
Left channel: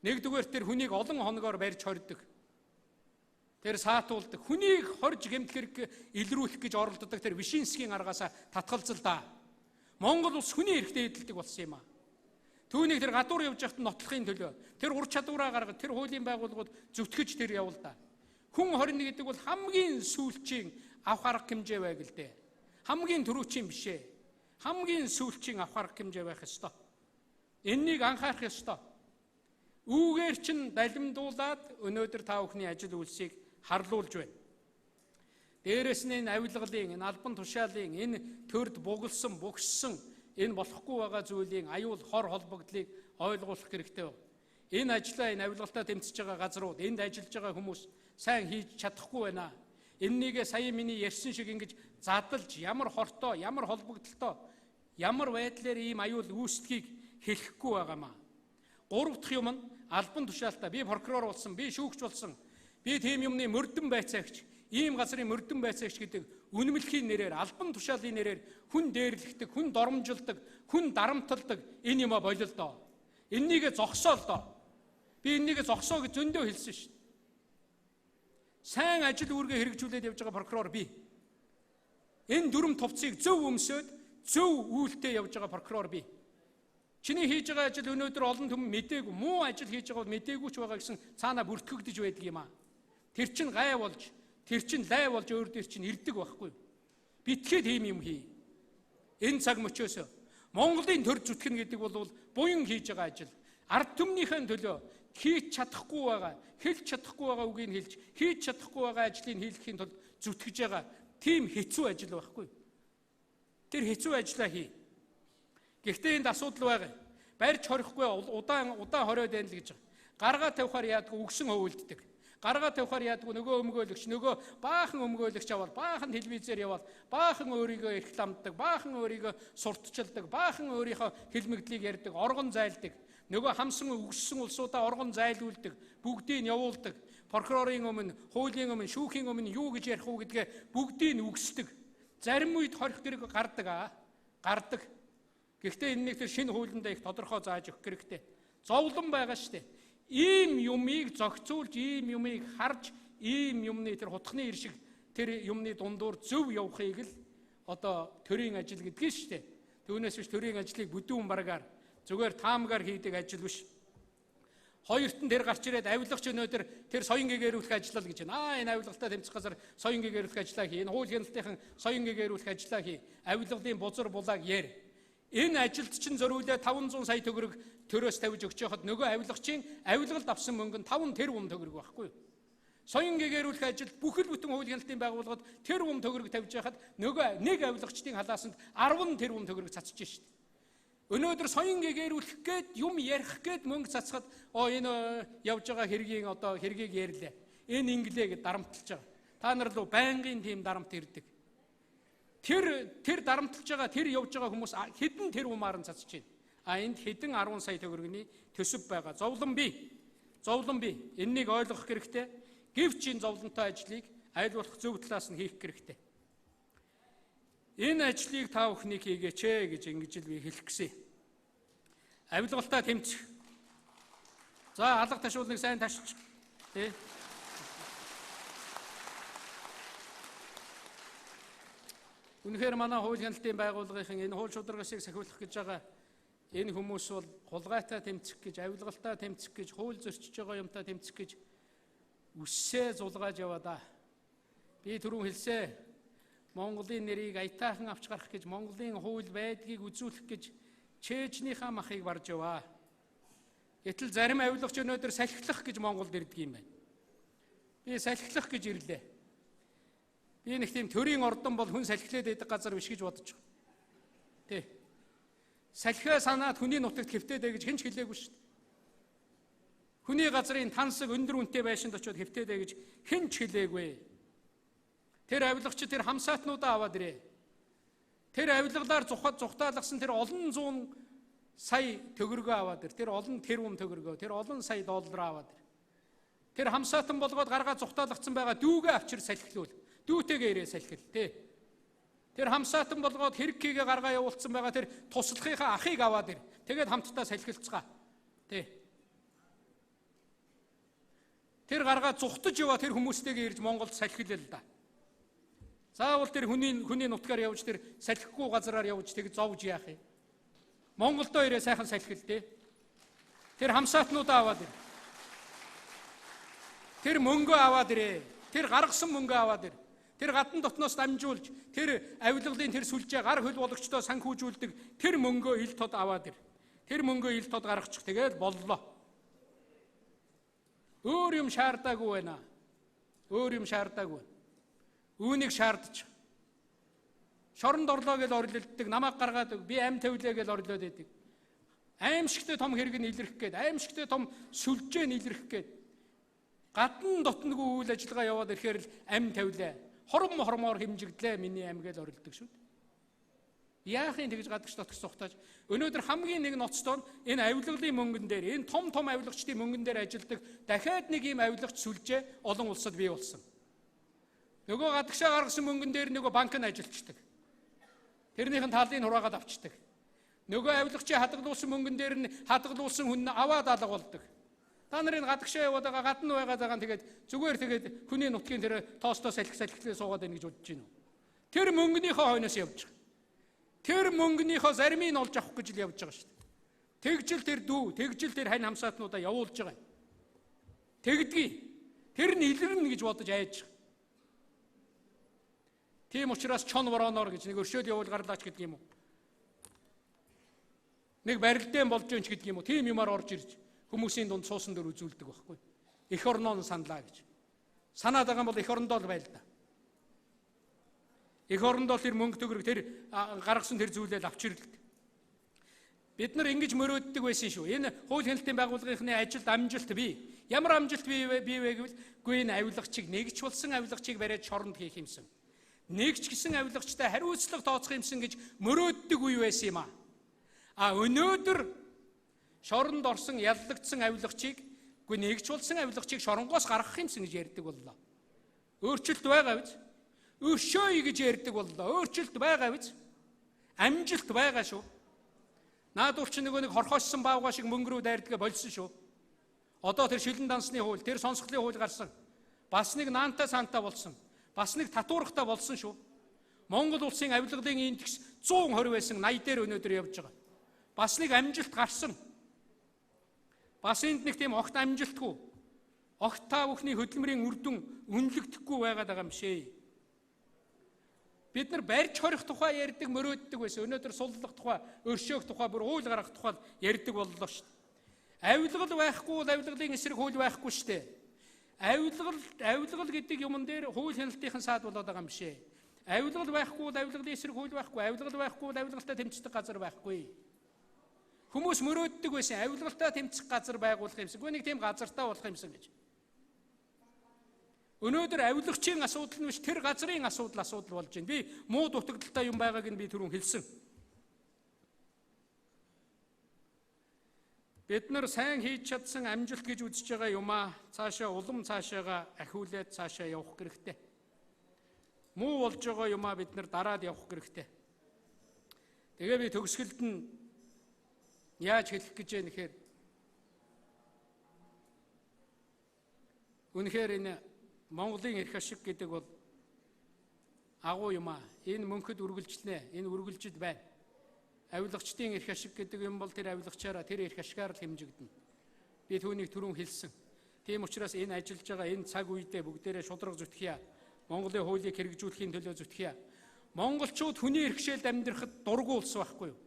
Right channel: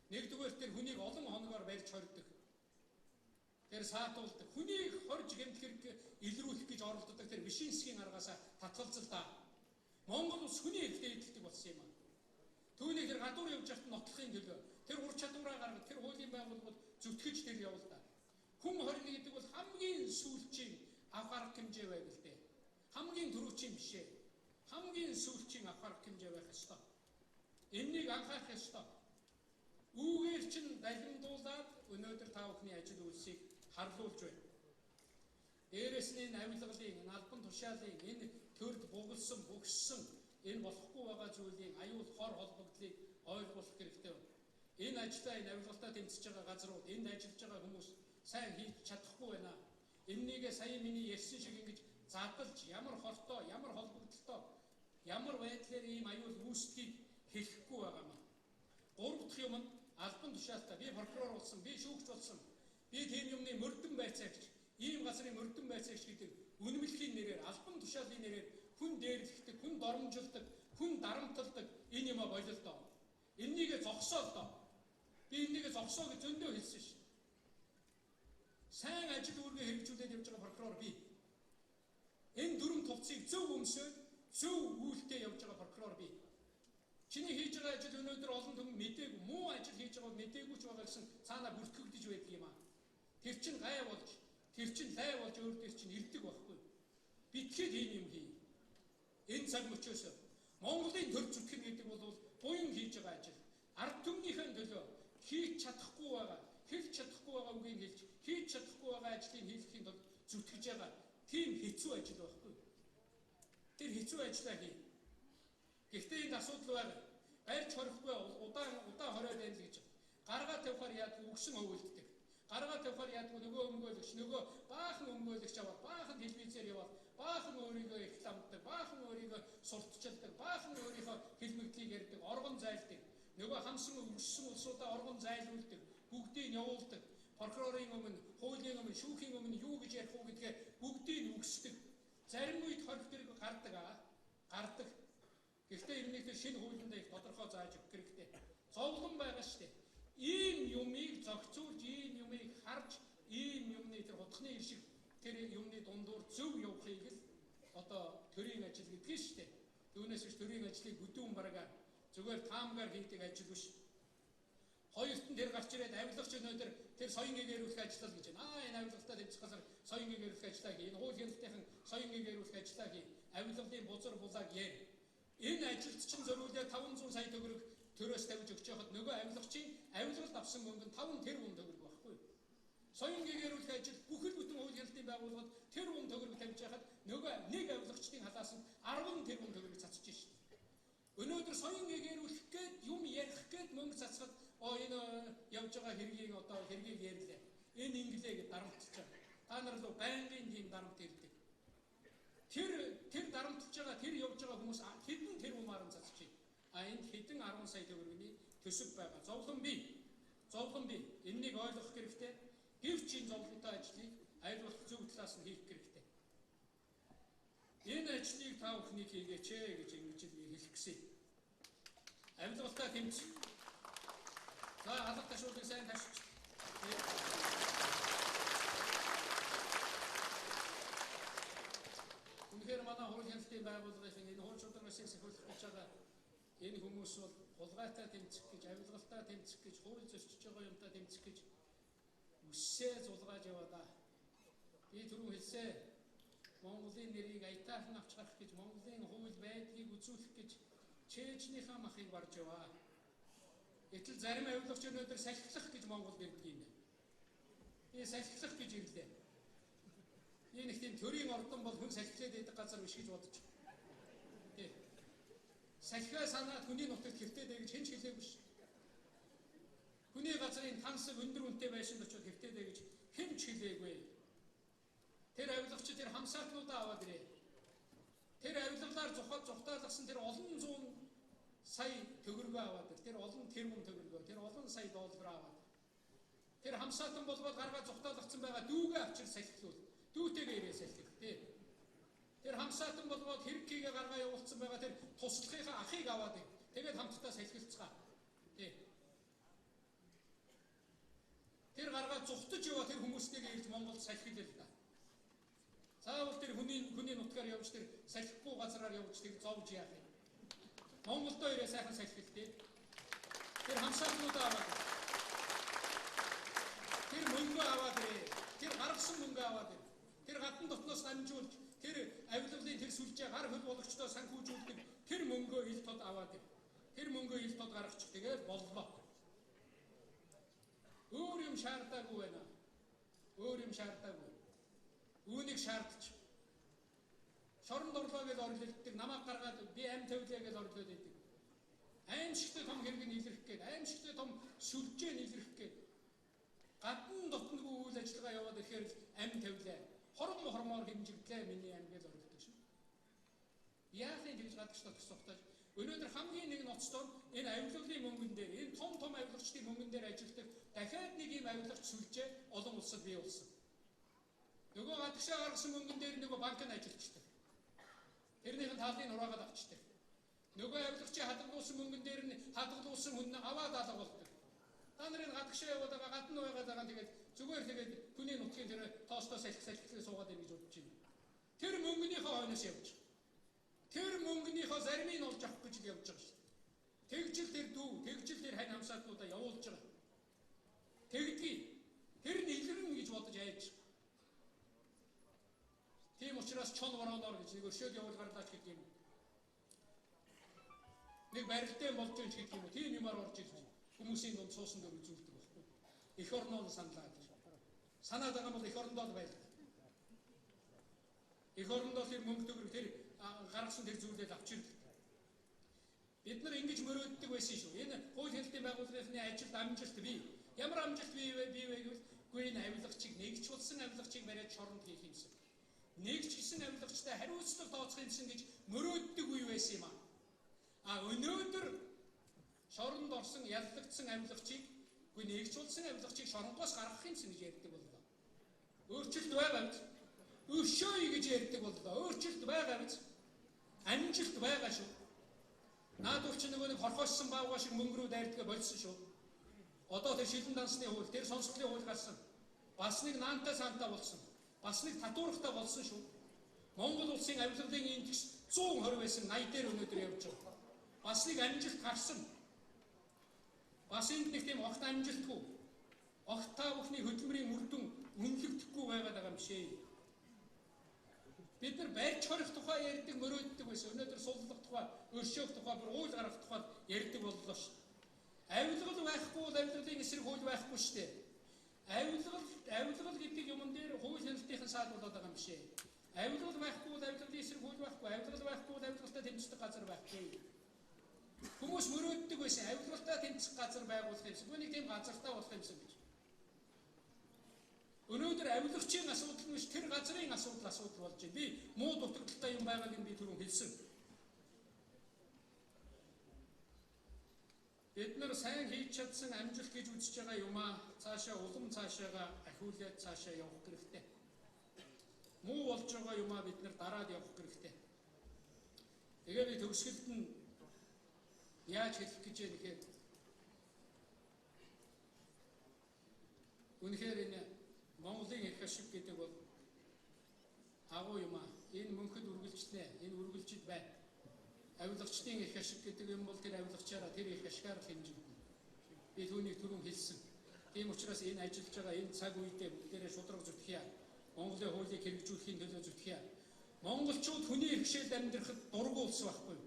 Нэгдүгээр тэр хүнийг олон хоногоор барьж хордог. Тэр саатуулдаг. Хүнийг хорж гэмтгэх илрүүлэх гэж оролддог тэр Вишинскийн аргаас татгалзал да. Монгол улс хүний эрхтэй эдэлдэг болсон юм аа. Түүнийг тэр гадуур явж байхад нотлохын төлөө тэр ур чадвараа гаргаж тэр хуулийн байгууллагууд зүтгэж тэр явуулдаа. Хүн хорно гэдэг бол хамгийн сүүлчийн авах арга хэмжээ байг л дээ. Хамгийн түрүүчийн биш ээ. Хамгийн сүүлчийн авах арга хэмжээ байх ёстой. Эннийг анхаарах ёстой. Үүгээр чин далимдуулаад өнөөдөр та бүхний ажил үйлсийг харлуулж байна. Дээрээс нь энэ авилгалын, энэ албан тушаалын, энэ төрд бугссан энэ болохгүй байгаа зүйлийн аюул хор холбогдлыг ойлгуулах хэрэгтэй. Энэ ажлаа энэ авилгалтаа тэмцэж байгаа газрууд, энд ажиллаж байгаа хүмүүс сайн хийж чадахгүй байна. Эннийгээ сая миний ярьсан шиг ингэж задлж ямар хортой, ямар холбогдолтой, ямар байдлаар ийм аюул үүсдгийг хэлэхгүй байгаамаа. 3 дахь юм нь албан тушаалтаа би прокурор болсон, би шүүгч болсон, би тийм юмны мөрдөн байцаагч, ийм газрын мөрдөн байцаагч гэдэг үнэмлэхийн нэрээр, албан тушаалын нэрээр хүн дээрлэгдэг, хүн доромжилдог, хүн дарамталдаг энэ юм болол доо. Эннийгээ зогсоо л доо. Би эннийгээ зогсоо гэж зөндөө хэлсэн шүү дээ. Сайн ажил үүргээ хэрэгжүүлээд явж байгаа прокурор би. Энэ дүрм товцыг зөв өмсөд, зөв үйлдэл явж байгаа прокурор би. Чиний хийж байгаа ажил өнөөдөр олон түмэн мэдээгүй, муу ажил хийж байгаа бол мэдээгүй ч байгаа гэсэн цаанаа бүртгэгдэж байдаг юм аа. Тэр чин гай болж, тэр чин лай болж өөр дээр чин ирдэг байхгүй. Битгээд ийм юм хий. Энэ цаг мөчөөс Монголын төр зүтгэн гэдэг бол буян хийж байгаа ажил. Ард түмнийхэн төлөө хийж чадахгүй байгаа, хэлж чадахгүй байгаа үгийг хэлж, хийж чадахгүй байгаа ажлыг хийлгэхийн тулд зүтгэж байгаа тийм хэцүү ажил байхгүй. Тэр хэцүү ажлаа хий. Гэхдээ энд асуудал байгаа. Барьж хорихгүй удаан хориод байна л гэж байна. Гаргаа тавихаар яадгүй үгсэн хөвөлддөг. Гаргаа тавихаар яадгүй нөгөө өмгөөлөгч, нөгөө баахан өмгөөлөгч аваад, баахан телевизээр яваад, баахан өөрийгөө рекламддаг, баахан өөрийгөө сурталчилдаг, баахан өөрийнхөө хэлмэгдлийг ярьдаг, оргон зайлдаг. Нөгөө хамсан үгссэн улсуудаа оргон зайлуулдаг, бүгдийг нь явуулдаг. Прокурорын өмнө, хуулийн өмнө, шүүхийн өмнө юу гэж ярих уу гэдгээ бүгдийг нь үгсдэг. Зарим үед хорих хэрэг гардаг. Гэхдээ энэ нэг тэр шинэ хуулиндаа их тодорхой зааж өгөх хэрэгтэй. Зовлон байгаа шүү дээ. Ийм юмыг зохицуулж, ийм юмыг харж, ийм юмны тэр хутганы иршиг тэр юмны дундуур зөв явахыг л төрийн ажил гэдгийг шүү дээ. Түүнээс биш төрийн ажлыг бүдүүн баргаар зүгээр таамгаар хийдэг ажил биш. Хоёрт нь тэр гарч ирээд авилгач өнөөдөр тэр соён гэгэрүүлэх ажиллал гэж байна. Энэ авилгалтаа тэмцэх газар соён гэгэрүүлэх ажиллаа хий. Энэ хууль хяналтын соён гэгэрүүлэх ажиллаа хий. Авилгалын бузар булааг яар. Энэ ажилд чинь зориулаад 500 сая төгрөг төрөөс тавьж өгч яхад нөгөө авилгачийн авилгалд авсан мөнгө нь 5 тэрбум төгрөг байхгүй юу? Соён гэгэрүүлэх ажил бүхэл бүтэн хууль хяналтын байгууллагад тэрбум төгрөг тавьж яхад нөгөө нэг авилгачдын халаасанд 10 тэрбум төгрөг цацж шít. Өнөөдөр соён гэгэрүүлэх гээд юм ярих гээд мөнгө цацхад энэ явж байгаа хэргийн одоо хэргийг ярьлаа. Энэ инглээ гэж дарамтлаж байгаа. Та нар руу байнгын тийм дарамт ирдэг. Тэр дарамтлаж байгаа, тэр явж байгаа хүмүүс хэдэн тэрбумаар нь цацж байна. Энд хэдэн 10 сая төгрөгийн төсөв байгаа. Зовлон бий. Энэнийг ойлгох хэрэгтэй. Гэвч энэ зовлонтой ажлыг аль болох зөв талаас нь хийх хэрэгтэй. Энэ ажлыг та бүхний хийгээч гэж ингэж л би хэлэх гэсэн. Авилгалтаа тэмцэх. За алга ташуулныг сайн ташч. Тэ. Үнэхээр манай хууль хяналтын байгууллагын энэ хууль шударгасыг сахиулах гэж байгаа энэ хүмүүс бол хулгайтай тэмцэх гэж, авилгалтаа тэмцэх гэж, хууль зөрчиж байгаа юмтай тэмцэх гэж үссээ зулгааж яваа. Би түрүүн хэлсэн. Монголын нэрийг аятайхан авч гарах гэж, Монголын хууль байдгийг үзүүлэх гэж Чечнийхаа махыг барж яваа. Гэтэл зарим авилгач өнөөдөр салхилах гэж Монголд ирдэг юм байна. Би салхилах гэж ирлээ. Би нэг тийм төрийн ордон бол хүн салхилээд байдаг газар биш гэж бодож байгаа. Тэ. Салхиа санаад хүний нутагт хэвтээдэй гэж хэн ч хэлээгүй шүү дээ. Хүний газрын тансаг өндөр үнэтэй байшинд очиод хэвтээдэй гэж хэн ч хэлээгүй. Тэр авилгач тэр хамсаатнуудаа аваад ирээ. Тэр авилгалаар зүхтаалгасан тэр олон зуун сая төгрөгөө аваад ир. Тэр олон тэрбум төгрөгөө, тэр олон сая доллар аваад ир. Тэр хамсаатан болгоод гаргаа зүхтаалгацсан байгаа дүүгээ авчир салхилуул. Дүүтэйгээ ирээ салхил тий. Тэр хамсаатан болгоод хэрэгкийгээ гаргаа явуулсан байгаа тэр туслахынхаа ахыг аваад ир. Тэгээд хамтдаа салхилцгаа. Тий. Тэр гаргаа зүхтаж яваа тэр хүмүүстэйгээ ирж Монголд салхилээ л да. Заавал тэр хүний нутгаар явж тэр салхихгүй газараар явж тэг зовж яах юм. Монголдоо ирээ сайхан салхил тий. Тэр хамсаатнуудаа аваад ир. Тэр мөнгөө аваад ирээ. Тэр гаргасан мөнгөө аваад ир. Тэр гадна дотноос дамжуулж тэр авилгалын тэр сүлжээ гар хөл болгочдоо санхүүжүүлдэг тэр мөнгөө ил тод аваад ир. Тэр мөнгөө ил тод гаргачих тэгээд боллоо. Өөр юм шаардаагүй байна. Үүнийг шаардчих. Шоронд орлоо гэж орлолддог, намайг гаргаад би ам тавилаа гэж орлоод байдаг. Аимшигтэй том хэрэг нь илэрх гээд, аимшигтэй том сүлжээ нь илэрх гээд. Гадна дотног үйл ажиллагаа яваад ирэхээр л ам тавилаа. Хормоор хэмжигдлээ миний ам гэж орлдог шүү дээ. Яахын тэгж гадагш дотгоч сухтаж. Өнөөдөр хамгийн нэг ноцтой энэ авилгалын мөнгөн дээр, энэ том авилгачдын мөнгөн дээр ажилдаг дахиад нэг ийм авилгач сүлжээ олон улсад бий болсон. Нөгөө гадагшаа гаргасан мөнгөн дээр нөгөө банк нь ажилтдаг. Тэрнийхэн талын хураагаад авчдаг. Нөгөө авилгачийн хадгалуулсан мөнгөн дээр нь хадгалуулсан хүн аваад алга болдог. Та нарын гадагшаа яваад байгаа гадна байгаа тэгээд зүгээр тэгээд хүний нутгийн тэр тоостой салхилээ суугаад байна гэж бодож байна. Тэр мөнгөнийхөө хойноос явж байгаа. Тэр мөнгөнийхөө заримыг нь олж авах гэж л явж байгаа шүү дээ. Тэгжил тэр дүү, тэгжил тэр хань хамсаатнуудаа явуулж байгаа. Тэгдгий. Тэр нь илэрнэ гэж бодож айж байгаа. Тийм учраас чон вороноор гэж нэг өршөөл явуул гарлаач гэдэг юм уу? Нэг барилдаан болж önч гэдэг юм уу? Тийм юмар орж ирж хүмүүсийн дунд суусан дөр үзүүлдэг байхгүй. Эх орноо нь саналаа гэж. Санаад байгаа бол эх орондоо л байл та. Эх орондоо тэр мөнгө төгрөг тэр гаргасан тэр зүйлээ авч ирдэг. Бид нар ингэж мөрөөддөг байсан шүү. Энэ хууль хяналтын байгууллагын ажилд амжилт бий. Ямар амжилт бий вэ гэвэл энэ авилгачийг нэгж болсон авилгачийг бариад шоронд хийх юмсан. Нэгч гисэн авилгачтай хариуцлага тооцох юмсан гэж мөрөөддөг үе байсан юм аа. Өнөөдөр шоронд орсон яллагдсан авилгачийг нэгч болсон авилгачийг шоронгоос гаргах юмсан гэж ярьдаг боллоо. Өөрчлөлт байгаа биз? Өшөөй гэж ярьдаг боллоо. Өөрчлөлт байгаа биз? Амжилт байгаа шүү. Наадуур чи нэг хорхооссон баавга шиг мөнгө рүү дайрдаг болсон шүү. Одоо тэр шилэн дансны хууль, тэр сонсголын хууль гарсан. Бас нэг наанта санта болсон. Бас нэг татуурхтай болсон шүү. Монгол улсын авилгалын индекс 120 байсан 80 дээр өнөөдөр явж байгаа. Бас нэг амжилт гарсан. Бас энд нэг тийм огт амжилтгүй. Огт та бүхний хөдөлмөрийн үр дүн үнэлэгдэхгүй байгаад байгаа юм шээ. Бид нар барьж хорих тухай ярьдаг мөрөөддөг байсан. Өнөөдөр суллах тухай, өршөөх тухай, бүр уул гаргах тухай ярьдаг боллоо шүү. Авилгал байхгүй бол авилгалын эсрэг хууль байхгүй шүү дээ. Авилгал гэдэг юмн дээр хууль хяналтын саад болоод байгаа юм биш ээ. Авилгал байхгүй бол авилгалын эсрэг хууль байхгүй. Авилгал байхгүй бол авилгалтай тэмцэх газар байхгүй. Хүмүүс мөрөөддөг байсан авилгалтай тэмцэх газар байгуулах юмсан. Гэхдээ нэг тийм газартаа болох юмсан гэж. Өнөөдөр авилгачийн асуудал нь биш тэр газрын асуудал болж байна. Би муу дутагдaltaй юм байгааг нь би түрүүн хэлсэн. Бид нар сайн хийж чадсан амжилт гэж үзэж байгаа юмаа цаашаа улам цаашаага ахиулаад цаашаа явах хэрэгтэй. Муу болж байгаа юмаа бид нар дараад явах хэрэгтэй. Тэгээ би төгсгөлд нь яаж хэлэх гэж байна гэхээр үнэхээр энэ Монголын эрх ашиг гэдэг бол агуу юмаа. Энэ мөнхөд үргэлжлэнэ. Энэ үргэлжиж бай. Авилгачдын эрх ашиг гэдэг юм бол тэр авилгачаараа тэр эрх ашигаар л хэмжигдэнэ. Би түүнийг түрүүн хэлсэн. Тийм учраас энэ ажиллаж байгаа энэ цаг үедээ бүгдээрээ шудраг зүтгэе. Монголын хуулийг хэрэгжүүлэхийн төлөө зүтгэе. Монголчууд хүний эрхшээлд амьдрахад дургу улс байхгүй юу?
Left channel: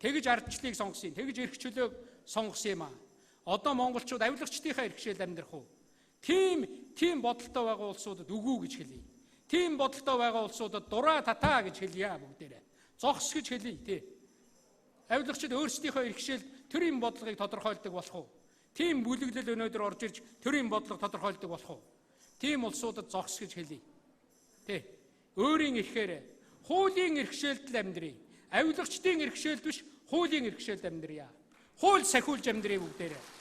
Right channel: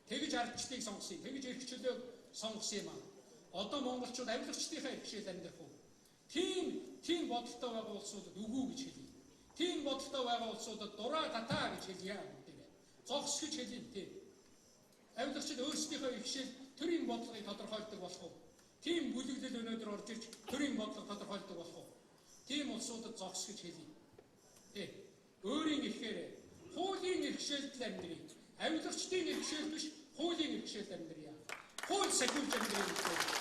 Тэгж ардчлалыг сонгосон. Тэгж эрх чөлөөг сонгосон юм аа. Одоо монголчууд авилгачдынхаа эрхшээлд амьдрах уу? Тийм бодолтой байгаа улсуудад үгүй гэж хэлье. Тийм бодолтой байгаа улсуудад дураа татаа гэж хэлье бүгдээрээ. Зогс гэж хэлье тий. Авилгачид өөрсдийнхөө эрхшээл төрийн бодлогыг тодорхойлдог болох уу? Тийм бүлэглэл өнөөдөр орж ирж төрийн бодлого тодорхойлдог болох уу? Тийм улсуудад зогс гэж хэлье. Тий. Өөрийн эрхээр хуулийн эрхшээлд амьдрий. Авилгачдын эрхшээлд биш хуулийн эрхшээлд амьдрья. Хууль сахиулж амьдрий бүгдээрээ.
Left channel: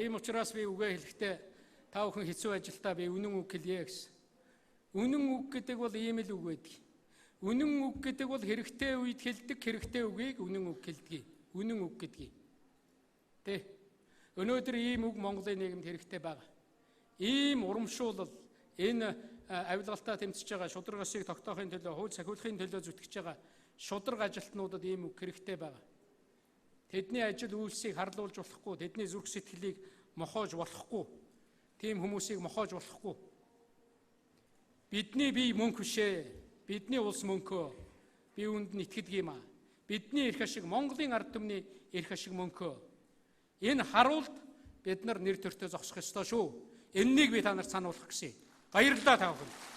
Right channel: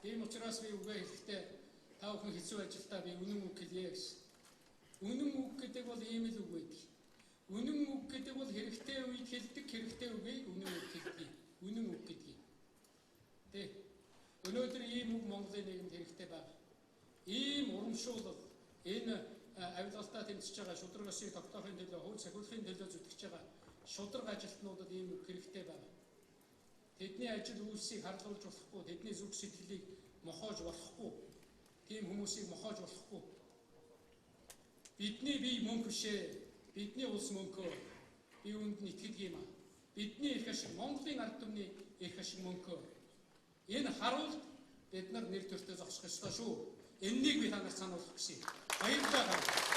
Тийм учраас би үгээ хэлэхдээ та бүхэн хэцүү ажилдаа би үнэн үг хэлье гэсэн. Үнэн үг гэдэг бол ийм л үг байдаг. Үнэн үг гэдэг бол хэрэгтэй үед хэлдэг хэрэгтэй үгийг үнэн үг хэлдэг. Үнэн үг гэдгийг. Тэ. Өнөөдөр ийм үг Монголын нийгэмд хэрэгтэй байна. Ийм урамшуулал энэ авилгалтай тэмцэж байгаа шудраг ёсыг тогтоохын төлөө хууль сахиулахын төлөө зүтгэж байгаа шудраг ажилтнуудад ийм үг хэрэгтэй байна. Тэдний ажил үйлсийг харлуулж болохгүй, тэдний зүрх сэтгэлийг мохоож болохгүй. Тийм хүмүүсийг мохоож болохгүй. Бидний бие мөнх бишээ. Бидний улс мөнхөө. Би үүнд нь итгэдэг юм аа. Бидний эрх ашиг Монголын ард түмний эрх ашиг мөнхөө. Энэ харуулт бид нар нэр төртөө зогсох ёстой шүү. Энэнийг би та нарт сануулах гэсэн. Баярлалаа та бүхэн.